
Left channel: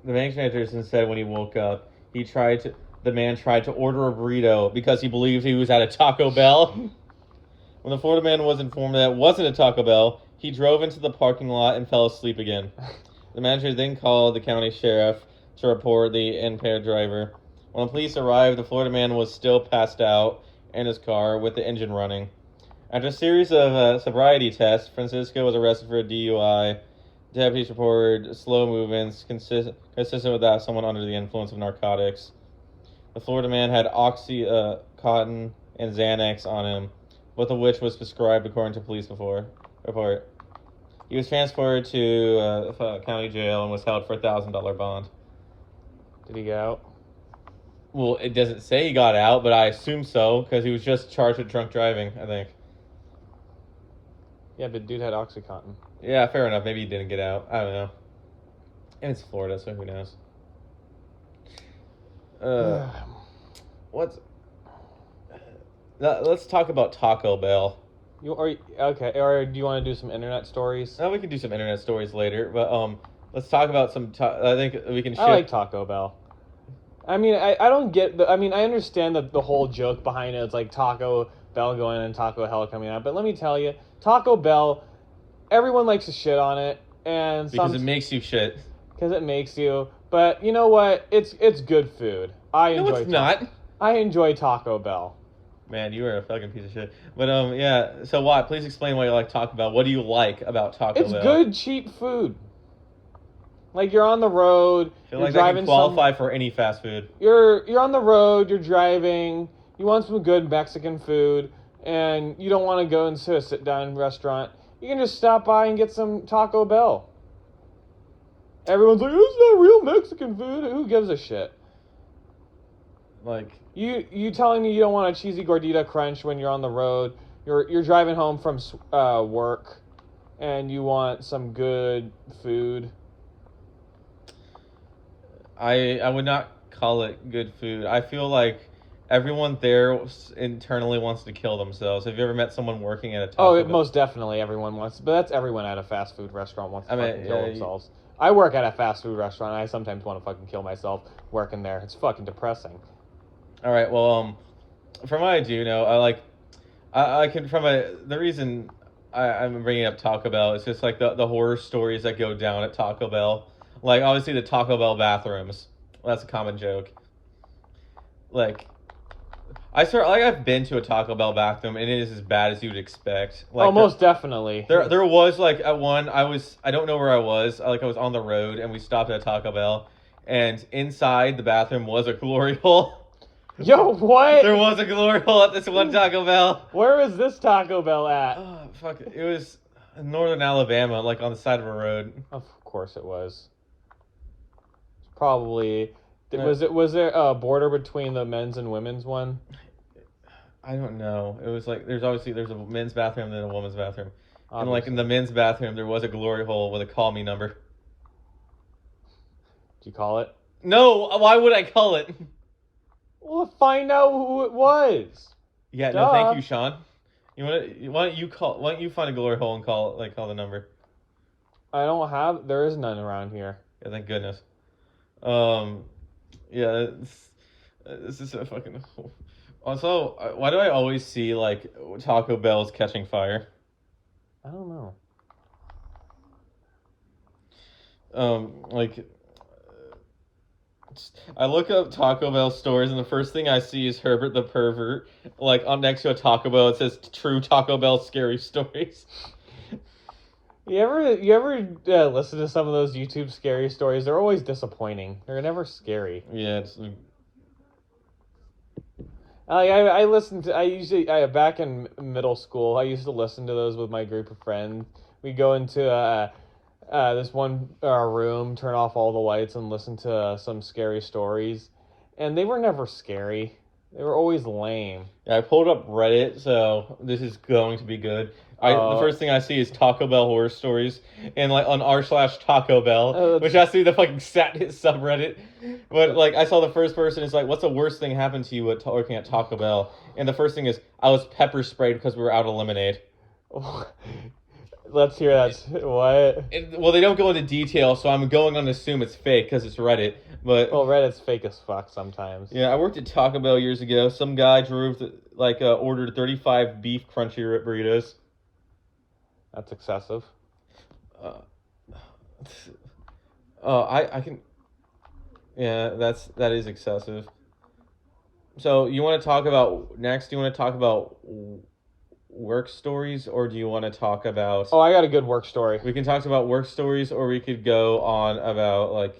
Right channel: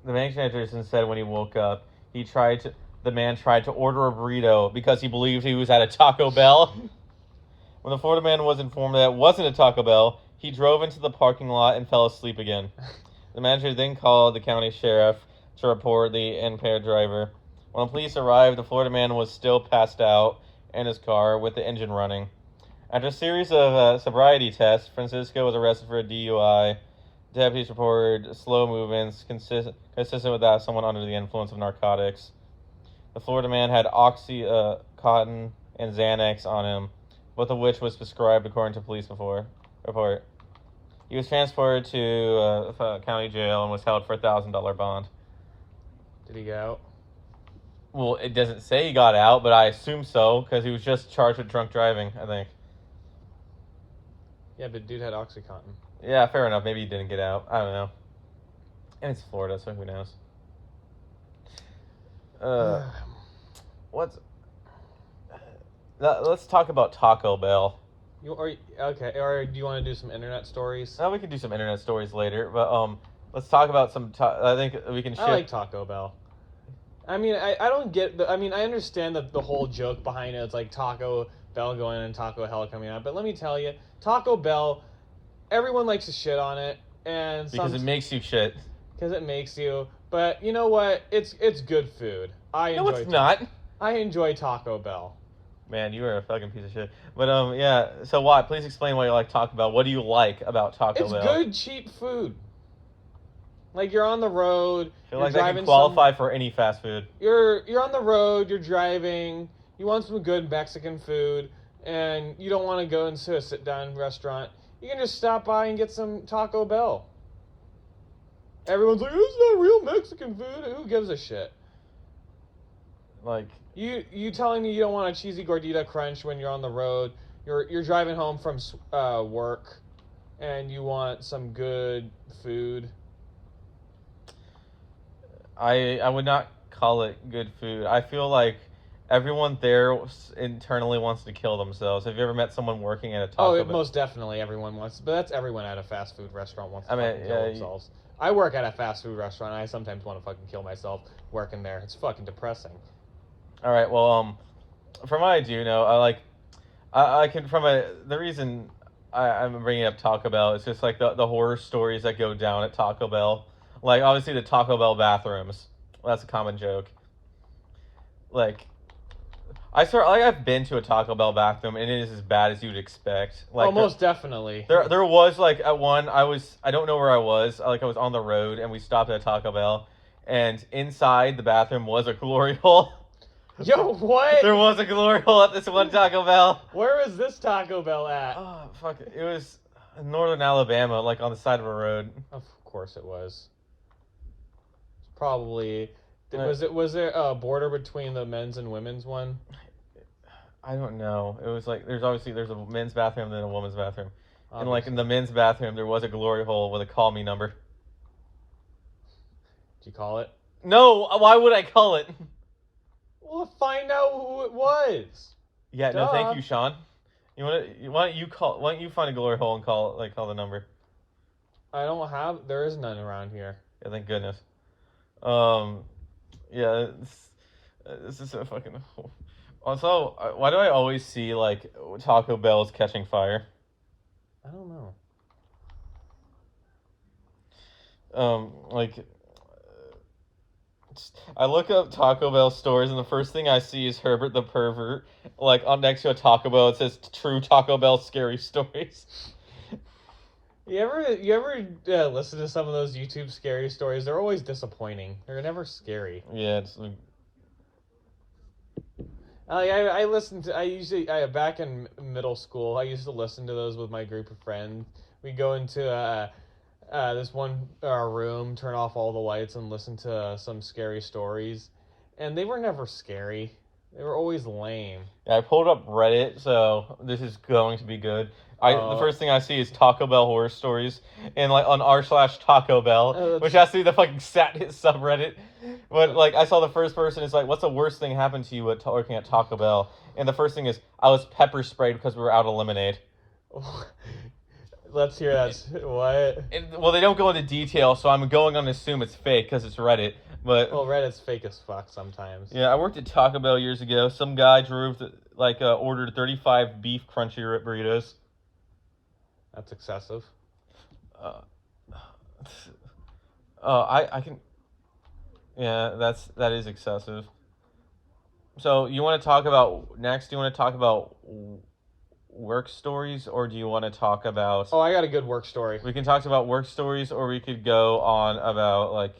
The manager said when he woke up, the man tried to order a burrito because he believed he was at a Taco Bell. When the Florida man was informed that it wasn't a Taco Bell, he drove into the parking lot and fell asleep again. The manager then called the county sheriff to report the impaired driver. When the police arrived, the Florida man was still passed out in his car with the engine running. After a series of sobriety tests, Francisco was arrested for a DUI. Deputies reported slow movements consistent with that of someone under the influence of narcotics. The Florida man had Oxycontin and Xanax on him, both of which was prescribed according to police report. He was transported to county jail and was held for a $1,000 bond. Did he get out? Well, it doesn't say he got out, but I assume so because he was just charged with drunk driving, I think. Yeah, but dude had Oxycontin. Yeah, fair enough. Maybe he didn't get out. I don't know. And it's Florida, so who knows? Let's talk about Taco Bell. Okay, or do you want to do some internet stories? No, we can do some internet stories later, but let's talk about some. I think we can. I like Taco Bell. I mean, I don't get I understand the whole joke behind it. It's like Taco Bell going in and Taco Hell coming out. But let me tell you, Taco Bell, everyone likes to shit on it. And Because it makes you shit. Because it makes you. But you know what? It's good food. No, it's not. I enjoy Taco Bell. Man, you are a fucking piece of shit. But yeah. So what? Please explain why you like Taco Bell. What do you like about Taco Bell? It's good, cheap food. Like you're on the road, I feel you're like driving. That can qualify for any fast food. You're on the road, you're driving. You want some good Mexican food, and you don't want to go into a sit-down restaurant. You can just stop by and get some Taco Bell. Everyone's like, "It's not real Mexican food." Who gives a shit? Like you telling me you don't want a cheesy gordita crunch when you're on the road? You're driving home from work, and you want some good food. I would not call it good food. I feel like everyone there internally wants to kill themselves. Have you ever met someone working at a Taco Bell? Most definitely everyone wants, but that's everyone at a fast food restaurant wants to fucking kill themselves. I work at a fast food restaurant, and I sometimes want to fucking kill myself working there. It's fucking depressing. All right, well, from what I do know, I can the reason I'm bringing up Taco Bell is just like the horror stories that go down at Taco Bell. Like obviously the Taco Bell bathrooms. That's a common joke. Like I've been to a Taco Bell bathroom and it is as bad as you'd expect. Like, most definitely. There was like at one I don't know where I was. I was on the road and we stopped at Taco Bell and inside the bathroom was a glory hole. Yo, what? There was a glory hole at this one Taco Bell. Where is this Taco Bell at? Oh, fuck. It was in northern Alabama, like on the side of a road. Of course it was. Probably. Was there a border between the men's and women's one? I don't know. It was like there's a men's bathroom and then a woman's bathroom. Obviously. And like in the men's bathroom there was a glory hole with a call me number. Did you call it? No, why would I call it? Well, find out who it was. Yeah, no, thank you, Sean. Why don't you find a glory hole and call the number? There is none around here. Yeah, thank goodness. Yeah, this is a fucking. Also, why do I always see like Taco Bell's catching fire? I don't know. I look up Taco Bell stores and the first thing I see is Herbert the Pervert. Like on next to a Taco Bell, it says "True Taco Bell Scary Stories." You ever listen to some of those YouTube scary stories? They're always disappointing. They're never scary. Yeah, it's like... I listened to back in middle school. I used to listen to those with my group of friends. We go into this one room, turn off all the lights, and listen to some scary stories. And they were never scary. They were always lame. Yeah, I pulled up Reddit, so this is going to be good. The first thing I see is Taco Bell horror stories, and like on r/Taco Bell, which has to be the fucking subreddit. But like, I saw the first person is like, "What's the worst thing happened to you working at Taco Bell?" And the first thing is, "I was pepper sprayed because we were out of lemonade." Let's hear that. What? Well, they don't go into detail, so I'm going on to assume it's fake because it's Reddit. But Reddit's fake as fuck sometimes. Yeah, I worked at Taco Bell years ago. Some guy ordered 35 beef crunchy burritos. That's excessive. I can. Yeah, that is excessive. So you want to talk about next? Do you want to talk about work stories, or do you want to talk about? Oh, I got a good work story. We can talk about work stories, or we could go on about like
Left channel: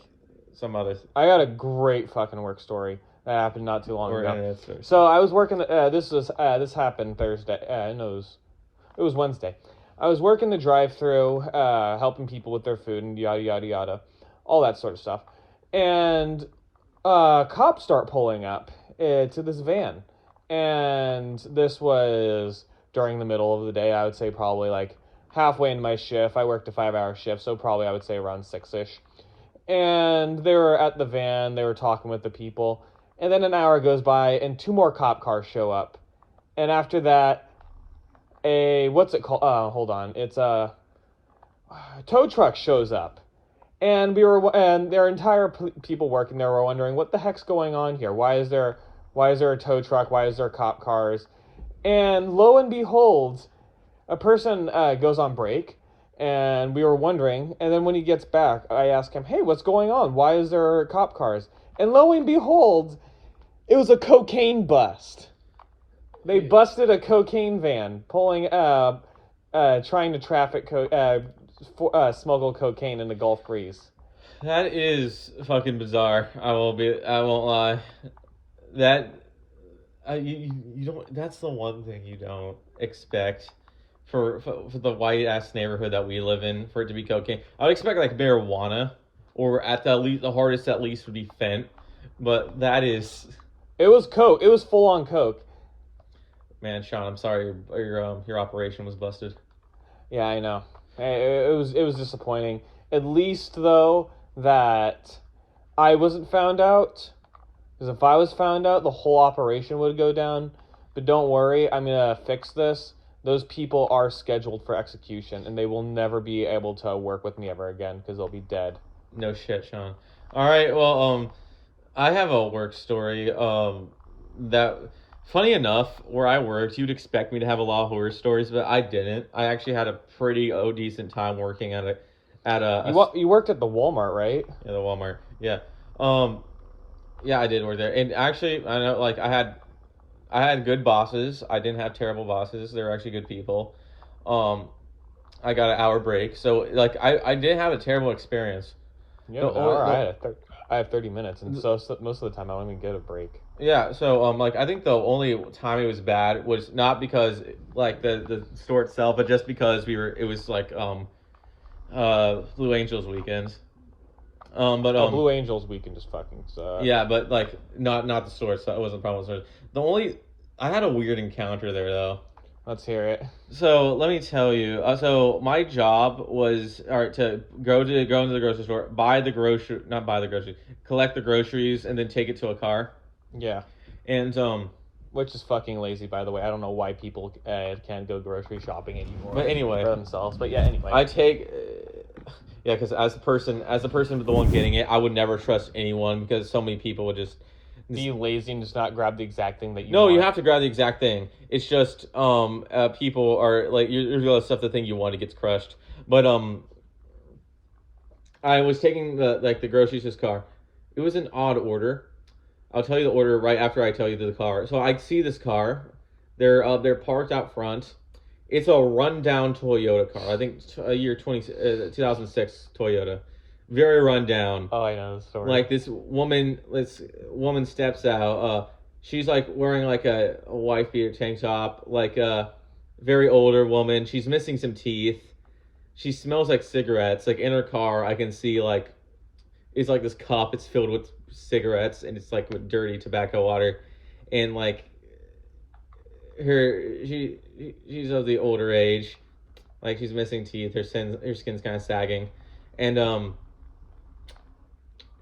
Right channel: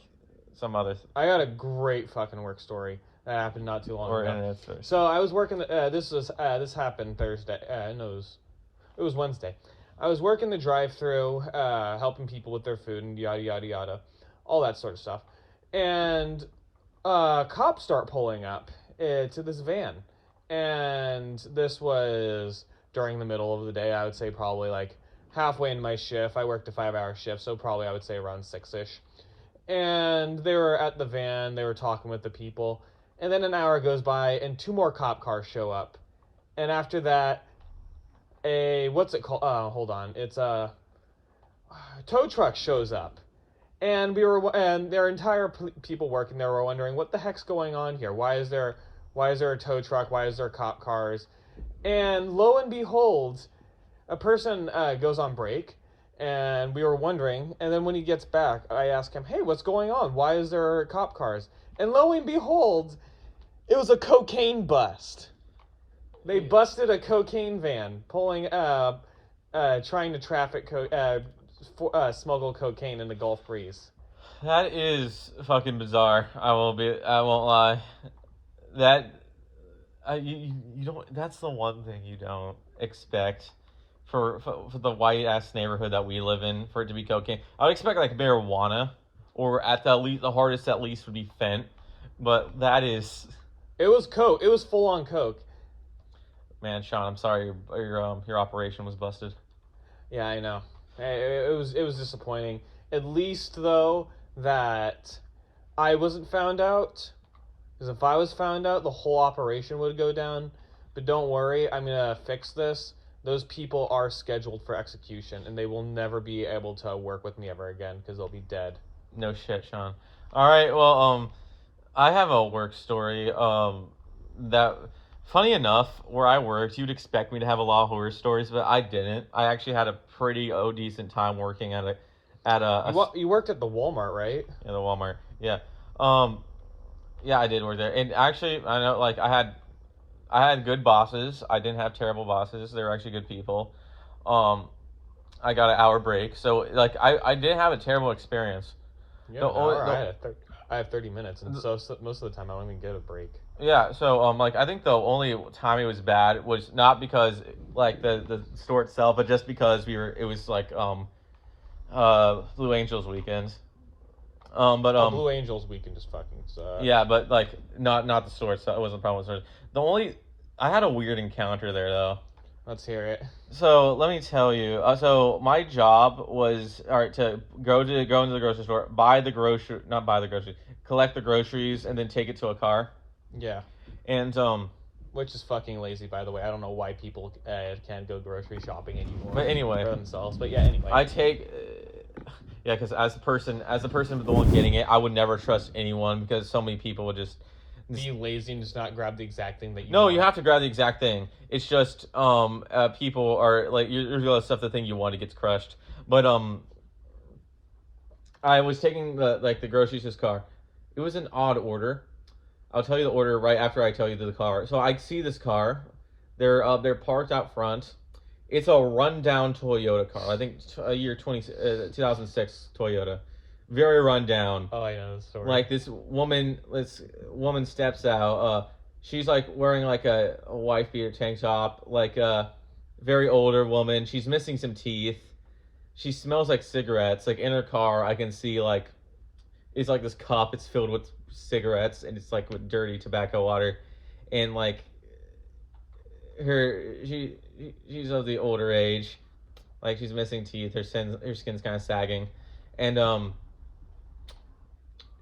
some other. I got a great fucking work story that happened not too long ago. Stories. So I was working. This happened Thursday. It was Wednesday. I was working the drive-through, helping people with their food and yada yada yada, all that sort of stuff. And cops start pulling up to this van, and this was during the middle of the day. I would say probably like halfway into my shift. I worked a 5-hour shift, so probably I would say around 6-ish. And they were at the van. They were talking with the people, and then an hour goes by, and 2 more cop cars show up, and after that. What's it called? Hold on. It's a tow truck shows up, and their entire people working there were wondering what the heck's going on here. Why is there a tow truck? Why is there cop cars? And lo and behold, a person goes on break, And we were wondering. And then when he gets back, I ask him, "Hey, what's going on? Why is there cop cars?" And lo and behold, it was a cocaine bust. They busted a cocaine van pulling, trying to smuggle cocaine in the Gulf Breeze. That is fucking bizarre. I won't lie. That you don't. That's the one thing you don't expect for the white ass neighborhood that we live in for it to be cocaine. I would expect like marijuana, or at the least, the hardest at least would be fent. But that is. It was coke. It was full on coke. Man, Sean, I'm sorry your operation was busted. Yeah, I know. It was disappointing. At least though that I wasn't found out. Because if I was found out, the whole operation would go down. But don't worry, I'm gonna fix this. Those people are scheduled for execution, and they will never be able to work with me ever again because they'll be dead. No shit, Sean. All right, well, I have a work story. That funny enough, where I worked, you'd expect me to have a lot of horror stories, but I didn't. I actually had a pretty decent time working You worked at the Walmart, right? the Walmart. Yeah. Yeah, I did work there, and actually, I know like I had good bosses. I didn't have terrible bosses. They were actually good people. I got an hour break, so like I didn't have a terrible experience. Yeah, I have 30 minutes, and so most of the time I don't even get a break. Yeah, so like I think the only time it was bad was not because like the store itself, but just because it was like Blue Angels weekends. Blue Angels weekend just fucking sucks. Yeah, but like not the store itself. It wasn't a problem with the store. I had a weird encounter there though. Let's hear it. So let me tell you. So my job was to go into the grocery store, collect the groceries, and then take it to a car. Yeah. And which is fucking lazy, by the way. I don't know why people can't go grocery shopping anymore. But anyway, for themselves. But yeah, anyway. I take. Yeah, because as a person, the one getting it, I would never trust anyone because so many people would just be lazy and just not grab the exact thing that you No, want. you have to grab the exact thing. It's just people are like you're gonna stuff the thing you want, it gets crushed. But I was taking the groceries to this car. It was an odd order. I'll tell you the order right after I tell you the car. So I see this car. They're parked out front. It's a rundown Toyota car. I think a year 2006 Toyota. Very rundown. Oh, I know the story. Like this woman steps out. She's like wearing like a wife beater tank top, like a very older woman. She's missing some teeth. She smells like cigarettes. Like in her car, I can see like it's like this cup. It's filled with cigarettes, and it's like with dirty tobacco water, and like she's of the older age, like she's missing teeth. Her skin's kind of sagging, and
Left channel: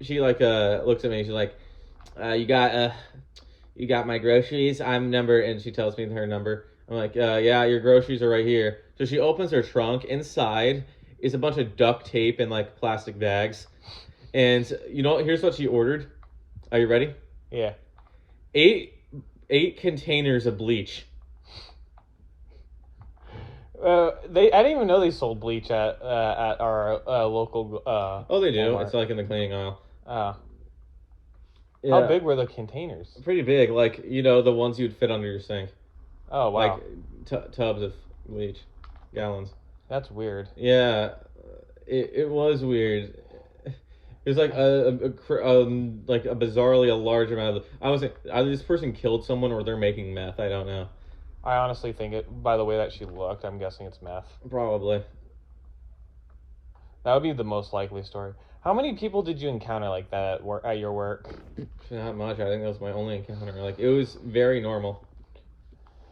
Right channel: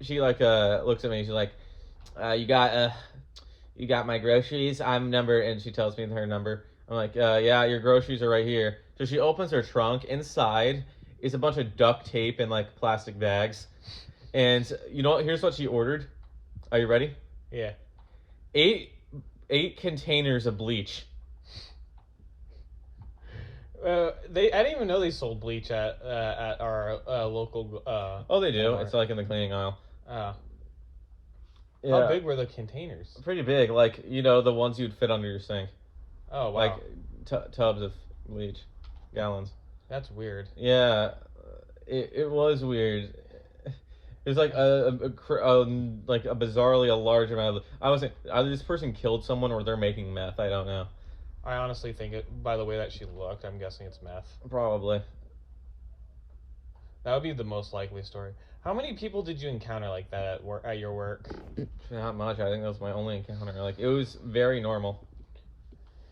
she like looks at me. She's like, you got my groceries? I'm number, and she tells me her number. I'm like, yeah, your groceries are right here. So she opens her trunk. Inside is a bunch of duct tape and like plastic bags. And here's what she ordered. Are you ready? Yeah. 8 containers of bleach. I didn't even know they sold bleach at our local. Oh, they do. Walmart. It's like in the cleaning aisle. Yeah. How big were the containers? Pretty big, like the ones you'd fit under your sink. Oh wow. Like tubs of bleach, gallons. That's weird. Yeah, it was weird. It was like a bizarrely a large amount of. I was like, either this person killed someone or they're making meth. I don't know. I honestly think by the way that she looked, I'm guessing it's meth. Probably. That would be the most likely story. How many people did you encounter like that at your work? Not much. I think that was my only encounter. Like it was very normal.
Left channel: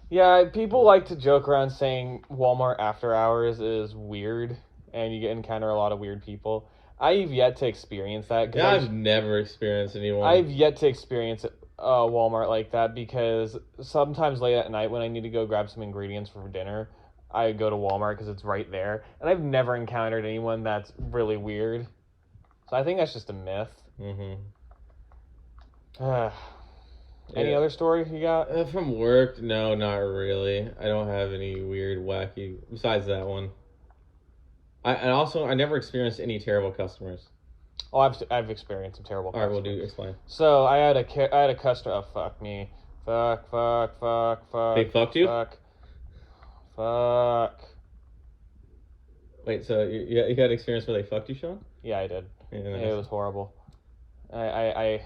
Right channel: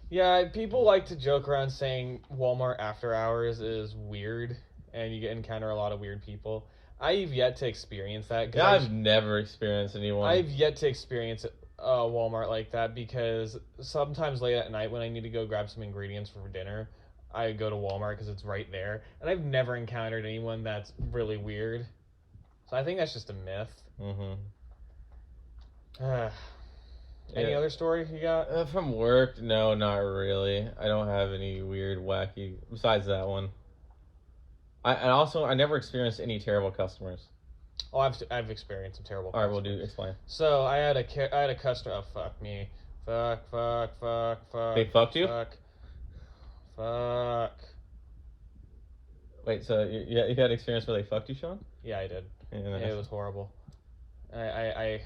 Yeah, people like to joke around saying Walmart after hours is weird, and you encounter a lot of weird people. I've yet to experience that. Yeah, I've never experienced anyone. I've yet to experience Walmart like that because sometimes late at night when I need to go grab some ingredients for dinner, I go to Walmart because it's right there, and I've never encountered anyone that's really weird. So I think that's just a myth. Any other story you got? From work? No, not really. I don't have any weird, wacky, besides that one. I never experienced any terrible customers. Oh, I've experienced some terrible All right, customers. well, do explain. So I had a customer. Oh, fuck me. Fuck. They fucked you? Fuck. Wait, so you had experience where they fucked you, Sean? Yeah, I did. Yeah, It was horrible. I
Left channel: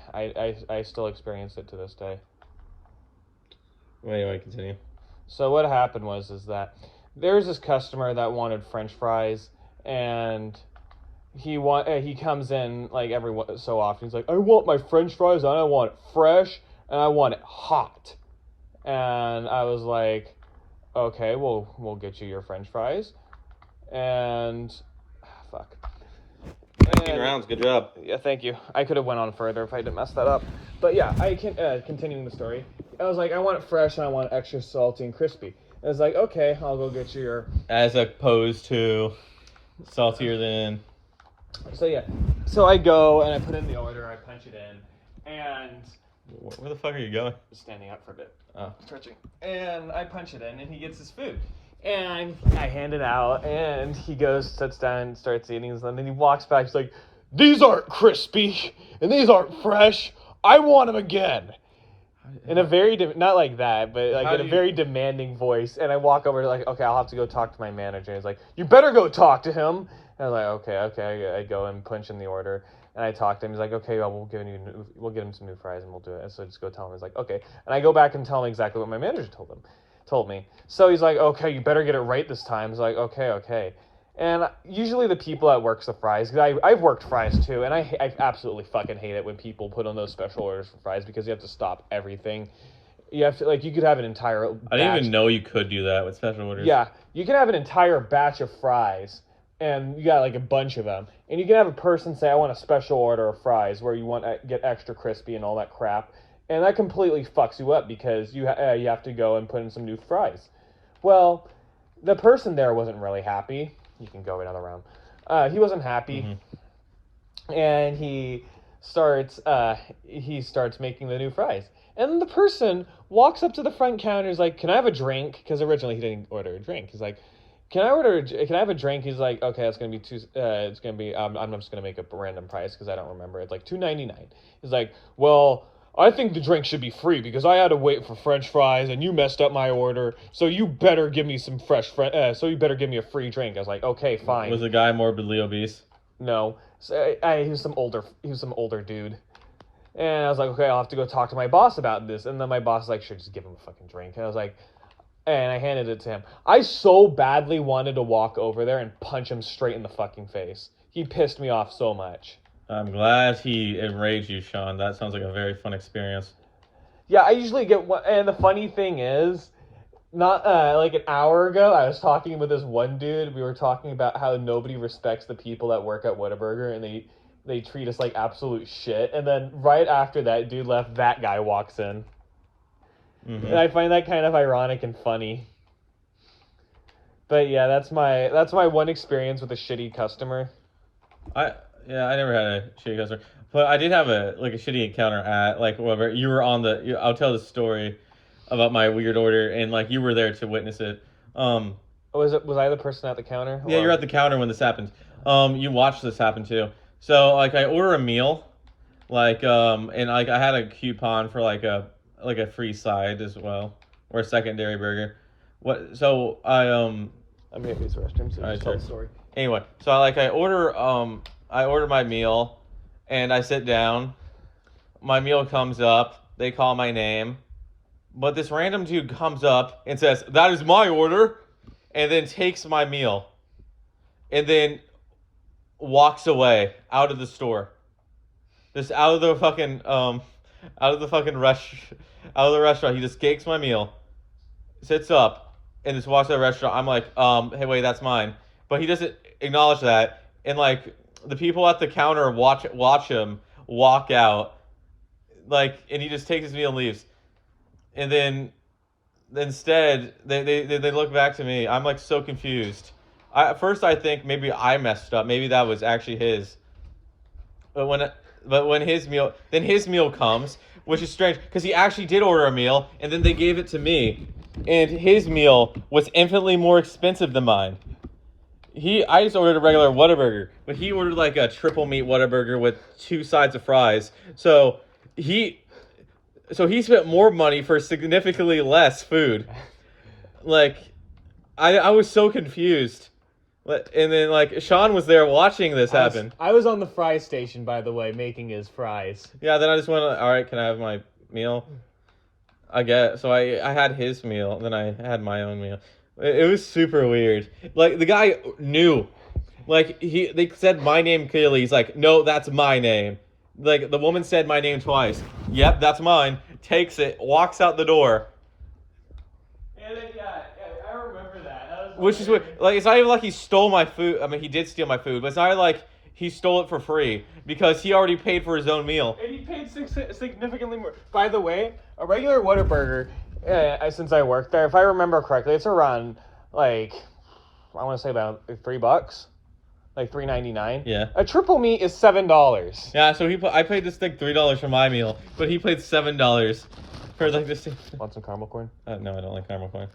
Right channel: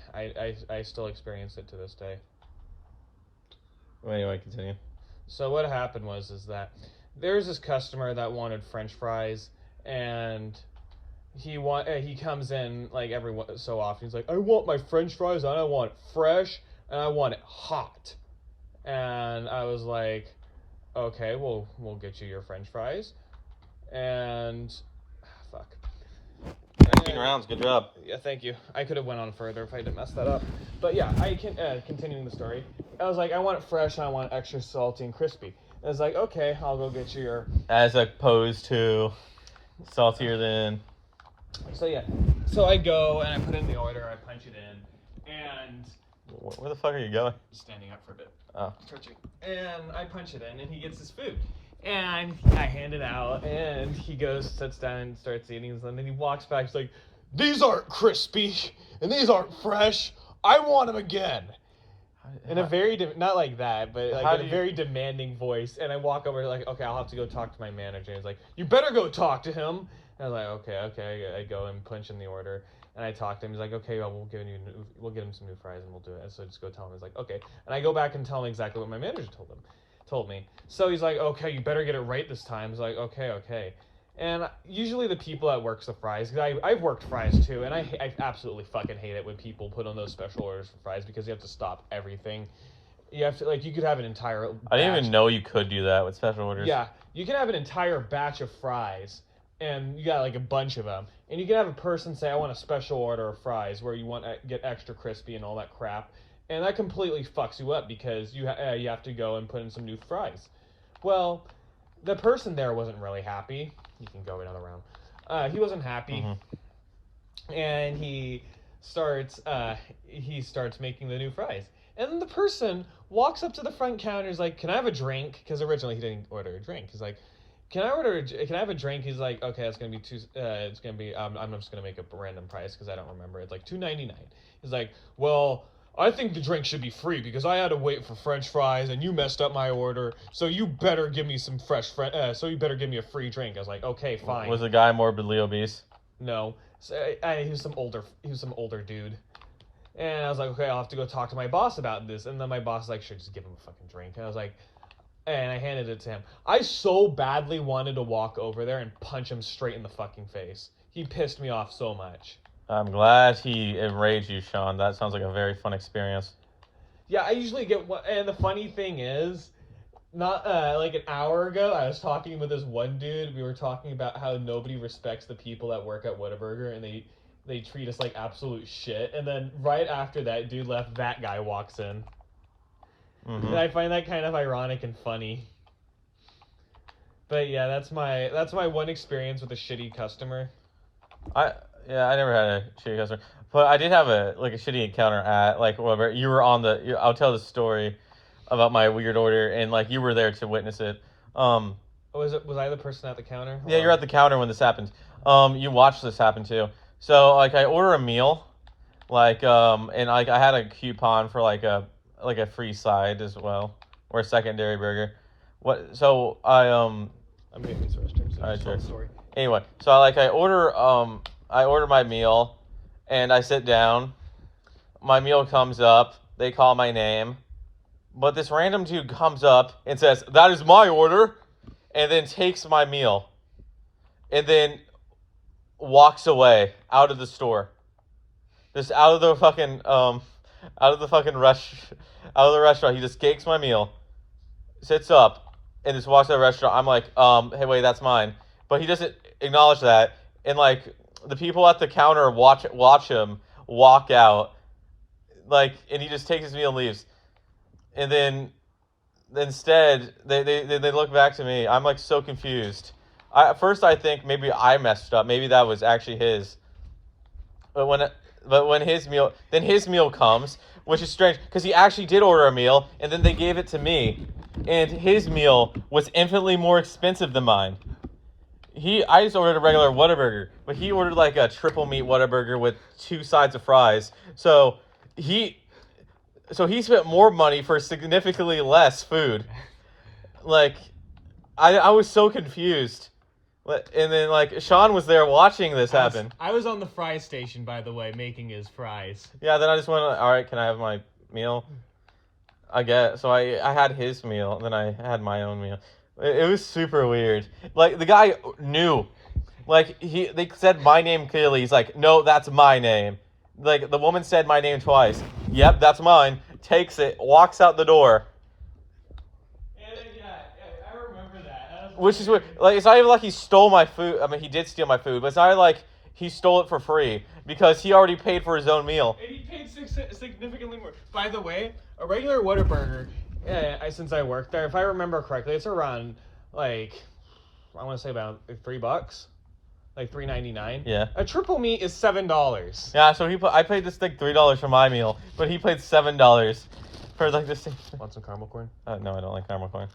still experience it to this day. Well, anyway, continue. So what happened is that there's this customer that wanted French fries, and he comes in like every so often. He's like, I want my French fries, and I want it fresh, and I want it hot. And I was like, okay, we'll get you your French fries, and fuck. 19 rounds, good job. Yeah, thank you. I could have went on further if I didn't mess that up. But yeah, I can continuing the story. I was like, I want it fresh and I want it extra salty and crispy. I was like, okay, I'll go get you your. As opposed to saltier than. So yeah, so I go and I put in the order. I punch it in, and Where the fuck are you going? standing up for a bit. Oh. Stretching. And I punch it in, and he gets his food. And I hand it out, and he goes, sits down, and starts eating them. And he walks back. He's like, these aren't crispy, and these aren't fresh. I want them again. In a very, not like that, but like in a very demanding voice. And I walk over, like, okay, I'll have to go talk to my manager. And he's like, you better go talk to him. And I was like, okay. I go and punch in the order. And I talk to him. He's like, okay, well, we'll get him some new fries, and we'll do it. And so I just go tell him. He's like, okay. And I go back and tell him exactly what my manager told me. So he's like, okay, you better get it right this time. He's like, okay. And usually the people that works the fries, because I've worked fries too, and I absolutely fucking hate it when people put on those special orders for fries because you have to stop everything. You have to, like, you could have an entire I didn't even know you could do that with special orders. Yeah, you can have an entire batch of fries, and you got like a bunch of them. And you can have a person say, I want a special order of fries where you want to get extra crispy and all that crap. And that completely fucks you up because you have to go and put in some new fries. Well, the person there wasn't really happy. You can go another round. He wasn't happy. Mm-hmm. And he starts making the new fries. And the person walks up to the front counter. He's like, can I have a drink? Because originally he didn't order a drink. He's like, can I have a drink? He's like, okay, it's going to be I'm just going to make up a random price because I don't remember. It's like $2.99. He's like, well, I think the drink should be free because I had to wait for French fries and you messed up my order. So you better give me some so you better give me a free drink. I was like, okay, fine. Was the guy morbidly obese? No. So he was some older dude. And I was like, okay, I'll have to go talk to my boss about this. And then my boss was like, sure, just give him a fucking drink. And I was like, and I handed it to him. I so badly wanted to walk over there and punch him straight in the fucking face. He pissed me off so much. I'm glad he enraged you, Sean. That sounds like a very fun experience. Yeah, I usually get one, and the funny thing is, not like an hour ago, I was talking with this one dude. We were talking about how nobody respects the people that work at Whataburger, and they treat us like absolute shit. And then right after that dude left, that guy walks in. Mm-hmm. And I find that kind of ironic and funny. But yeah, that's my one experience with a shitty customer. I never had a shitty customer, but I did have a shitty encounter at whatever. You were on I'll tell the story about my weird order, and like you were there to witness it. Was I the person at the counter? Yeah, you're at the counter when this happened. You watched this happen too. So like I order a meal, and like I had a coupon for like a free side as well, or a secondary burger. So I'm here to use the restroom, so just tell the story. Anyway, so I order my meal, and I sit down. My meal comes up. They call my name, but this random dude comes up and says, "That is my order," and then takes my meal, and then walks away out of the store. Just out of the restaurant. He just takes my meal, sits up, and just walks out of the restaurant. I'm like, hey, wait, that's mine. But he doesn't acknowledge that, and like the people at the counter watch him walk out, and he just takes his meal and leaves. And then instead they look back to me. I'm like so confused. At first I think maybe I messed up. Maybe that was actually his. But when his meal comes, which is strange because he actually did order a meal, and then they gave it to me, and his meal was infinitely more expensive than mine. I just ordered a regular Whataburger, but he ordered like a triple meat Whataburger with 2 sides of fries. So he spent more money for significantly less food. Like, I was so confused. And then like Sean was there watching this happen. I was on the fry station, by the way, making his fries. Yeah, then I just went, all right, can I have my meal? I guess. So I had his meal, and then I had my own meal. It was super weird. Like, the guy knew. Like, they said my name clearly. He's like, no, that's my name. Like, the woman said my name twice. Yep, that's mine. Takes it, walks out the door. Yeah, I remember that. Which is what, like, it's not even like he stole my food. I mean, he did steal my food, but it's not like he stole it for free because he already paid for his own meal. And he paid significantly more. By the way, a regular Whataburger, since I worked there, if I remember correctly, it's around like I want to say about $3, like $3.99. Yeah. A triple meat is $7. Yeah, so I paid this thing $3 for my meal, but he paid $7 for like this thing. Want some caramel corn? No, I don't like caramel corn.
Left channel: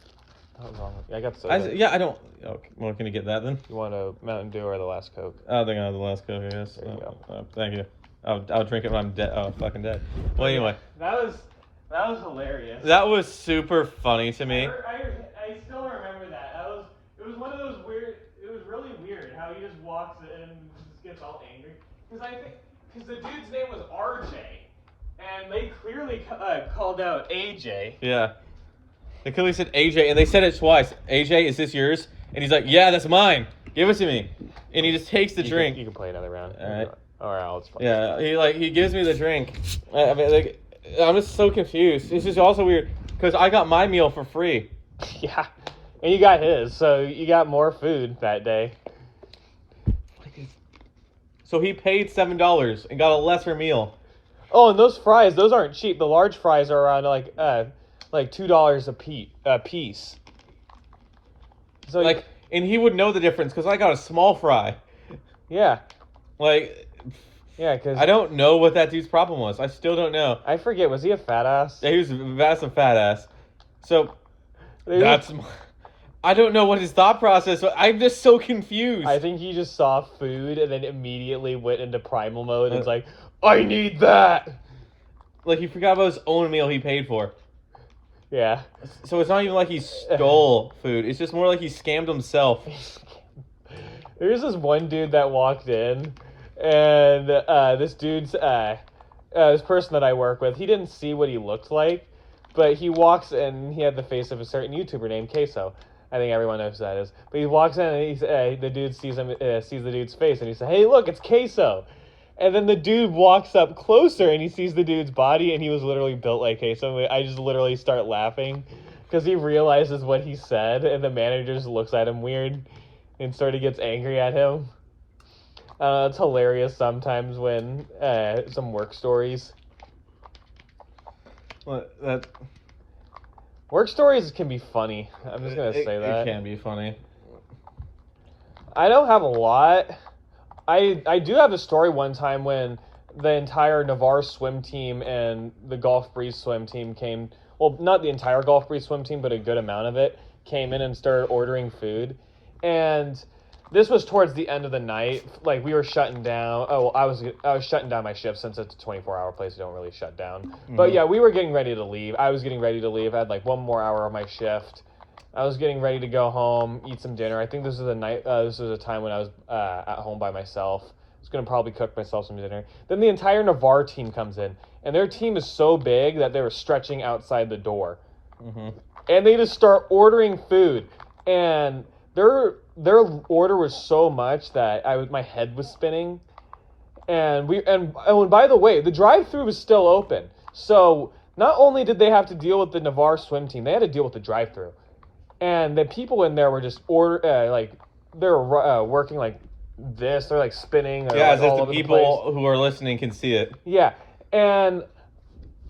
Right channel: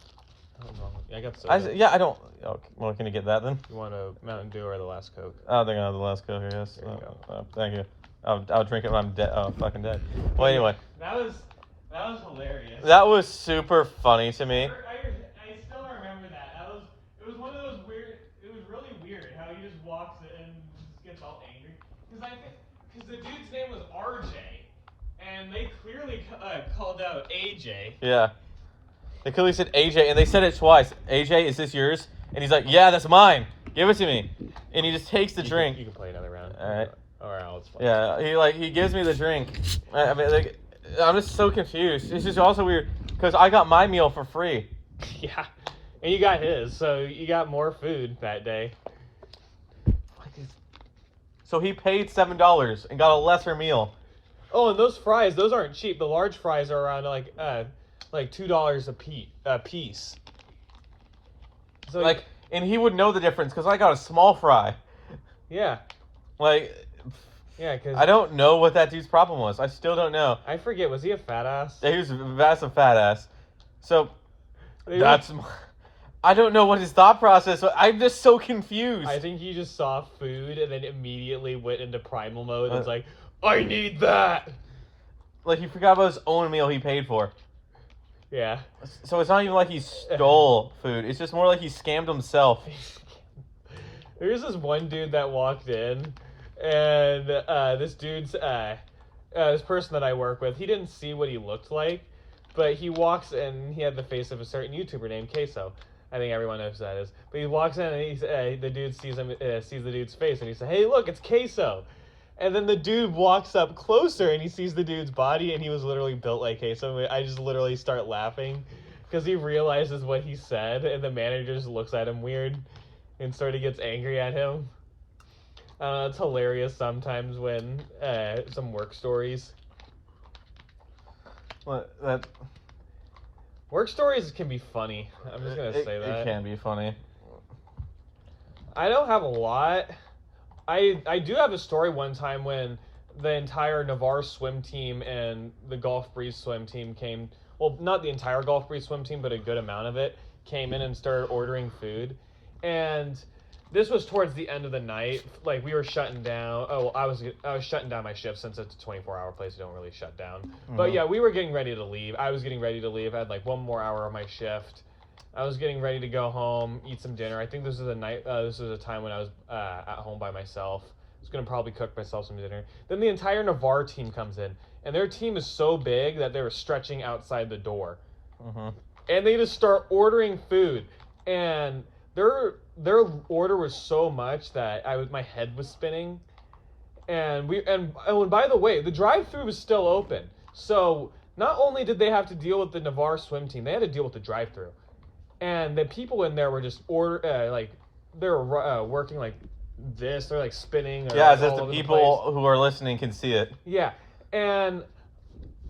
What's wrong with you? I got soda. I don't. Okay, well, can you get that then? You want a Mountain Dew or the last Coke? I think I have the last Coke, I guess. There you go. Thank you. I'll drink it when I'm dead. Oh, fucking dead. Well, anyway. That was hilarious. That was super funny to me. I still remember that. It was one of those weird. It was really weird how he just walks in and just gets all angry. Because the dude's name was RJ, and they clearly called out AJ. Yeah. They clearly said AJ, and they said it twice. AJ, is this yours? And he's like, yeah, that's mine. Give it to me. And he just takes the drink. You can play another round. All right. All right, let's play. Yeah, he gives me the drink. I mean, like, I'm just so confused. It's just also weird because I got my meal for free. Yeah, and you got his, so you got more food that day. So he paid $7 and got a lesser meal. Oh, and those fries, those aren't cheap. The large fries are around like $2 a piece. So like, and he would know the difference because I got a small fry. Yeah. Like. Yeah, because I don't know what that dude's problem was. I still don't know. I forget. Was he a fat ass? Yeah, he was a massive fat ass. So I don't know what his thought process was. I'm just so confused. I think he just saw food and then immediately went into primal mode and was like, I need that. Like, he forgot about his own meal he paid for. Yeah. So it's not even like he stole food. It's just more like he scammed himself. There's this one dude that walked in, and this person that I work with, he didn't see what he looked like, but he walks in, he had the face of a certain YouTuber named Queso. I think everyone knows who that is. But he walks in and the dude sees the dude's face, and he says, hey, look, it's Queso. And then the dude walks up closer, and he sees the dude's body, and he was literally built like Queso. I just literally start laughing, because he realizes what he said, and the manager just looks at him weird, and sort of gets angry at him. It's hilarious sometimes when some work stories. Work stories can be funny. I'm just gonna say that. It can be funny. I don't have a lot. I do have a story one time when the entire Navarre swim team and the Gulf Breeze swim team came. Well, not the entire Gulf Breeze swim team, but a good amount of it came in and started ordering food. And this was towards the end of the night. Like, we were shutting down. Oh, I was shutting down my shift since it's a 24-hour place. You don't really shut down. Mm-hmm. But yeah, we were getting ready to leave. I was getting ready to leave. I had like one more hour of my shift. I was getting ready to go home, eat some dinner. I think this was a night. This was a time when I was at home by myself. I was gonna probably cook myself some dinner. Then the entire Navarre team comes in, and their team is so big that they were stretching outside the door, mm-hmm. And they just start ordering food, and their order was so much that my head was spinning, and by the way, the drive-thru was still open. So not only did they have to deal with the Navarre swim team, they had to deal with the drive-thru. And the people in there were just they were working like this. They're like spinning. Yeah, as if the people who are listening can see it. Yeah, and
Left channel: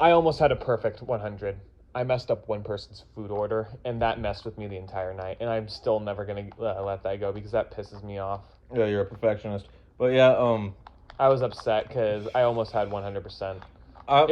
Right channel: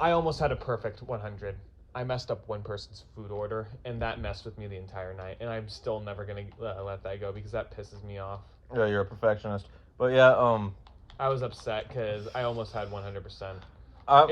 I almost had a perfect 100. I messed up one person's food order, and that messed with me the entire night. And I'm still never gonna let that go because that pisses me off. Yeah, you're a perfectionist. But yeah, I was upset because I almost had 100%. I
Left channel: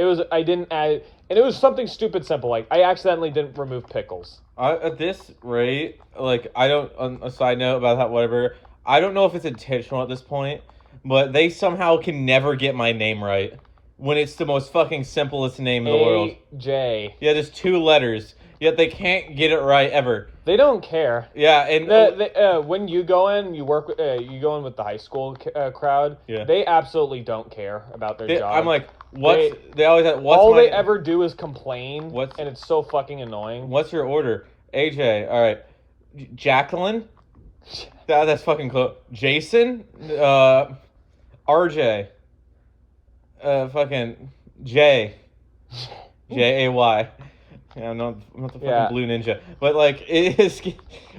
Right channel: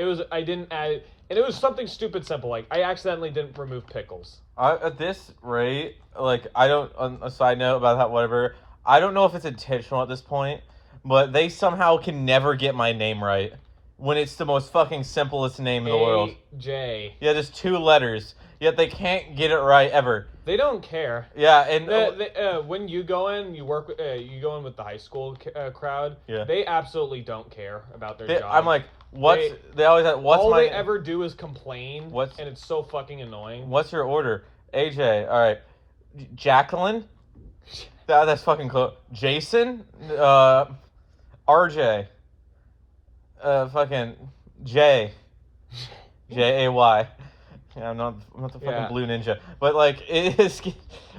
didn't add, and it was something stupid simple. Like, I accidentally didn't remove pickles. At this rate, like, I don't, on a side note about that, whatever, I don't know if it's intentional at this point, but they somehow can never get my name right when it's the most fucking simplest name in the world. AJ. Yeah, just 2 letters. Yet they can't get it right ever. They don't care. Yeah, and when you go in, you go in with the high school crowd. Yeah. They absolutely don't care about their job. I'm like, they always have, what's all my, they ever do is complain, and it's so fucking annoying. What's your order? AJ, all right. Jacqueline? That's fucking close. Jason? RJ? Fucking J. J-A-Y. Yeah, I'm not the fucking blue ninja. But, like, it is...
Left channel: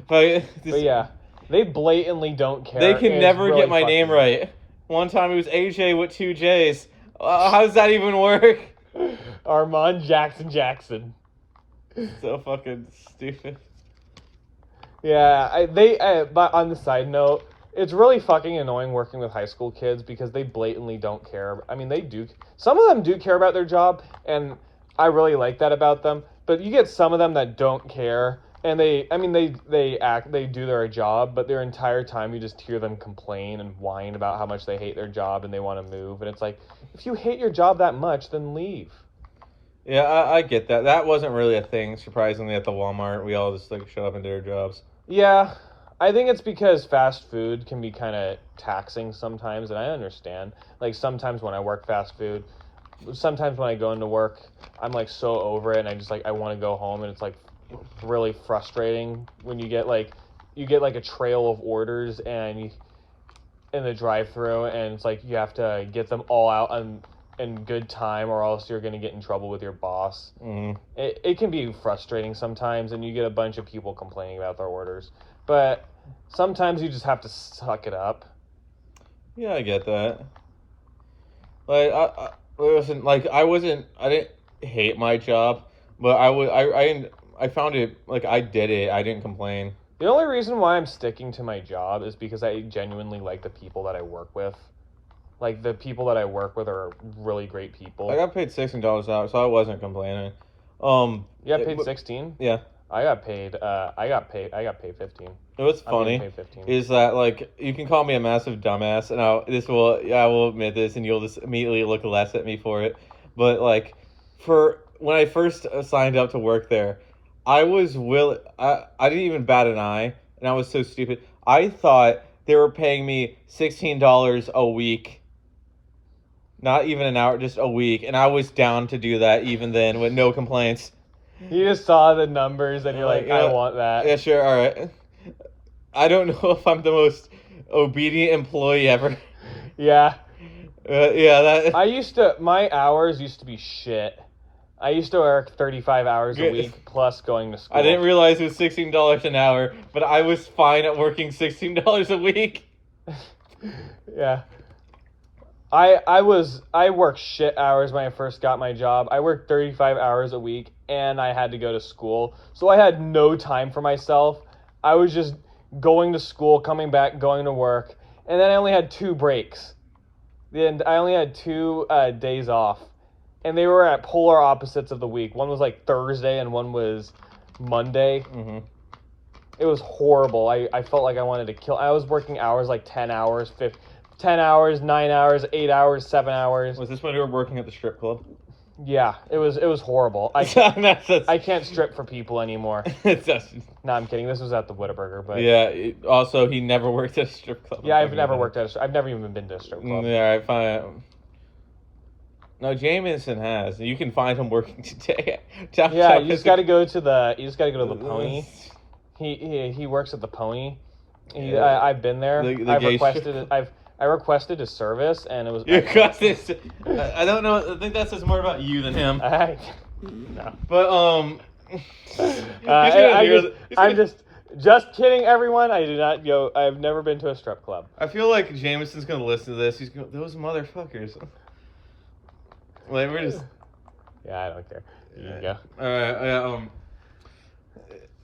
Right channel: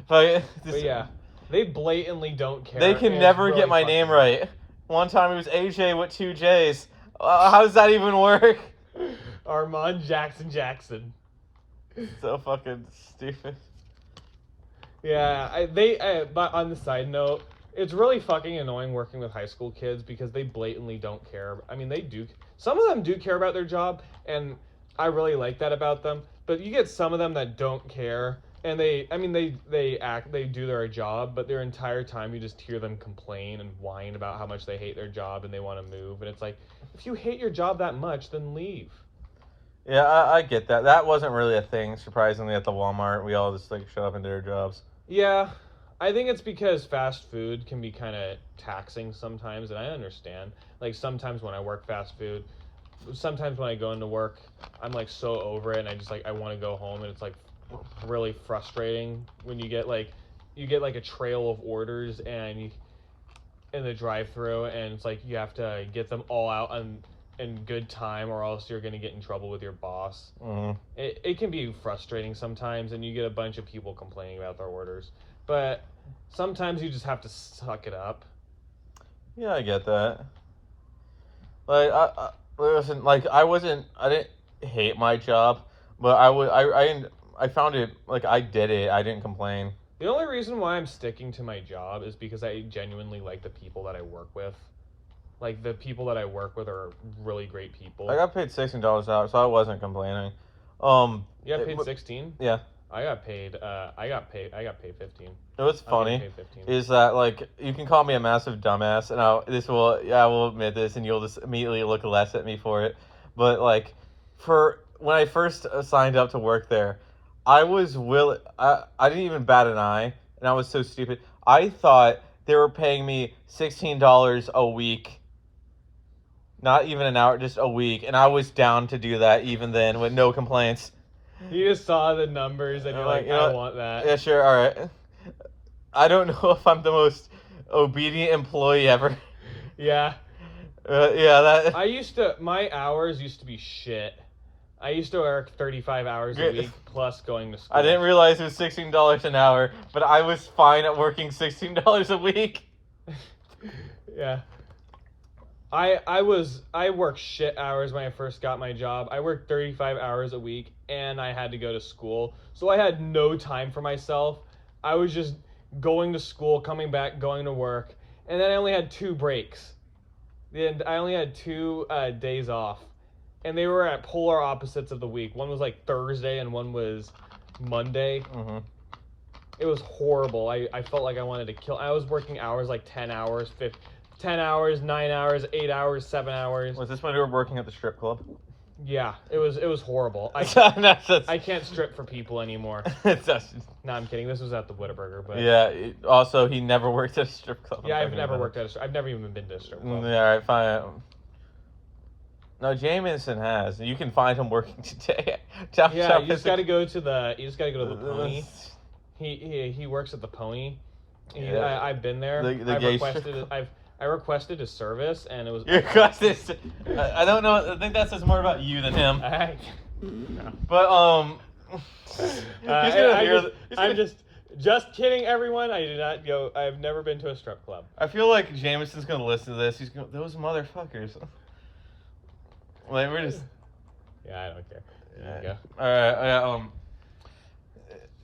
But yeah, they blatantly don't care. They can never get my name right. One time it was AJ with 2 J's. How does that even work? Armand Jackson. So fucking stupid. Yeah, but on the side note, it's really fucking annoying working with high school kids because they blatantly don't care. I mean, they do. Some of them do care about their job, and I really like that about them. But you get some of them that don't care, and they do their job, but their entire time you just hear them complain and whine about how much they hate their job and they want to move. And it's like, if you hate your job that much, then leave. Yeah, I get that. That wasn't really a thing, surprisingly, at the Walmart. We all just, like, shut up and did our jobs. Yeah, I think it's because fast food can be kind of taxing sometimes, and I understand. Like, sometimes when I work fast food, sometimes when I go into work, I'm, like, so over it, and I want to go home, and it's, like, really frustrating when you get a trail of orders, and you in the drive-thru, and it's like you have to get them all out in good time, or else you're going to get in trouble with your boss. Mm-hmm. It can be frustrating sometimes, and you get a bunch of people complaining about their orders. But sometimes you just have to suck it up. Yeah, I get that. Like, I didn't hate my job, but I found it, like, I did it. I didn't complain. The only reason why I'm sticking to my job is because I genuinely like the people that I work with. Like, the people that I work with are really great people. I got paid $16 an hour, so I wasn't complaining. You got paid 16? Yeah. I got paid 15. It was funny is that, like, you can call me a massive dumbass, and I will admit this, and you'll just immediately look less at me for it. But, like, when I first signed up to work there, I didn't even bat an eye, and I was so stupid. I thought they were paying me $16 a week. Not even an hour, just a week. And I was down to do that even then with no complaints. You just saw the numbers and you're like, I want that. Yeah, sure, alright. I don't know if I'm the most obedient employee ever. Yeah. Yeah, my hours used to be shit. I used to work 35 hours a week plus going to school. I didn't realize it was $16 an hour, but I was fine at working $16 a week. Yeah. I worked shit hours when I first got my job. I worked 35 hours a week and I had to go to school. So I had no time for myself. I was just going to school, coming back, going to work. And then I only had 2 breaks. And I only had 2 days off. And they were at polar opposites of the week. One was like Thursday and one was Monday. Mm-hmm. It was horrible. I felt like I wanted to kill. I was working hours like 10 hours, 10 hours, 9 hours, 8 hours, 7 hours. Was this when you were working at the strip club? Yeah, it was horrible. I can't strip for people anymore. No, I'm kidding. This was at the Whataburger, but yeah. Also, he never worked at a strip club. Yeah, I've never even been to a strip club. Yeah, I find it. No, Jameson has. You can find him working today. Yeah, you just got to go to the Pony. He works at the Pony. I've been there. I requested a service, and it was. I don't know. I think that says more about you than him. No. But I'm just kidding, everyone. I do not go. I've never been to a strip club. I feel like Jameson's gonna listen to this. He's going, those motherfuckers. Like, we're just. Yeah, I don't care. You can go. All right.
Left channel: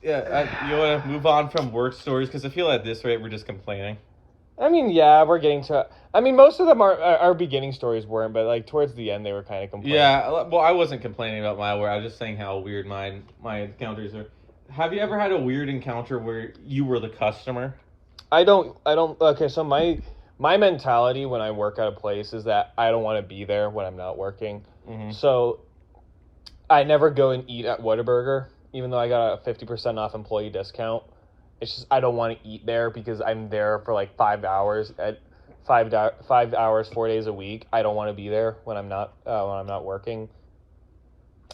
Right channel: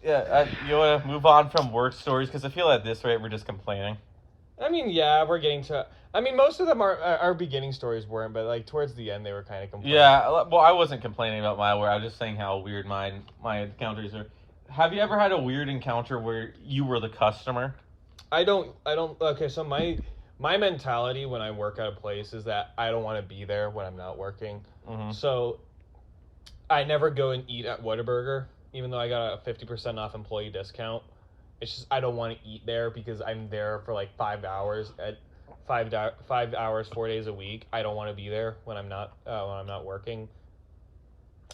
You want to move on from work stories because I feel at this rate we're just complaining. I mean, yeah, we're getting to. I mean, most of them our beginning stories weren't, but like towards the end they were kind of complaining. Yeah, well, I wasn't complaining about my work. I was just saying how weird my encounters are. Have you ever had a weird encounter where you were the customer? I don't. Okay, so my mentality when I work at a place is that I don't want to be there when I'm not working. Mm-hmm. So I never go and eat at Whataburger, even though I got a 50% off employee discount. It's just I don't want to eat there because I'm there for like 5 hours at 5 hours 4 days a week. I don't want to be there when I'm not working.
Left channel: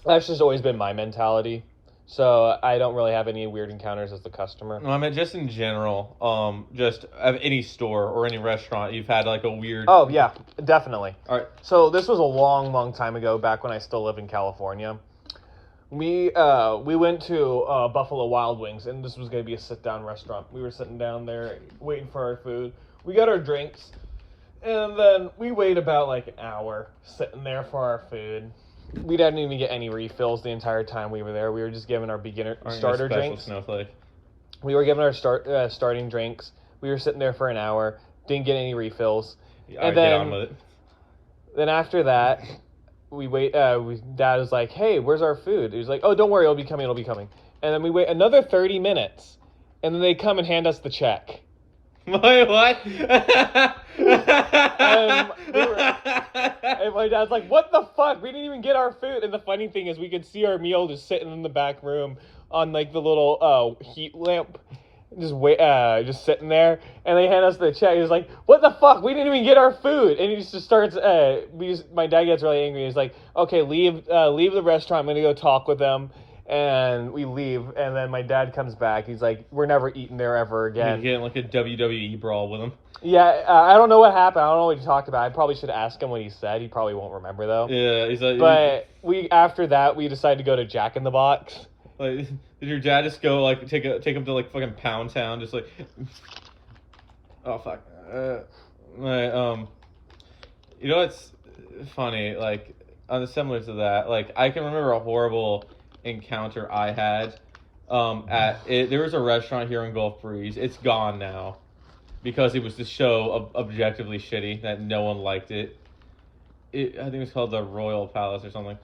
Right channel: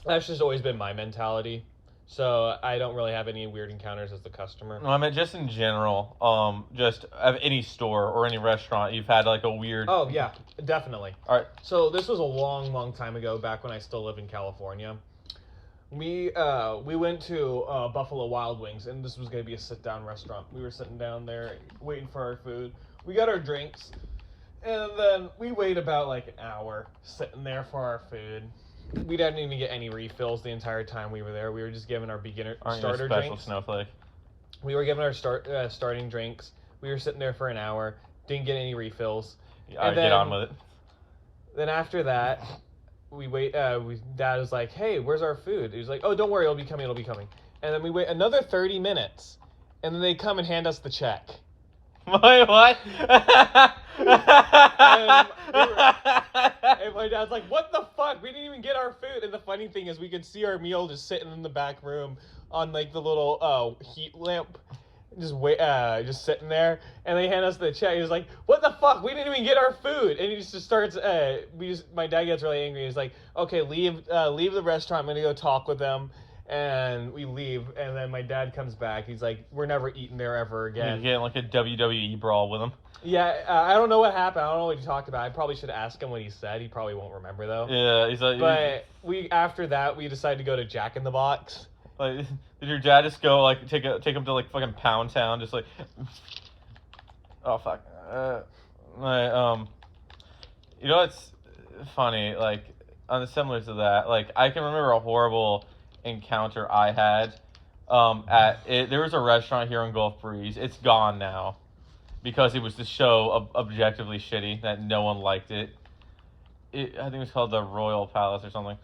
That's just always been my mentality. So I don't really have any weird encounters as the customer. No, I mean just in general, just of any store or any restaurant, you've had like a weird. Oh yeah, definitely. All right. So this was a long, long time ago, back when I still lived in California. We went to Buffalo Wild Wings, and this was gonna be a sit-down restaurant. We were sitting down there waiting for our food. We got our drinks, and then we wait about like an hour sitting there for our food. We didn't even get any refills the entire time we were there. We were just given our starter drinks. Snowflake. We were given our starting drinks. We were sitting there for an hour, didn't get any refills, And then, get on with it. Then after that, we wait. Dad was like, "Hey, where's our food?" He was like, "Oh, don't worry, it'll be coming. And then we wait another 30 minutes, and then they come and hand us the check. Wait, what? And my dad's like, "What the fuck? We didn't even get our food." And the funny thing is, we could see our meal just sitting in the back room on like the little heat lamp, just sitting there. And they hand us the check. He's like, "What the fuck? We didn't even get our food." And he just starts. My dad gets really angry. He's like, "Okay, leave the restaurant. I'm gonna go talk with them." And we leave, and then my dad comes back. He's like, "We're never eating there ever again." You're getting like a WWE brawl with him. Yeah, I don't know what happened. I don't know what he talked about. I probably should ask him what he said. He probably won't remember though. Yeah, he's like. But after that we decided to go to Jack in the Box. Like, did your dad just go like take him to like fucking Pound Town, just like? Oh fuck. You know what's funny? Like, similar to that, like I can remember a horrible encounter I had. There was a restaurant here in Gulf Breeze. It's gone now because it was the show objectively shitty that no one liked it. I think it was called the Royal Palace or something.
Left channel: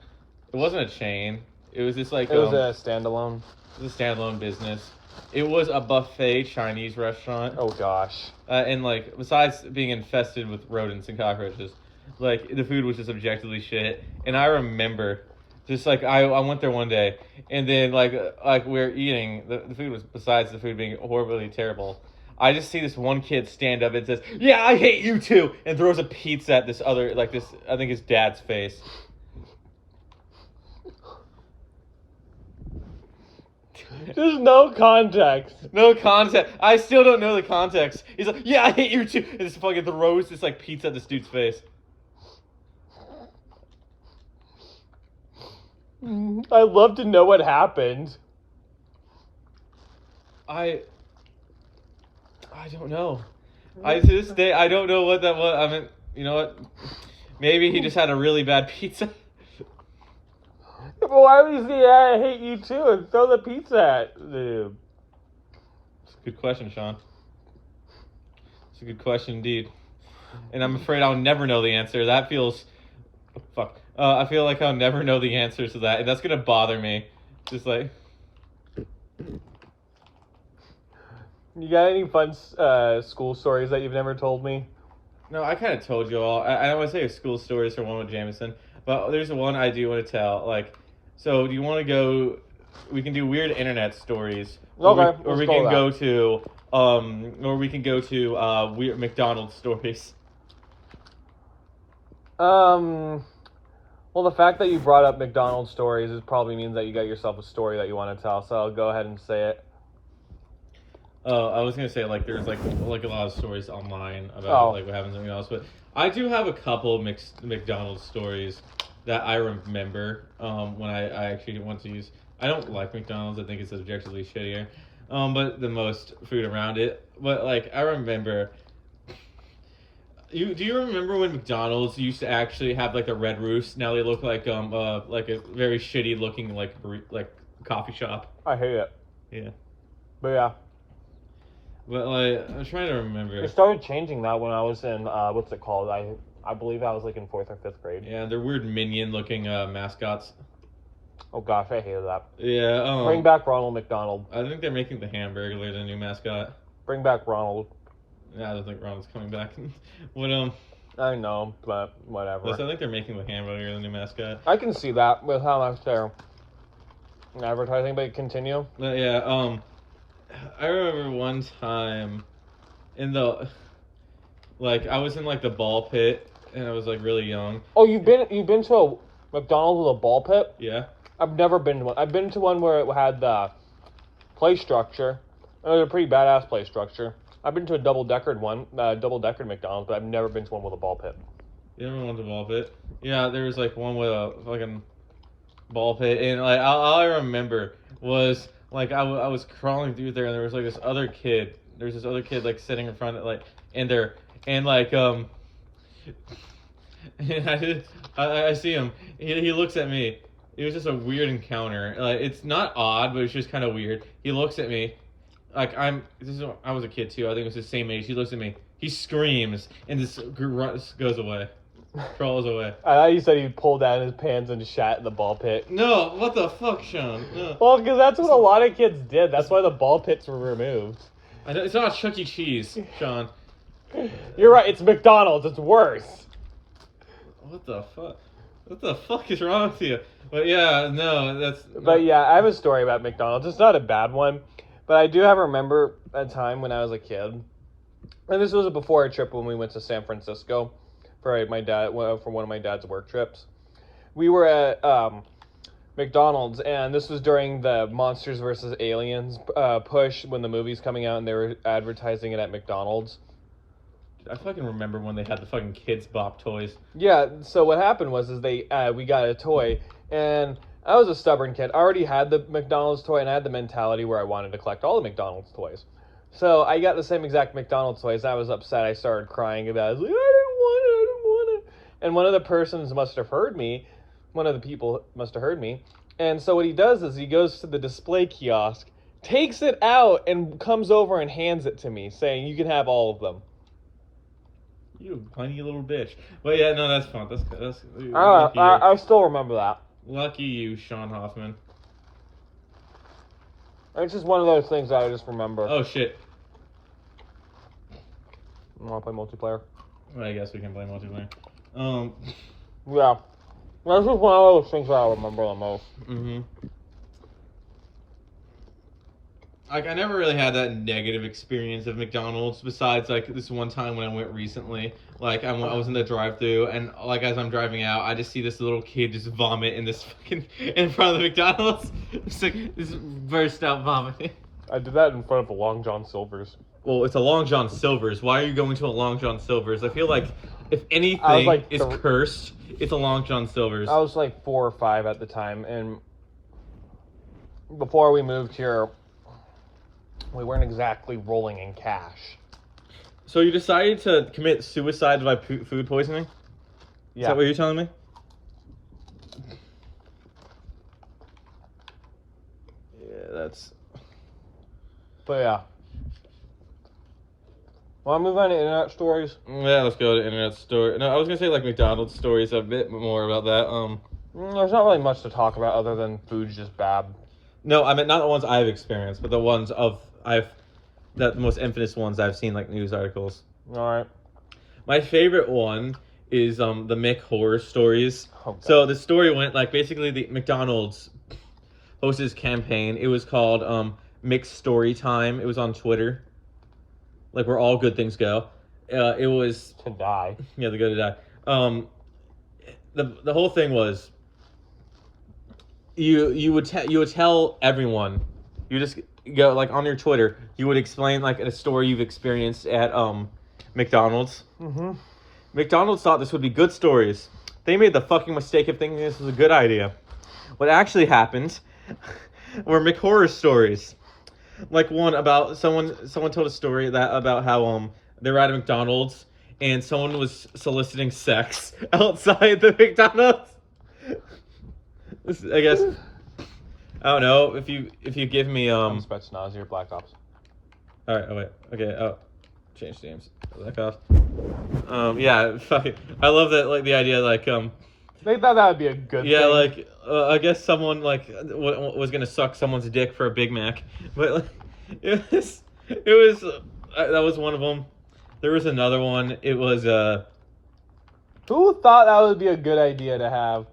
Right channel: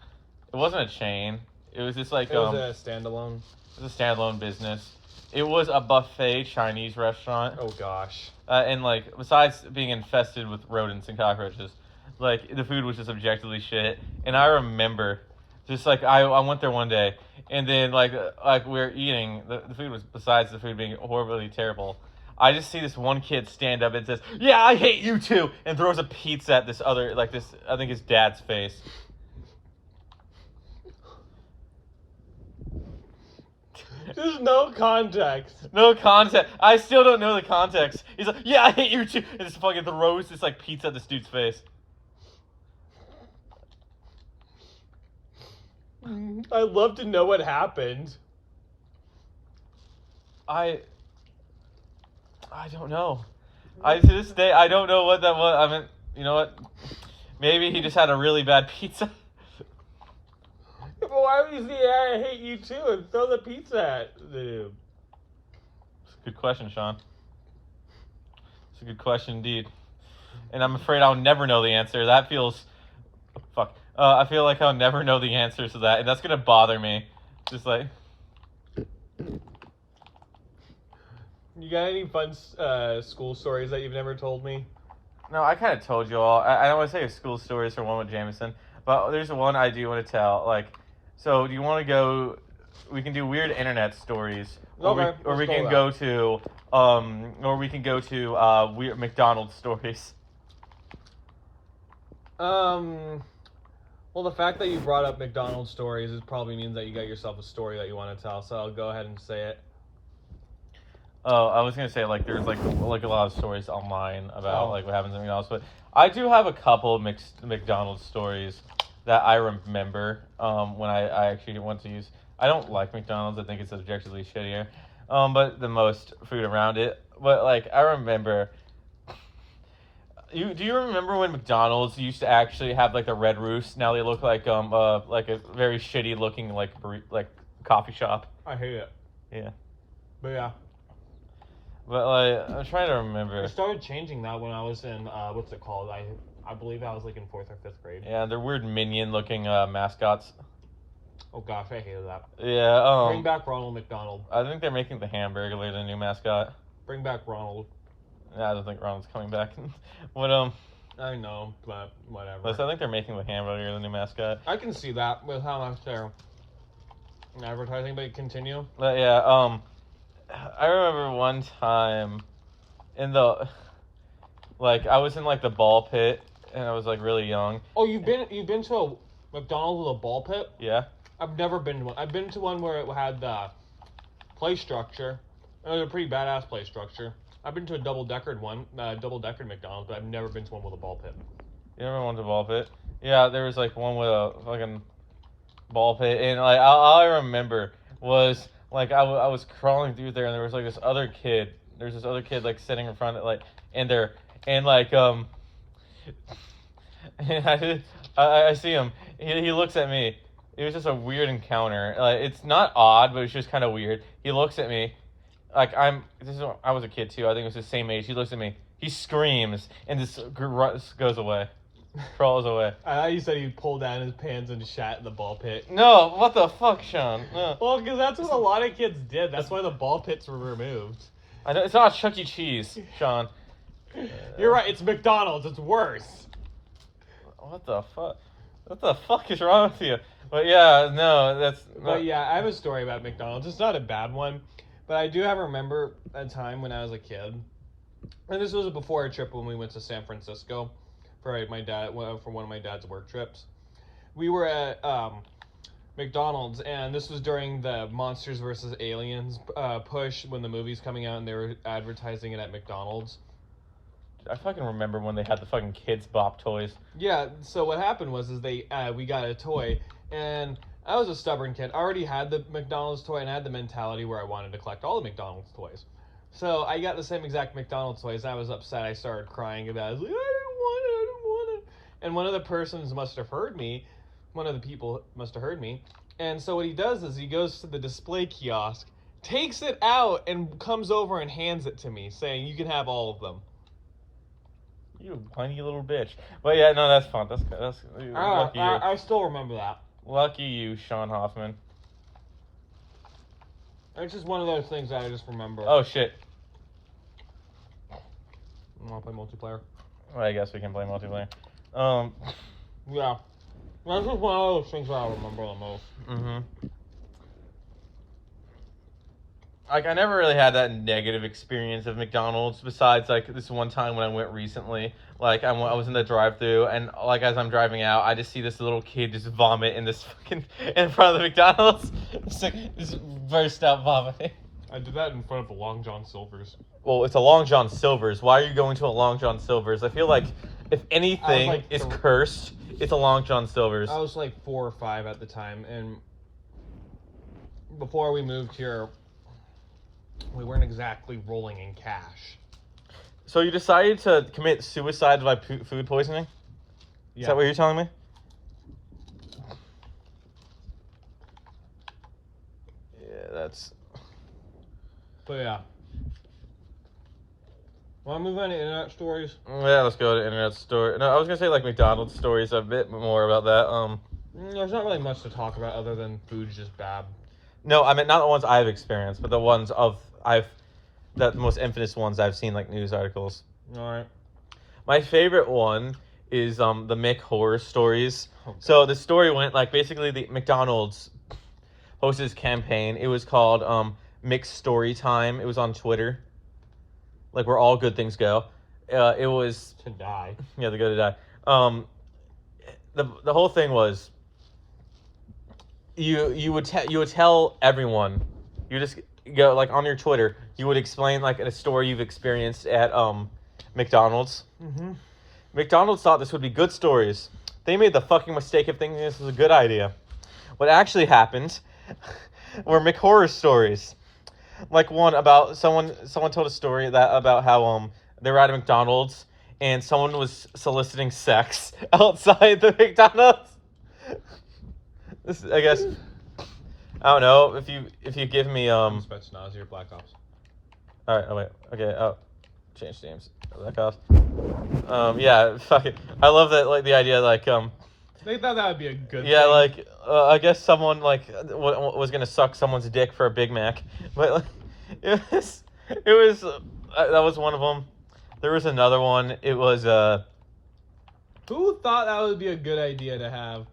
It wasn't a chain. It was just like It was a standalone. It was a standalone business. It was a buffet Chinese restaurant. Oh gosh. And like besides being infested with rodents and cockroaches, like the food was just objectively shit. And I remember, just like I went there one day, and then like we're eating, the food was, besides the food being horribly terrible, I just see this one kid stand up and says, "Yeah, I hate you too," and throws a pizza at this other, like this, I think his dad's face. There's no context. No context. I still don't know the context. He's like, "Yeah, I hate you too," and just fucking throws this like pizza at this dude's face. I'd love to know what happened. I don't know. To this day, I don't know what that was. I mean, you know what? Maybe he just had a really bad pizza. But why would you say, "Yeah, I hate you too," and throw the pizza at the... Good question, Sean. It's a good question indeed. And I'm afraid I'll never know the answer. That feels... Fuck. I feel like I'll never know the answers to that, and that's gonna bother me. Just like... You got any fun school stories that you've never told me? No, I kind of told you all. I don't want to say school stories for one with Jameson, but there's one I do want to tell. Like, so do you want to go? We can do weird internet stories, Okay, or we can go to weird McDonald's stories. Well, the fact that you brought up McDonald's stories probably means that you got yourself a story that you want to tell. So I'll go ahead and say it. Oh, I was gonna say like there's like a lot of stories online about like what happens at McDonald's, but I do have a couple of McDonald's stories that I remember when I actually went to use. I don't like McDonald's. I think it's objectively shittier, but the most food around it. But like I remember. Do you remember when McDonald's used to actually have like the Red Roost? Now they look like a very shitty looking like coffee shop. I hate it. Yeah. But yeah. But like I'm trying to remember. It started changing that when I was in what's it called? I believe I was like in 4th or 5th grade. Yeah, they're weird minion looking mascots. Oh gosh, I hated that. Yeah. Bring back Ronald McDonald. I think they're making the Hamburglar the new mascot. Bring back Ronald. Yeah, I don't think Ronald's coming back. What I know, but whatever. I think they're making the hamburger the new mascot. I can see that with how much they're advertising, but continue. But yeah, I remember one time in the I was in like the ball pit and I was like really young. Oh, you've been to a McDonald's with a ball pit? Yeah. I've never been to one. I've been to one where it had the play structure. It was a pretty badass play structure. I've been to a double-deckered McDonald's, but I've never been to one with a ball pit. You never went to ball pit? Yeah, there was like one with a fucking ball pit, and like all I remember was like I was crawling through there, and there was like this other kid. There's this other kid like sitting in front of like and I see him. He looks at me. It was just a weird encounter. Like it's not odd, but it's just kind of weird. He looks at me. Like I was a kid too. I think it was the same age. He looks at me. He screams and just goes away, crawls away. I thought you said he pulled down his pants and shat in the ball pit. No, what the fuck, Sean? No. Well, because that's what a lot of kids did. That's why the ball pits were removed. I know it's not Chuck E. Cheese, Sean. You're right. It's McDonald's. It's worse. What the fuck? What the fuck is wrong with you? But yeah, no, that's. But yeah, I have a story about McDonald's. It's not a bad one. But I do remember a time when I was a kid, and this was before a trip when we went to San Francisco for one of my dad's work trips. We were at McDonald's, and this was during the Monsters vs. Aliens push when the movie's coming out, and they were advertising it at McDonald's. I fucking remember when they had the fucking Kids Bop toys. Yeah, so what happened was we got a toy, and I was a stubborn kid. I already had the McDonald's toy, and I had the mentality where I wanted to collect all the McDonald's toys. So I got the same exact McDonald's toys. I was upset. I started crying about it. I was like, I didn't want it. And one of the persons must have heard me. One of the people must have heard me. And so what he does is he goes to the display kiosk, takes it out, and comes over and hands it to me, saying, you can have all of them. You whiny little bitch. But yeah, no, that's fun. That's I still remember that. Lucky you, Sean Hoffman. It's just one of those things that I just remember. Oh shit. You want to play multiplayer? Well, I guess we can play multiplayer. Yeah. That's just one of those things that I remember the most. Mm-hmm. Like, I never really had that negative experience of McDonald's besides, like, this one time when I went recently. Like, I was in the drive-thru, and, like, as I'm driving out, I just see this little kid just vomit in front of the McDonald's. Just burst out vomiting. I did that in front of the Long John Silver's. Well, it's a Long John Silver's. Why are you going to a Long John Silver's? I feel like if anything is cursed, it's a Long John Silver's. I was, like, 4 or 5 at the time, and before we moved here, we weren't exactly rolling in cash. So you decided to commit suicide by food poisoning? Yeah. Is that what you're telling me? Yeah, that's... But yeah. Want to move on to internet stories? Yeah, let's go to internet story. No, I was going to say, like, McDonald's stories, a bit more about that. There's not really much to talk about other than food's just bad. No, I mean, not the ones I've experienced, but the ones the most infamous ones I've seen, like, news articles. Alright. My favorite one is, the Mick horror stories. Oh, so the story went, like, basically the McDonald's hosted this campaign. It was called, Mick's Story Time. It was on Twitter. Like, where all good things go. It was... To die. Yeah, they go to die. The whole thing was... You would tell everyone, you just go like on your Twitter, you would explain like a story you've experienced at McDonald's. Mm-hmm. McDonald's thought this would be good stories. They made the fucking mistake of thinking this was a good idea. What actually happened were McHorror stories. Like one about someone told a story about how they were at a McDonald's and someone was soliciting sex outside the McDonald's. I guess I don't know if you give me Spetsnaz, you're Black Ops. All right. Oh wait. Okay. Oh, change names. Black Ops. Yeah. Fuck it. I love that. Like the idea. Like They thought that would be a good. Yeah. Thing. Like I guess someone like was gonna suck someone's dick for a Big Mac, but like, it was that was one of them. There was another one. It was Who thought that would be a good idea to have?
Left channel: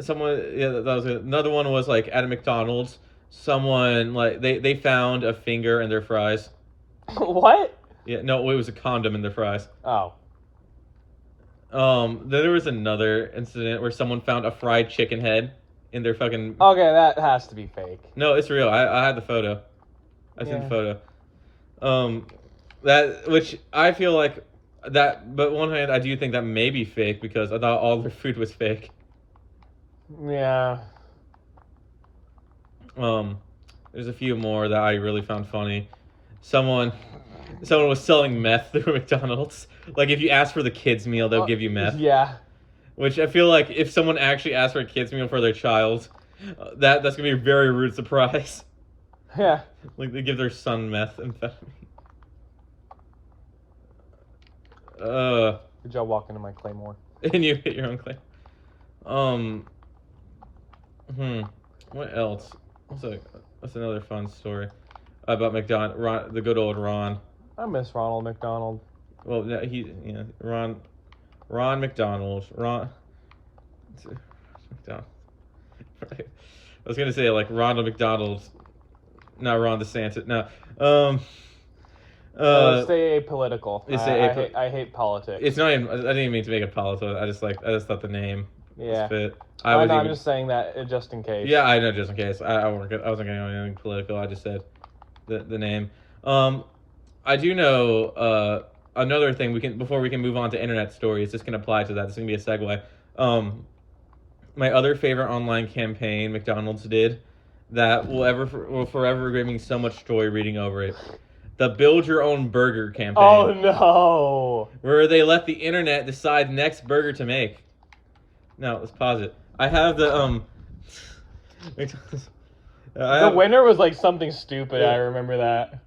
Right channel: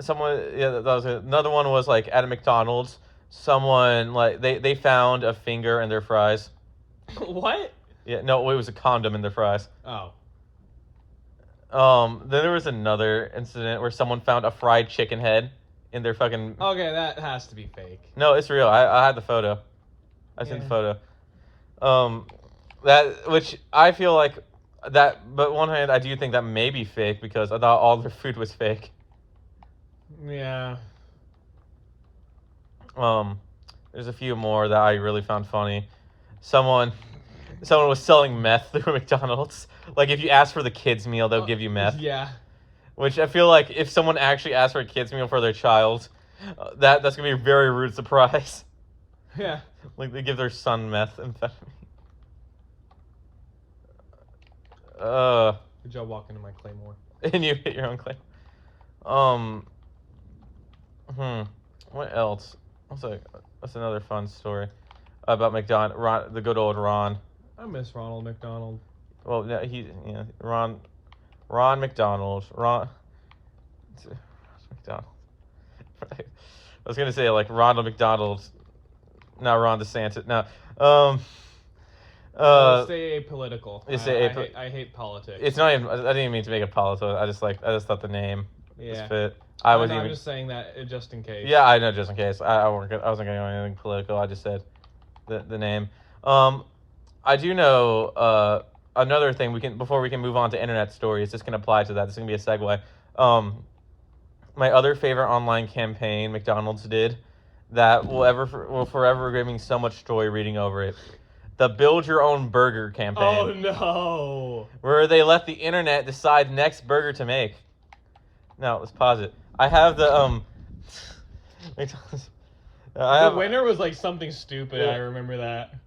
someone. Yeah, that was another one. Was like at a McDonald's. Someone like they found a finger in their fries. What? Yeah, no, it was a condom in their fries. Oh. Then there was another incident where someone found a fried chicken head in their fucking. Okay, that has to be fake. No, it's real. I had the photo. I seen the photo. That which I feel like that. But on one hand, I do think that may be fake because I thought all their food was fake. Yeah. There's a few more that I really found funny. Someone was selling meth through McDonald's. Like if you ask for the kids meal, they'll give you meth. Yeah. Which I feel like if someone actually asked for a kids meal for their child, that's gonna be a very rude surprise. Yeah. Like they give their son methamphetamine. Good job walking to my claymore. And you hit your own claim. What else? What's another fun story about the good old Ron? I miss Ronald McDonald. Well, yeah, Ron McDonald. McDonald. I was gonna say like Ronald McDonald, not Ron DeSantis. No. Stay apolitical. I hate politics. It's not even. I didn't even mean to make it political. I just thought the name Yeah. fit. I'm just saying that just in case. Yeah, I know, just in case. I wasn't gonna do anything political. I just said the name. I do know another thing before we can move on to internet stories. This can apply to that. This is gonna be a segue. My other favorite online campaign McDonald's did that will forever give me so much joy reading over it. The Build Your Own Burger campaign. Oh no! Where they let the internet decide next burger to make. No, let's pause it. I have the The winner was like something stupid. I remember that.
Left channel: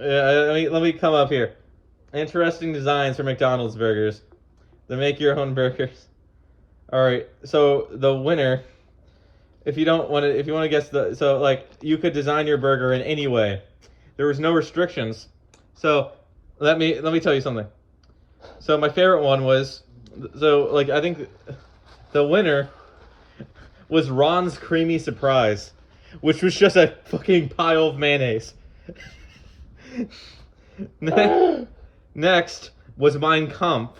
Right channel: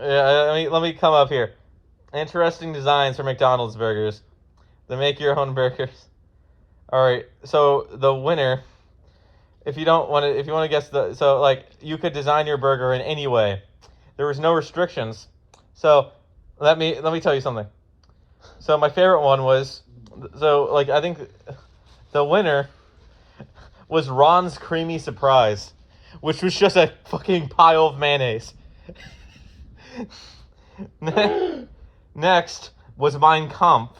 Yeah, let me come up here. Interesting designs for McDonald's burgers. The make your own burgers. All right, so the winner. If you want to guess you could design your burger in any way. There was no restrictions. So let me tell you something. So my favorite one was I think the winner was Ron's Creamy Surprise, which was just a fucking pile of mayonnaise. Next was Mein Kampf,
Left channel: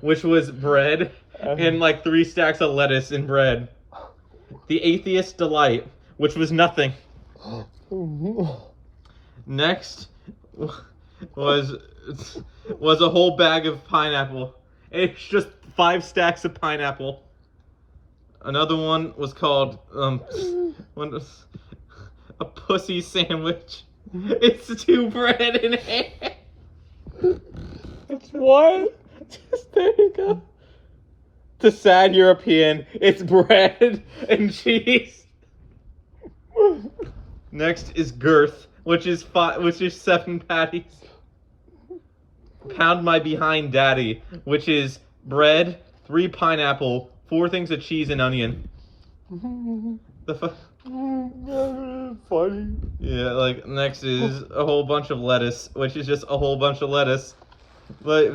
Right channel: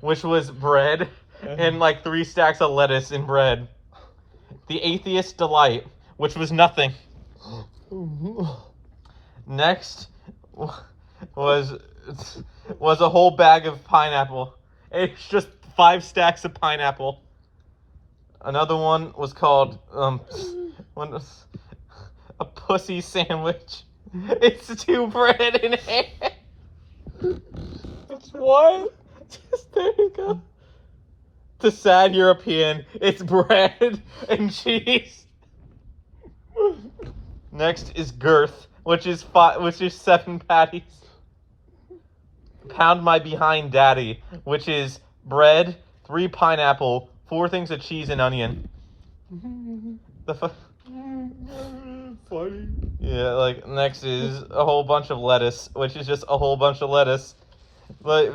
which was bread and like 3 stacks of lettuce in bread. The Atheist Delight, which was nothing. Next was a whole bag of pineapple. It's just 5 stacks of pineapple. Another one was called a pussy sandwich. It's 2 bread and egg. It's what? Just there you go. The sad European. It's bread and cheese. Next is Girth, which is 7 patties. Pound My Behind Daddy, which is bread, 3 pineapple, 4 things of cheese and onion. Funny. Yeah, like next is a whole bunch of lettuce, which is just a whole bunch of lettuce. The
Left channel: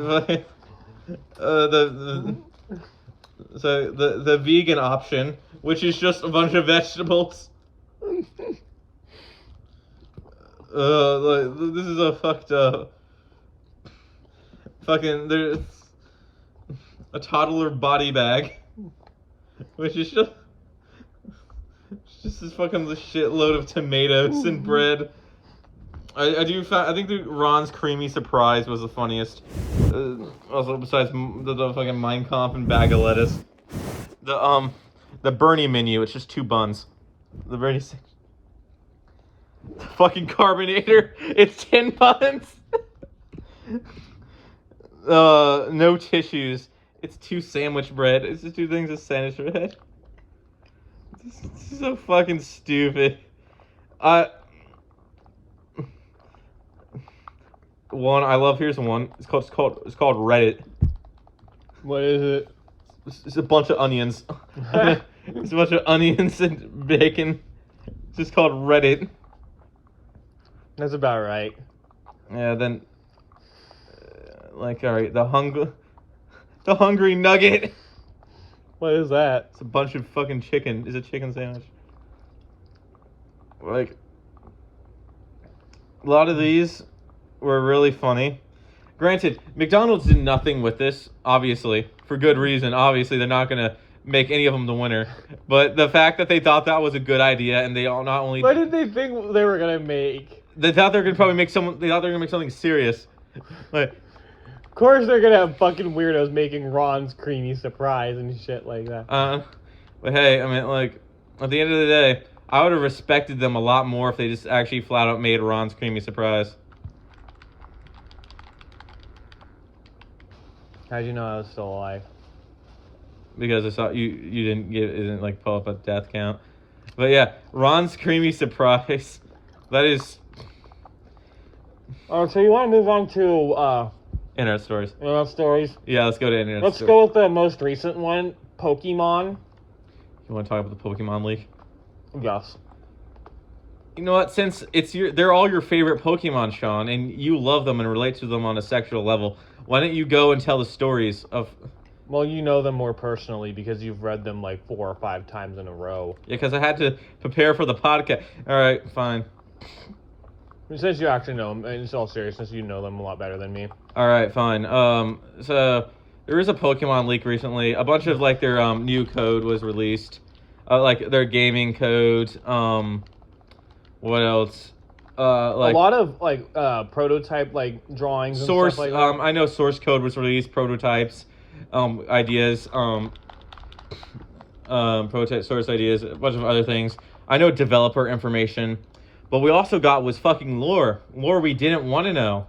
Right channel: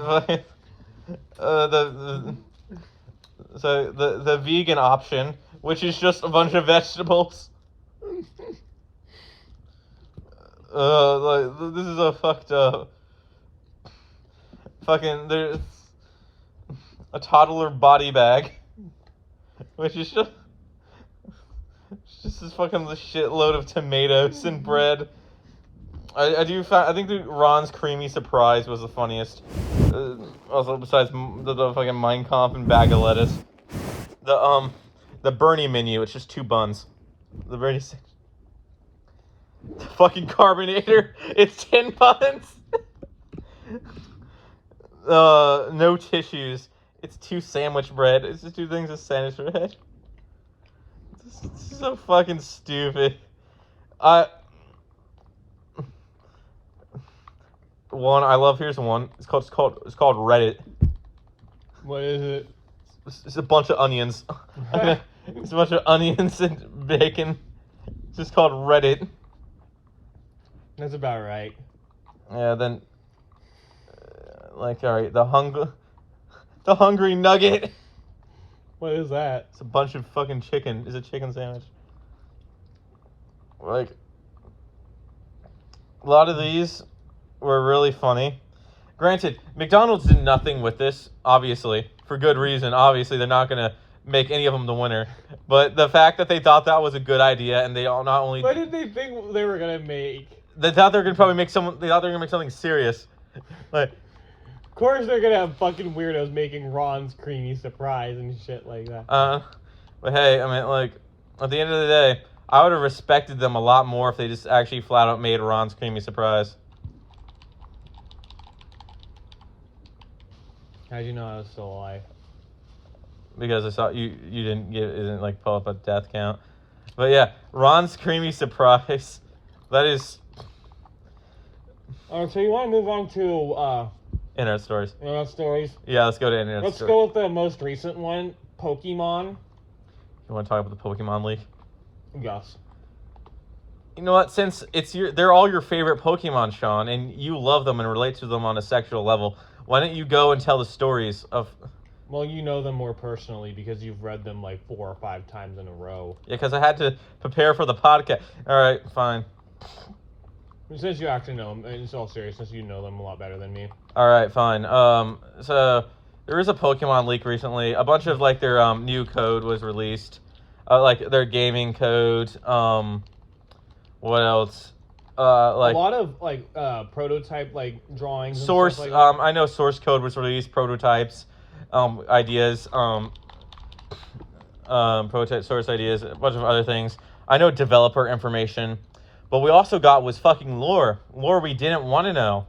vegan option, which is just a bunch of vegetables. This is a fucked up. There's a toddler body bag, which is just this fucking shitload of tomatoes and bread. I think Ron's Creamy Surprise was the funniest. Also, besides the fucking Mein Kampf and bag of lettuce, the Bernie menu, it's just 2 buns. The Bernie, the fucking Carbonator, it's 10 buns. No tissues. It's 2 sandwich bread. It's just 2 things of sandwich bread. This is so fucking stupid. Here's one. It's called Reddit. What is it? It's a bunch of onions. It's a bunch of onions and bacon. It's just called Reddit. That's about right. Yeah, then, alright, the hungry nugget. What is that? It's a bunch of fucking chicken. It's a chicken sandwich. Like, a lot of these were really funny. Granted, McDonald's did nothing with this, obviously, for good reason. Obviously, they're not gonna make any of them the winner. But the fact that they thought that was a good idea, and they all not only What did they think they were gonna make? they thought they were gonna probably make someone. They thought they were gonna make something serious. Like, Of course, they're gonna have fucking weirdos making Ron's creamy surprise and shit like that. but hey, I mean, like, at the end of the day, I would have respected them a lot more if they just actually flat out made Ron's creamy surprise. How'd you know I was still alive? Because I saw you didn't like pull up a death count. But yeah, Ron's creamy surprise. That is So you want to move on to internet stories. internet stories? Yeah, let's go to internet Let's stories. go with the most recent one, Pokemon. You want to talk about the Pokemon leak? Yes. You know what? Since they're all your favorite Pokemon, Sean, and you love them and relate to them on a sexual level, why don't you go and tell the stories of? Well, you know them more personally because you've read them like 4 or 5 times in a row. Yeah, because I had to prepare for the podcast. All right, fine. Since you actually know them, in all seriousness, you know them a lot better than me. All right, fine. So there was a Pokemon leak recently. A bunch of like their new code was released, like their gaming code. What else? Like a lot of like prototype like drawings and source. stuff like that. I know source code was released. Prototypes, ideas. Prototype source ideas. A bunch of other things. I know developer information. But we also got was fucking lore we didn't want to know.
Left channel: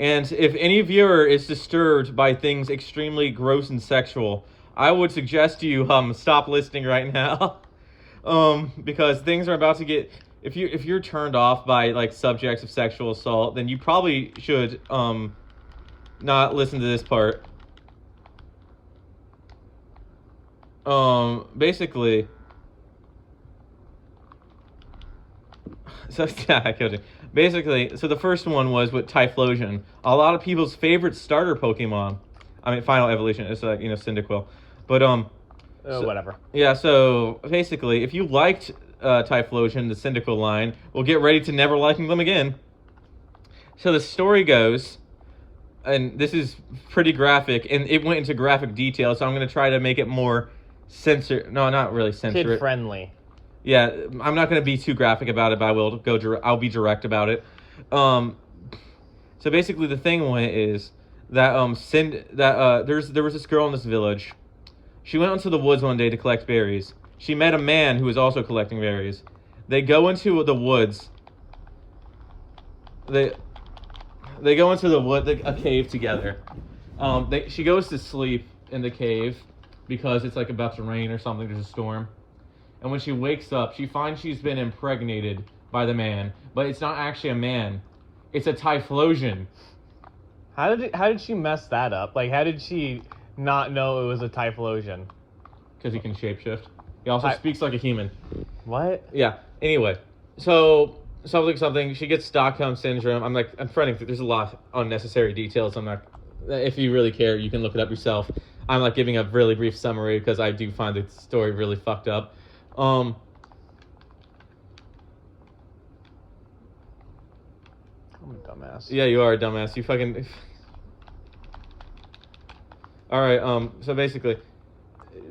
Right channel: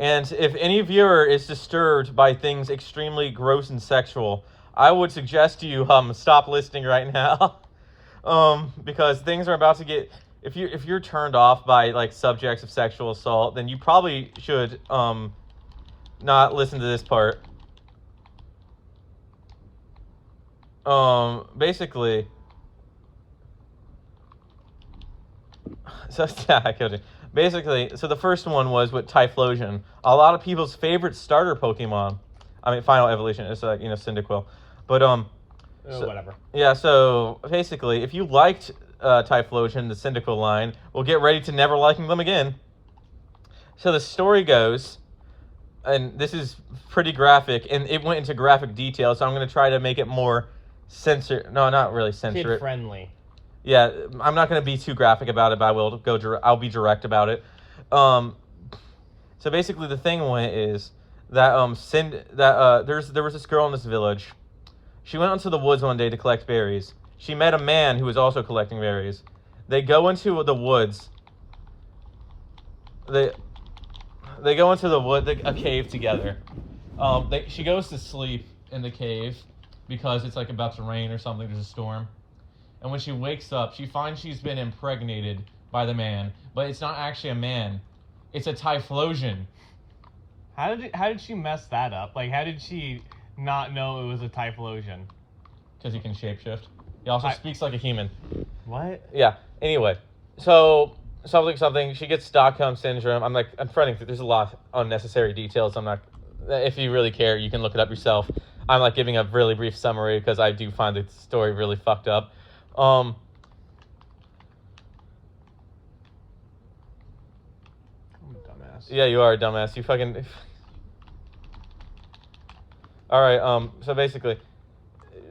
And if any viewer is disturbed by things extremely gross and sexual, I would suggest you stop listening right now. Because things are about to get. If you're turned off by like subjects of sexual assault, then you probably should not listen to this part. Basically. So yeah, I killed you. Basically, so the first one was with Typhlosion, a lot of people's favorite starter Pokemon. I mean, Final Evolution. It's like Cyndaquil, but Whatever. Yeah. So basically, if you liked Typhlosion, the Cyndaquil line, well, get ready to never liking them again. So the story goes, and this is pretty graphic, and it went into graphic detail. So I'm going to try to make it more No, not really censor. Kid friendly. Yeah, I'm not going to be too graphic about it, but I'll be direct about it. So basically, the thing is that there was this girl in this village. She went into the woods one day to collect berries. She met a man who was also collecting berries. They go into the woods. They go into a cave together. She goes to sleep in the cave because it's like about to rain or something. There's a storm. And when she wakes up, she finds she's been impregnated by the man, but it's not actually a man. It's a Typhlosion. How did she mess that up? Like, how did she not know it was a Typhlosion? Because he can shapeshift. He also speaks like a human. What? Yeah. Anyway, so something. She gets Stockholm syndrome. I'm fretting. There's a lot of unnecessary details. I'm not. If you really care, you can look it up yourself. I'm like giving a really brief summary because I do find the story really fucked up. I'm a dumbass. Yeah, you are a dumbass. You fucking. All right. So basically,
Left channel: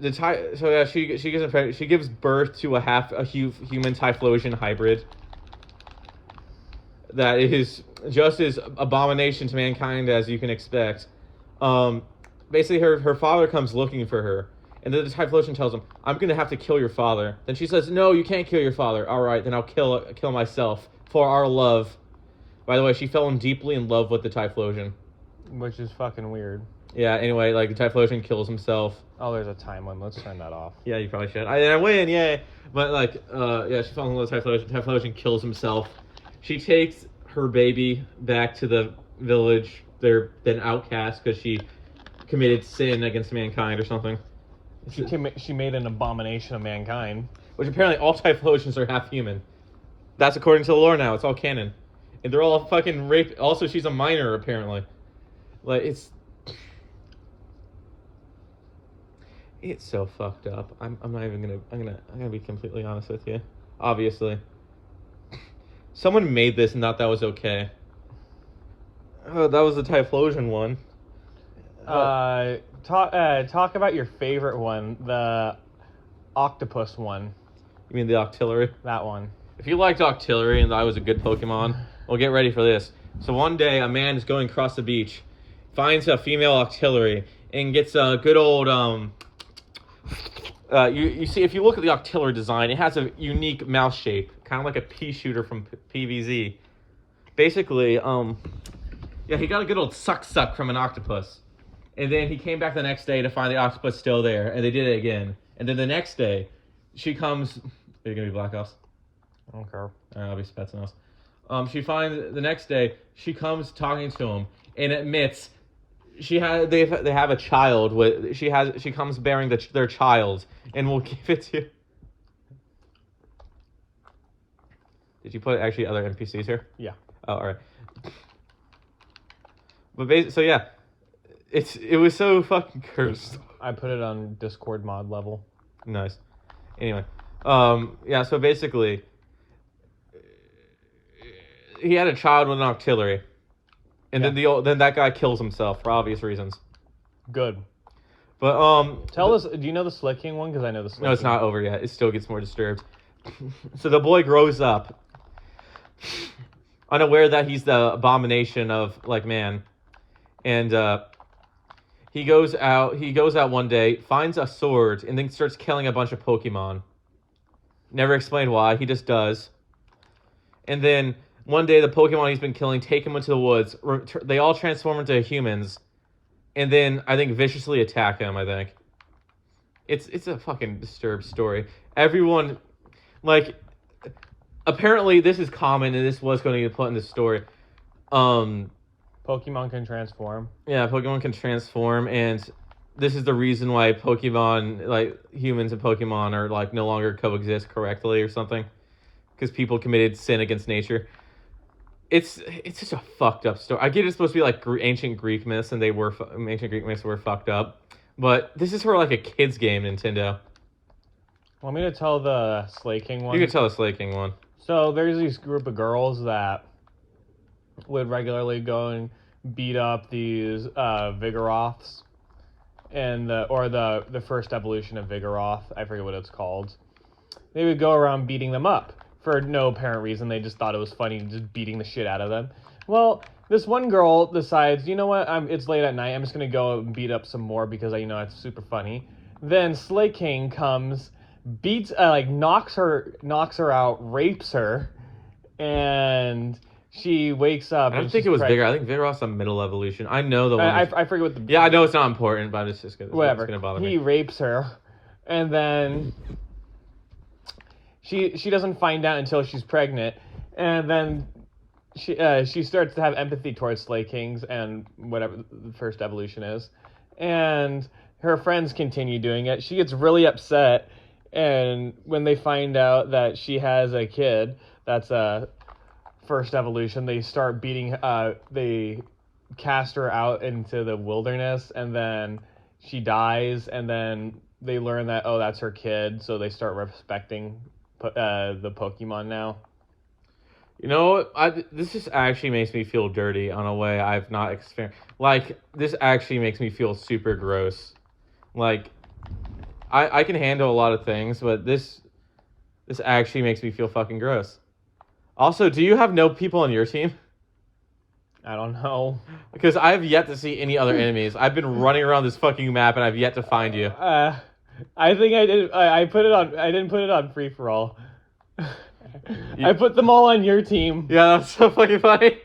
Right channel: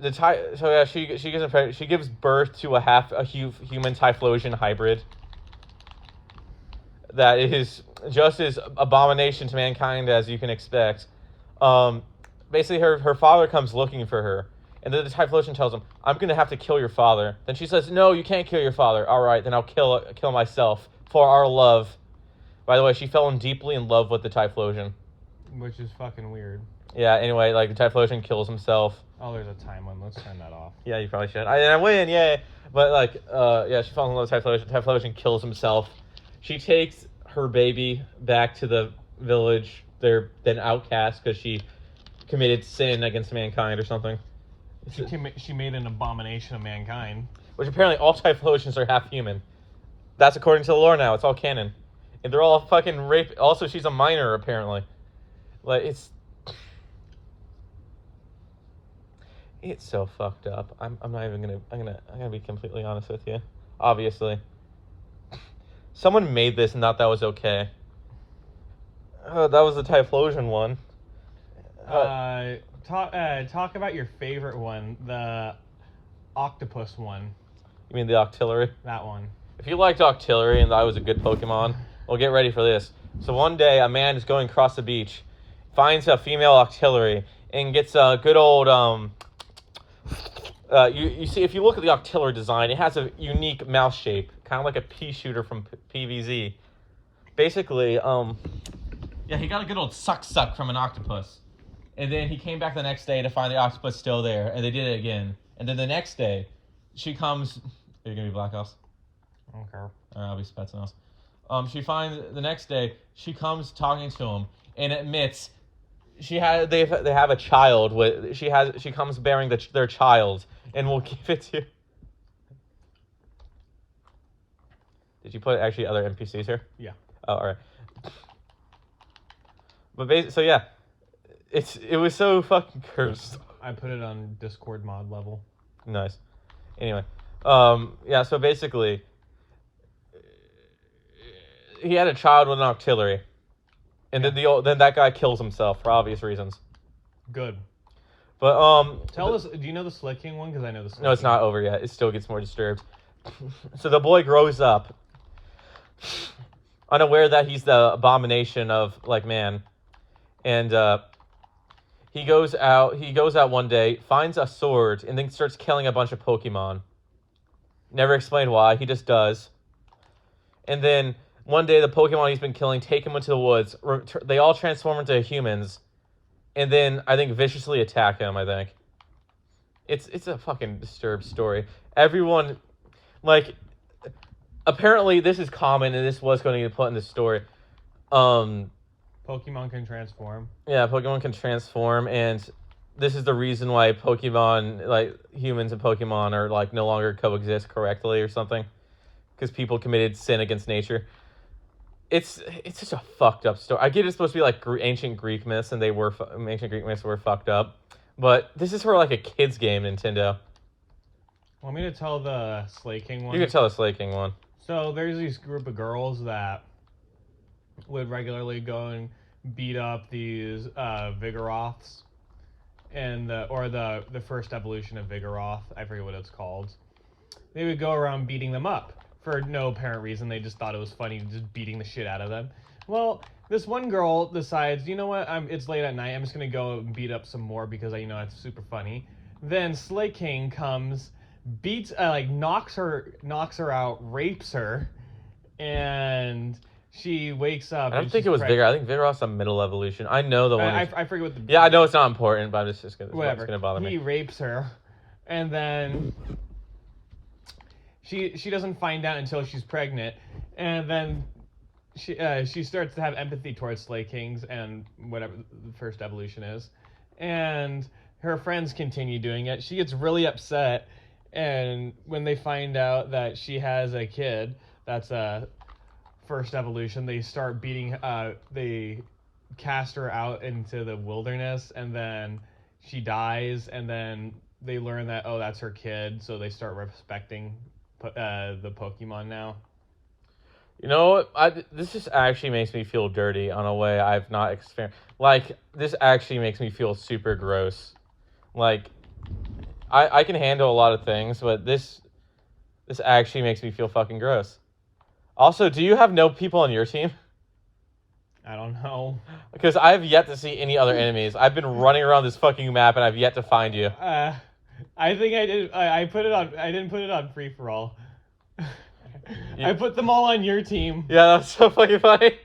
she gives birth to a human Typhlosion hybrid. That is just as abomination to mankind as you can expect. Basically, her father comes looking for her. And then the Typhlosion tells him, "I'm going to have to kill your father." Then she says, "No, you can't kill your father." "All right, then I'll kill myself for our love." By the way, she fell deeply in love with the Typhlosion. Which is fucking weird. Yeah, anyway, like, the Typhlosion kills himself. Oh, there's a time limit. Let's turn that off. Yeah, you probably should. I win, yay! But, like, yeah, she falls in love with Typhlosion. Typhlosion kills himself. She takes her baby back to the village. They're then outcast because she committed sin against mankind or something. She made an abomination of mankind. Which apparently all Typhlosions are half human. That's according to the lore now. It's all canon. and they're all fucking rape. Also, she's a minor apparently. Like it's so fucked up. I'm not even gonna. I'm gonna be completely honest with you. Obviously, someone made this and thought that was okay. Oh, that was the Typhlosion one. Talk about your favorite one, the octopus one. You mean the Octillery? That one. If you liked Octillery and thought it was a good Pokemon, well, get ready for this. So one day, a man is going across the beach, finds a female Octillery, and gets a good old you see, if you look at the Octillery design, it has a unique mouth shape, kind of like a pea shooter from PVZ. Basically, yeah, he got a good old suck from an octopus. And then he came back the next day to find the octopus still there, and they did it again. And then the next day, she comes... Are you going to be Black House? I don't care. Alright, I'll be Spetsnaz. She finds... The next day, she comes talking to him, and admits... They have a child with... She comes bearing their child, and we'll give it to... Did you put actually other NPCs here? Yeah. Oh, alright. But so yeah... It was so fucking cursed. I put it on Discord mod level. Nice. Anyway, yeah. So basically, he had a child with an Octillery, and then that guy kills himself for obvious reasons. Good. But tell us. Do you know the Slicking one? Because I know the Slicking. No, it's not over yet. It still gets more disturbed. So the boy grows up, unaware that he's the abomination of like man, and He goes out one day, finds a sword, and then starts killing a bunch of Pokemon. Never explained why, he just does. And then one day the Pokemon he's been killing take him into the woods. They all transform into humans. And then I think viciously attack him, I think. It's a fucking disturbed story. Everyone, like, apparently this is common and this was going to get put in the story. Pokemon can transform. Yeah, Pokemon can transform, and this is the reason why Pokemon, like humans and Pokemon, are like no longer coexist correctly or something, because people committed sin against nature. It's such a fucked up story. I get it's supposed to be like ancient Greek myths, and ancient Greek myths were fucked up, but this is for like a kids game, Nintendo. Want me to tell the Slaking one? You can tell the Slaking one. So there's this group of girls that would regularly go and beat up these Vigoroths, and the first evolution of Vigoroth. I forget what it's called. They would go around beating them up for no apparent reason. They just thought it was funny, just beating the shit out of them. Well, this one girl decides, you know what? It's late at night. I'm just gonna go and beat up some more because it's super funny. Then Slaking comes, beats, knocks her out, rapes her, and she wakes up. I don't think it was Vigoroth. I think Vigoroth's a middle evolution. I know the one. I forget what the... Yeah, I know it's not important, but it's just gonna... Whatever. It's gonna bother me. He rapes her, and then she doesn't find out until she's pregnant, and then she starts to have empathy towards Slakings and whatever the first evolution is, and her friends continue doing it. She gets really upset, and when they find out that she has a kid, that's a first evolution, they start beating, they cast her out into the wilderness, and then she dies, and then they learn that, oh, that's her kid, so they start respecting the Pokemon now. You know, this just actually makes me feel dirty on a way I've not experienced. Like, this actually makes me feel super gross. Like, I can handle a lot of things, but this actually makes me feel fucking gross. Also, do you have no people on your team? I don't know. Because I have yet to see any other enemies. I've been running around this fucking map and I've yet to find you. I think I did. I put it on. I didn't put it on free for all. I put them all on your team. Yeah, that's so fucking funny.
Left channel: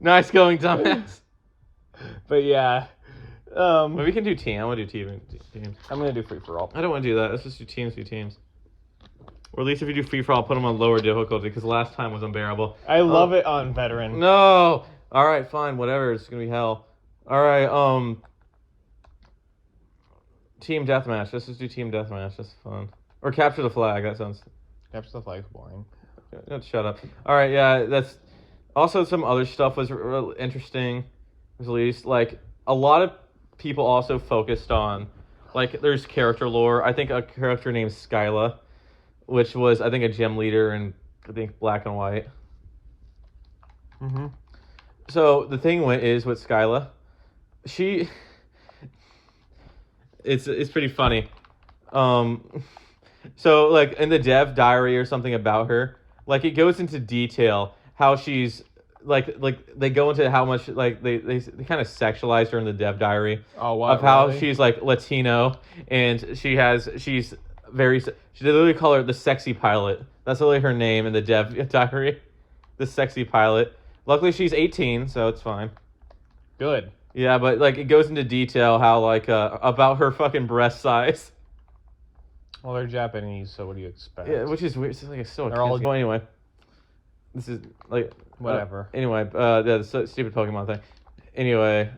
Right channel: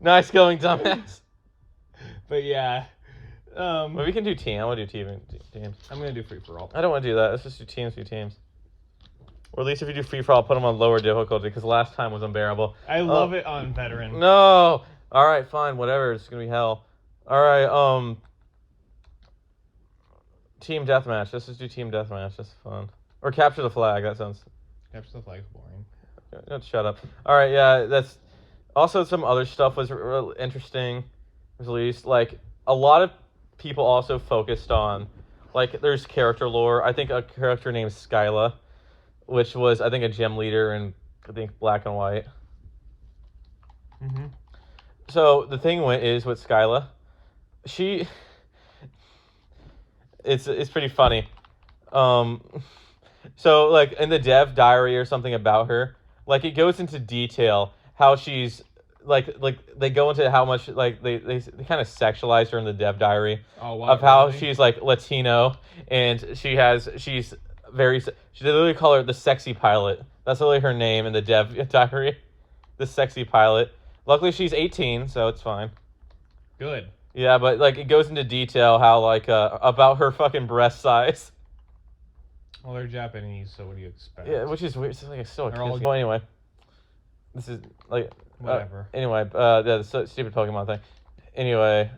Nice going, dumbass. But yeah. But we can do team. I want to do teams. I'm gonna do free for all. I don't want to do that. Let's just do teams. Or at least if you do free for all, put them on lower difficulty, because last time was unbearable. I love it on veteran. No! Alright, fine, whatever. It's gonna be hell. Alright, team deathmatch. Let's just do team deathmatch. That's fun. Or capture the flag. That sounds... Capture the flag's boring. Shut up. Alright, yeah, Also, some other stuff was real interesting, was released. Like a lot of people also focused on, like there's character lore. I think a character named Skyla, which was I think a gym leader in I think Black and White. Mm-hmm. So the thing is with Skyla, she, it's pretty funny. Um, so like in the dev diary or something about her, like it goes into detail how she's like they go into how much like they kind of sexualize her in the dev diary Oh, what? of how Really? she's like Latino and she's very they literally call her the sexy pilot. That's literally her name in the dev diary, the sexy pilot. Luckily she's 18, so it's fine. Good. Yeah, but like it goes into detail how like about her fucking breast size. Well, they're Japanese, so what do you expect? Yeah, which is weird. It's like it's still a They're all- kid's game. Anyway, this is like Whatever. Anyway, the stupid Pokemon thing. Anyway,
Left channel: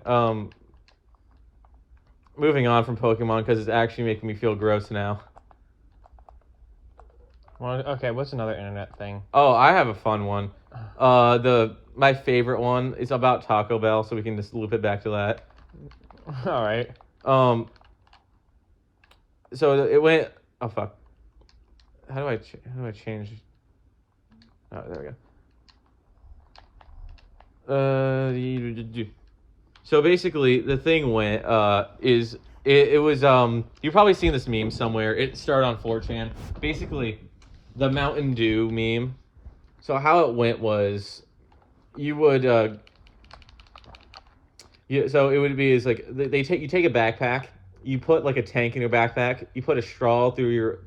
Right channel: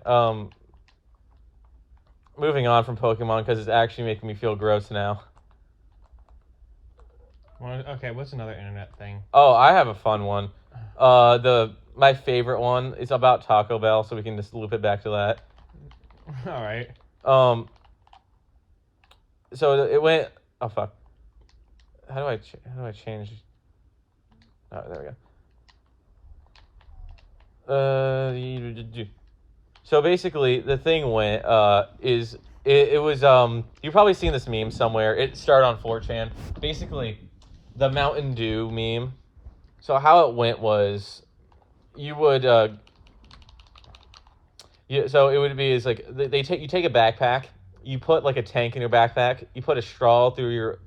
moving on from Pokemon because it's actually making me feel gross now. Well, okay, what's another internet thing? Oh, I have a fun one. My favorite one is about Taco Bell, so we can just loop it back to that. All right. So it went. Oh fuck. How do I change? Oh, there we go. So basically, the thing went is it was you've probably seen this meme somewhere. It started on 4chan. Basically, the Mountain Dew meme. So how it went was, you would so it would be is like you take a backpack, you put like a tank in your backpack, you put a straw through you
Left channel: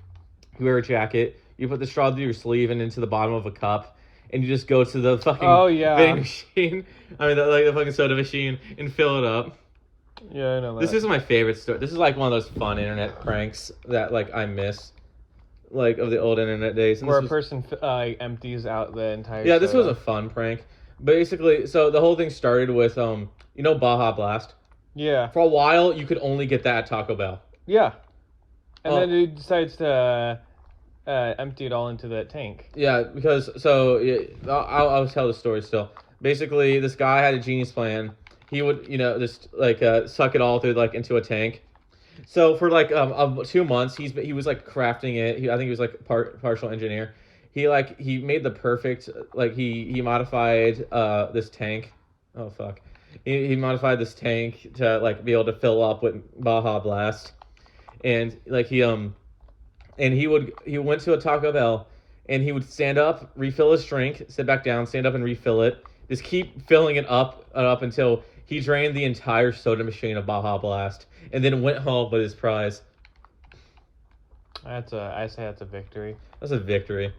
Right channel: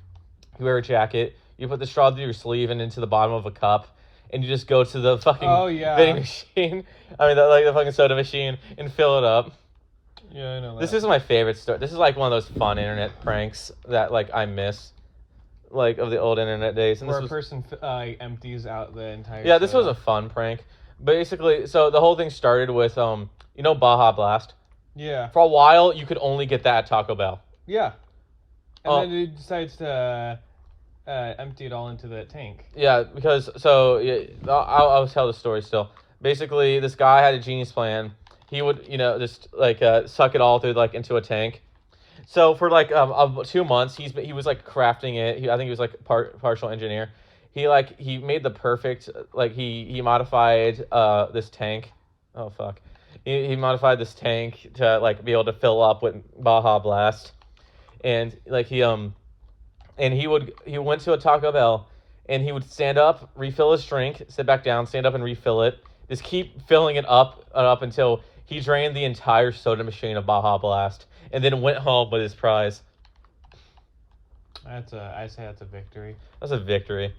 wear a jacket, you put the straw through your sleeve and into the bottom of a cup, and you just go to the fucking vending machine. I mean, the fucking soda machine and fill it up. Yeah, I know that. This is my favorite story. This is like one of those fun internet pranks that like I miss, like of the old internet days. And where this a was, person empties out the entire. yeah, this was soda. a fun prank. Basically, so the whole thing started with Baja Blast. Yeah. For a while, you could only get that at Taco Bell. Yeah. And Oh. then he decides to empty it all into that tank. Yeah, because I'll tell the story still. Basically, this guy had a genius plan. He would just like suck it all through like into a tank. So for like 2 months, he was like crafting it. I think he was like partial engineer. He made the perfect like he modified this tank. Oh fuck. He modified this tank to like be able to fill up with Baja Blast, and like he went to a Taco Bell, and he would stand up, refill his drink, sit back down, stand up and refill it, just keep filling it up and up until he drained the entire soda machine of Baja Blast, and then went home with his prize. I say that's a victory. That's a victory.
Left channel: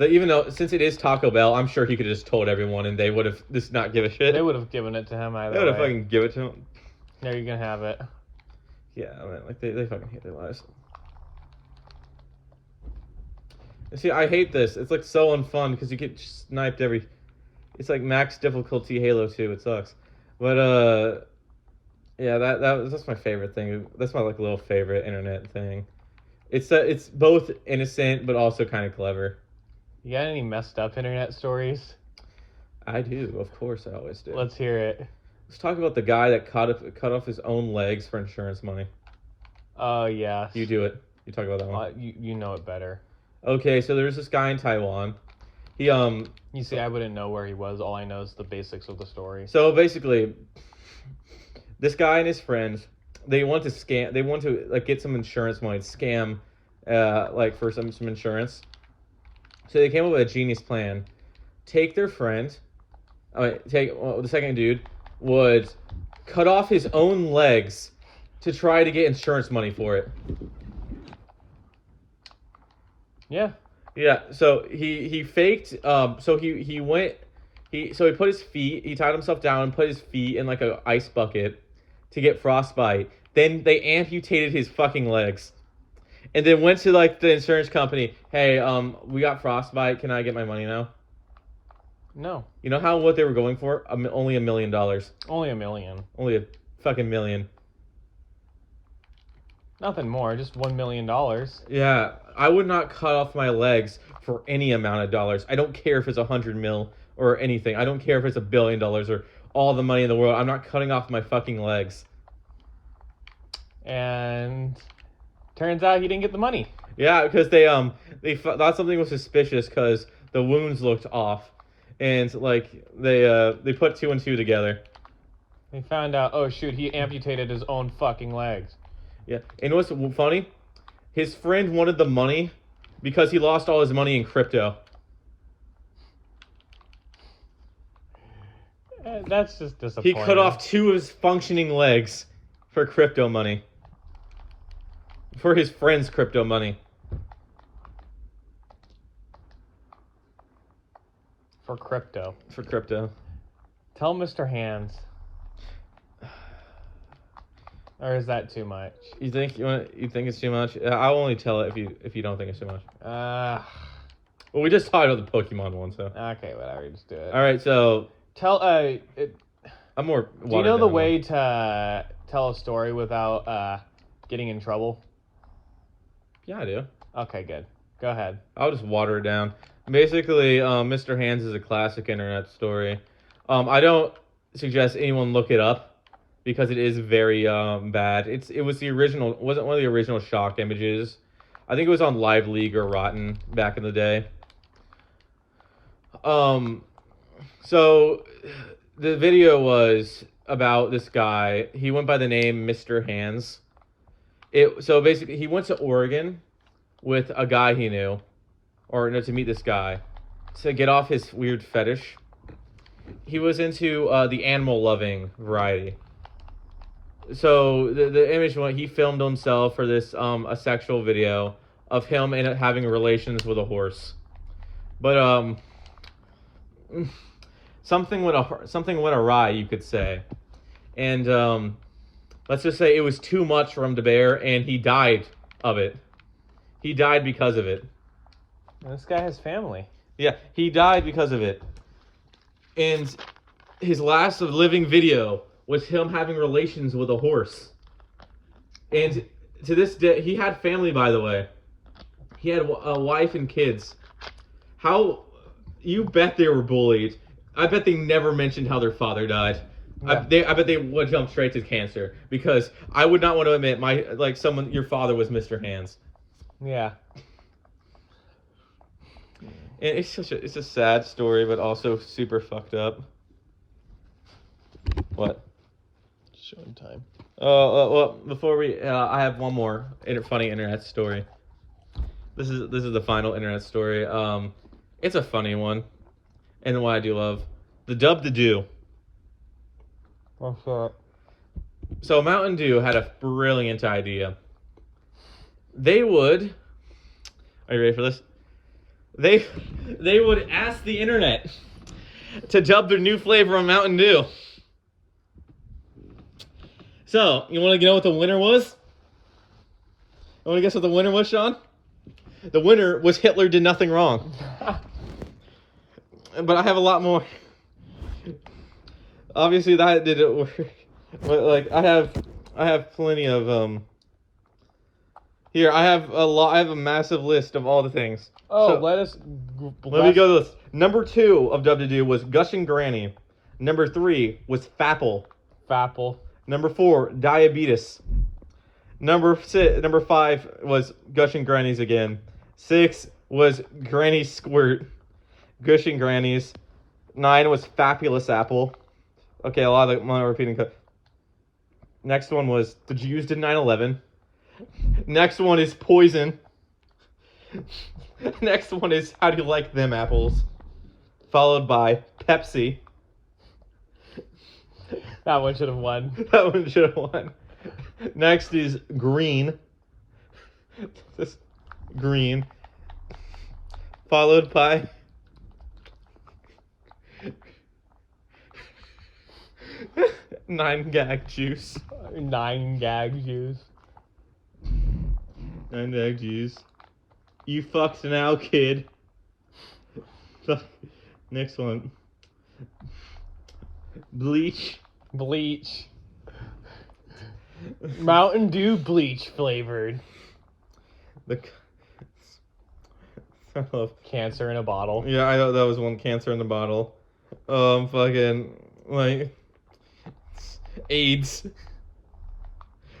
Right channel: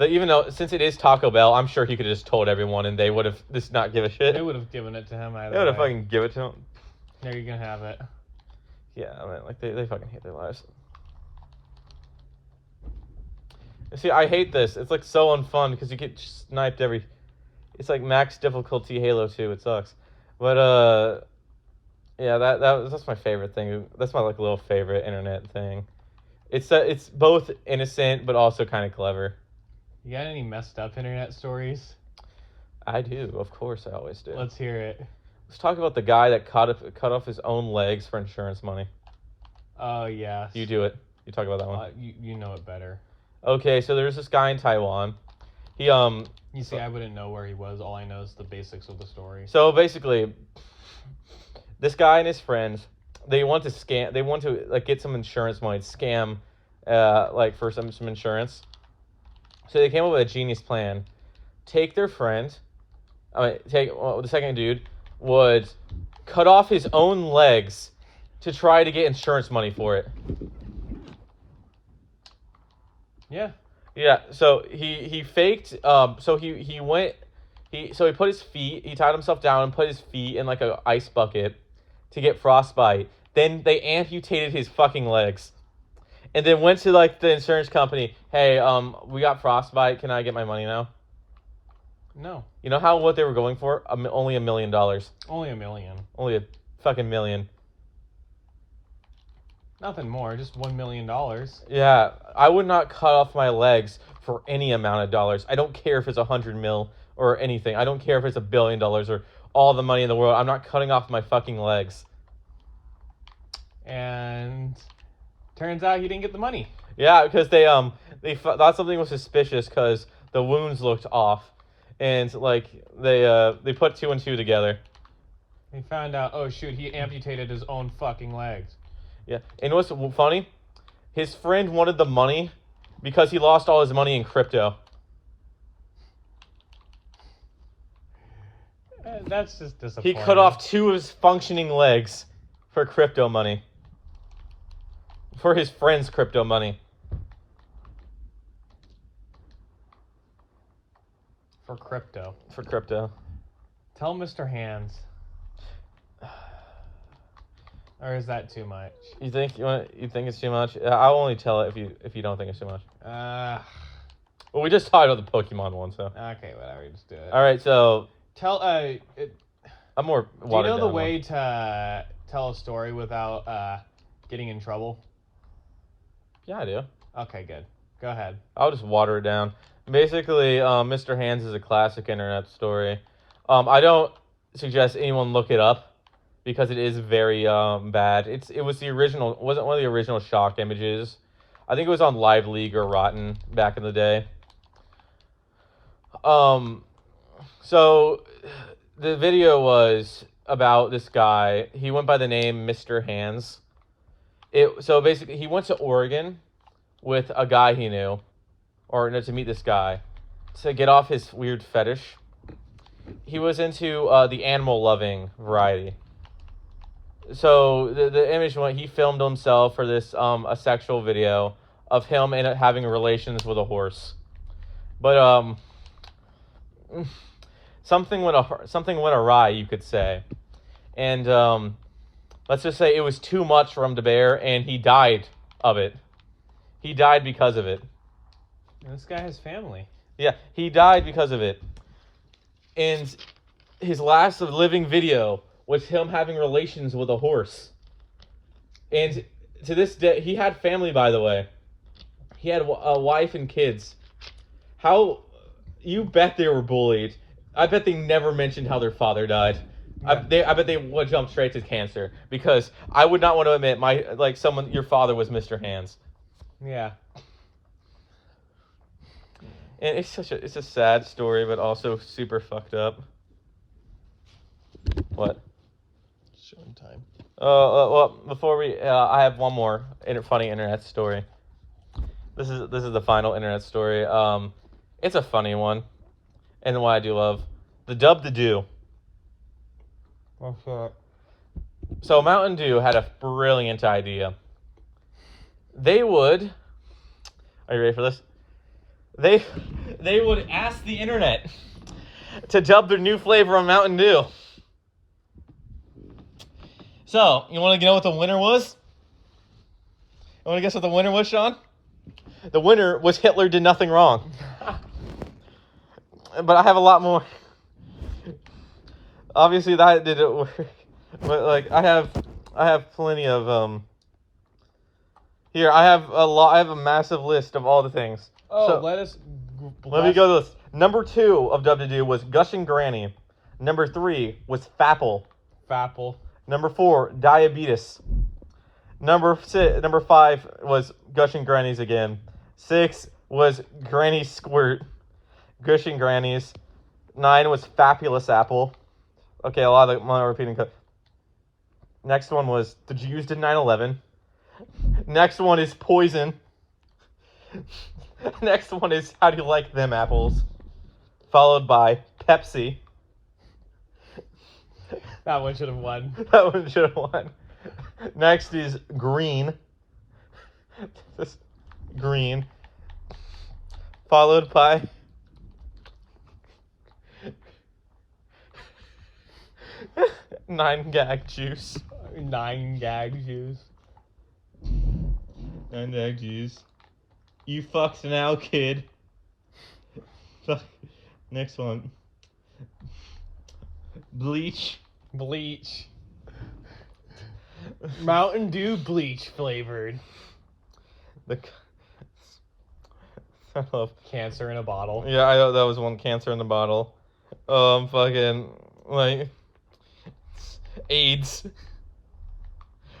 Even though since it is Taco Bell, I'm sure he could have just told everyone, and they would have just not give a shit. They would have given it to him either. They would have way. fucking give it to him. There, you can have it. Yeah, I mean, like they fucking hate their lives. See, I hate this. It's like so unfun because you get sniped every. It's like max difficulty Halo 2. It sucks, but yeah, that's my favorite thing. That's my like little favorite internet thing. It's both innocent but also kind of clever. You got any messed up internet stories? I do, of course, I always do. Let's hear it. Let's talk about the guy that cut off his own legs for insurance money. Oh yes. You do it. You talk about that one. You know it better. Okay, so there's this guy in Taiwan. He You see, I wouldn't know where he was. All I know is the basics of the story. So basically, this guy and his friends, they want to like get some insurance money, scam, like for some insurance. So they came up with a genius plan. Take their friend, the second dude would cut off his own legs to try to get insurance money for it. Yeah. Yeah, so he faked. So he went. He put his feet. He tied himself down and put his feet in like a ice bucket to get frostbite. Then they amputated his fucking legs, and then went to like the insurance company. Hey, we got frostbite. Can I get my money now? No. You know what they were going for? Only $1 million. Only $1 million. Only a fucking million. Nothing more. Just $1 million. Yeah, I would not cut off my legs for any amount of dollars. I don't care if it's 100 mil or anything. I don't care if it's $1 billion or all the money in the world. I'm not cutting off my fucking legs. And turns out he didn't get the money. Yeah, because they thought something was suspicious because the wounds looked off, and like they put 2 and 2 together. They found out, oh shoot, he amputated his own fucking legs. Yeah, and what's funny? His friend wanted the money because he lost all his money in crypto. That's just disappointing. He cut off 2 of his functioning legs for crypto money. For his friend's crypto money. For crypto. For crypto. Tell Mr. Hands. Or is that too much? You think it's too much? I'll only tell it if you don't think it's too much. Well, we just talked about the Pokemon one, so. Okay, whatever. Just do it. All right, so. Tell I'm more. Do you know the way to tell a story without getting in trouble? Yeah, I do. Okay, good. Go ahead. I'll just water it down. Basically, Mr. Hands is a classic internet story. I don't suggest anyone look it up because it is very bad. It was the original. Wasn't one of the original shock images. I think it was on Live League or Rotten back in the day. So the video was about this guy. He went by the name Mr. Hands. So basically, he went to Oregon with a guy he knew, or no, to meet this guy, to get off his weird fetish. He was into the animal-loving variety. So the image, he filmed himself for this a sexual video of him and having relations with a horse. But something went awry, you could say, and let's just say it was too much for him to bear, and he died of it. He died because of it. This guy has family. Yeah, he died because of it. And his last living video was him having relations with a horse. And to this day, he had family, by the way. He had a wife and kids. How, you bet they were bullied. I bet they never mentioned how their father died. Yeah. I bet they would jump straight to cancer, because I would not want to admit your father was Mr. Hands. Yeah. And it's a sad story, but also super fucked up. What? Showing time. Well, before we, I have one more funny internet story. This is the final internet story. It's a funny one, and one I do love. The Dub the Do. What's that? So Mountain Dew had a brilliant idea. They would. Are you ready for this? They would ask the internet to dub their new flavor of Mountain Dew. So, you want to know what the winner was? You want to guess what the winner was, Sean? The winner was Hitler Did Nothing Wrong. But I have a lot more. Obviously, that didn't work. But I have plenty of Here, I have a massive list of all the things. Oh, so, let me go to this. Number 2 of Dub to Do was Gushing Granny. Number 3 was Fapple. Fapple. Number 4, Diabetes. Number 5 was Gushing Grannies again. 6 was Granny Squirt. Gushing Grannies. 9 was Fabulous Apple. Okay, a lot of the repeating. Next one was The Jews Did 9/11. Next one is Poison. Next one is How Do You Like Them Apples? Followed by Pepsi. That one should have won. That one should have won. Next is Green. This Green. Followed by 9-gag juice. 9-gag juice. 9-gag juice. You fucked now, kid. Next one. Bleach. Bleach. Mountain Dew bleach flavored. I love Cancer in a bottle. Yeah, I know that was one. Cancer in the bottle. Fucking like AIDS.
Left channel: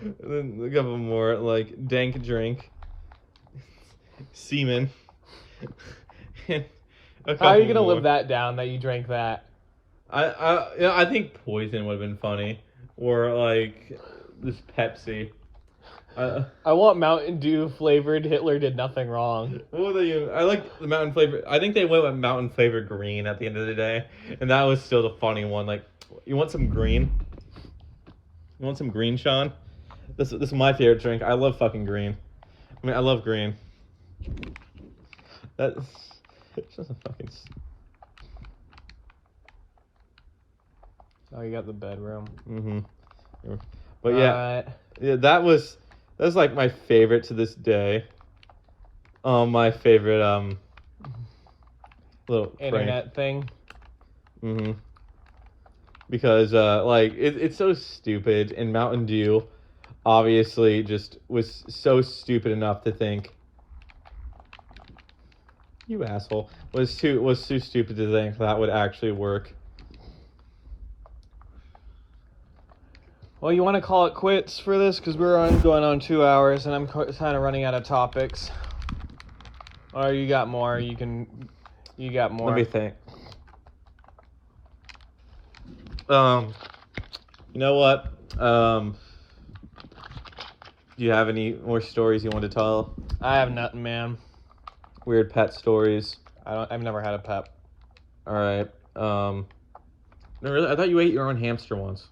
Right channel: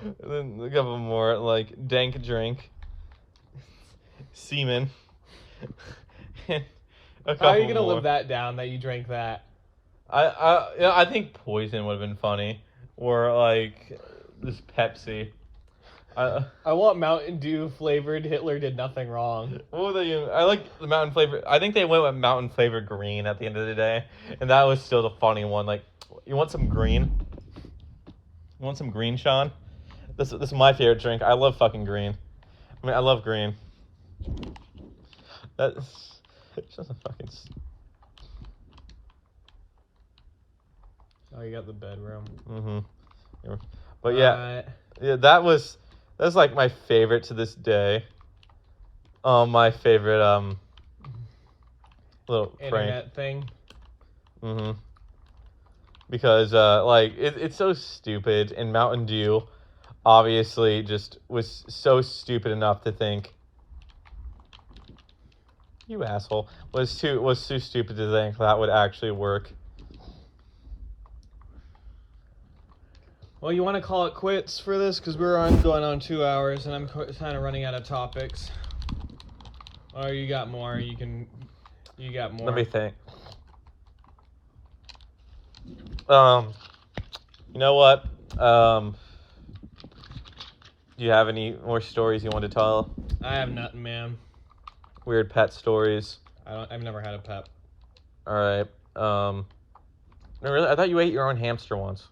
And then a couple more like dank drink, semen. And a How are you couple gonna more. live that down that you drank that? I think poison would have been funny, or like this Pepsi. I want Mountain Dew flavored Hitler did nothing wrong. What were they? I like the mountain flavor. I think they went with mountain flavor green at the end of the day, and that was still the funny one. Like, you want some green? You want some green, Sean? This is my favorite drink. I love fucking green. I mean, I love green. That's just a fucking. Oh, you got the bedroom. Mm-hmm. But yeah, yeah, that's like my favorite to this day. My favorite little internet prank. thing. Mm-hmm. Because like it's so stupid, and Mountain Dew obviously just was so stupid enough to think, you asshole, was too stupid to think that would actually work. Well, you want to call it quits for this? Because we're going on 2 hours, and I'm kind of running out of topics. Or you got more? You got more. Let me think. You know what? Do you have any more stories you want to tell? I have nothing, man. Weird pet stories. I've never had a pet. All right. No, really? I thought you ate your own hamster once.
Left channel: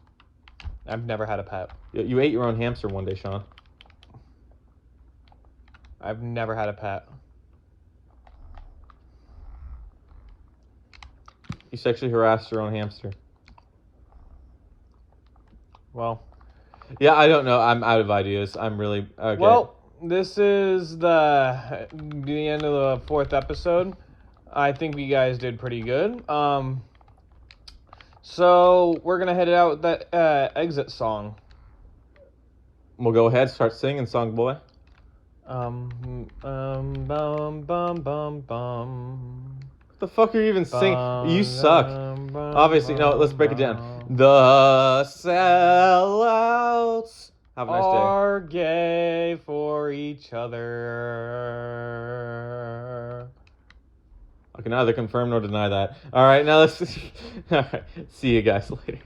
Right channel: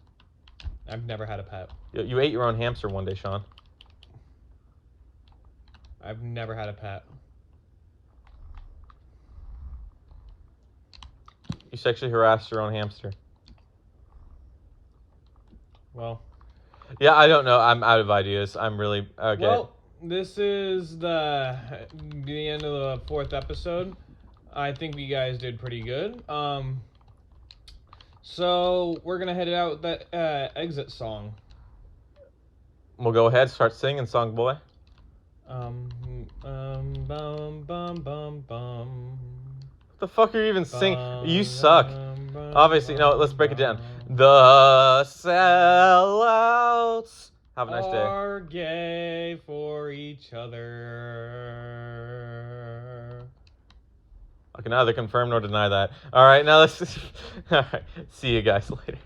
I've never had a pet. You ate your own hamster one day, Sean. I've never had a pet. You sexually harassed your own hamster. Well. Yeah, I don't know. I'm out of ideas. I'm really okay. Well, this is the end of the 4th episode. I think you guys did pretty good. So we're gonna head it out with that exit song. We'll go ahead, start singing, song boy. Bum bum bum bum. What the fuck are you even singing? You suck. Obviously, no. Let's break it down. The sellouts. Have a nice day. Are gay for each other. I can neither confirm nor deny that. All right, now let's. All right, see you guys later.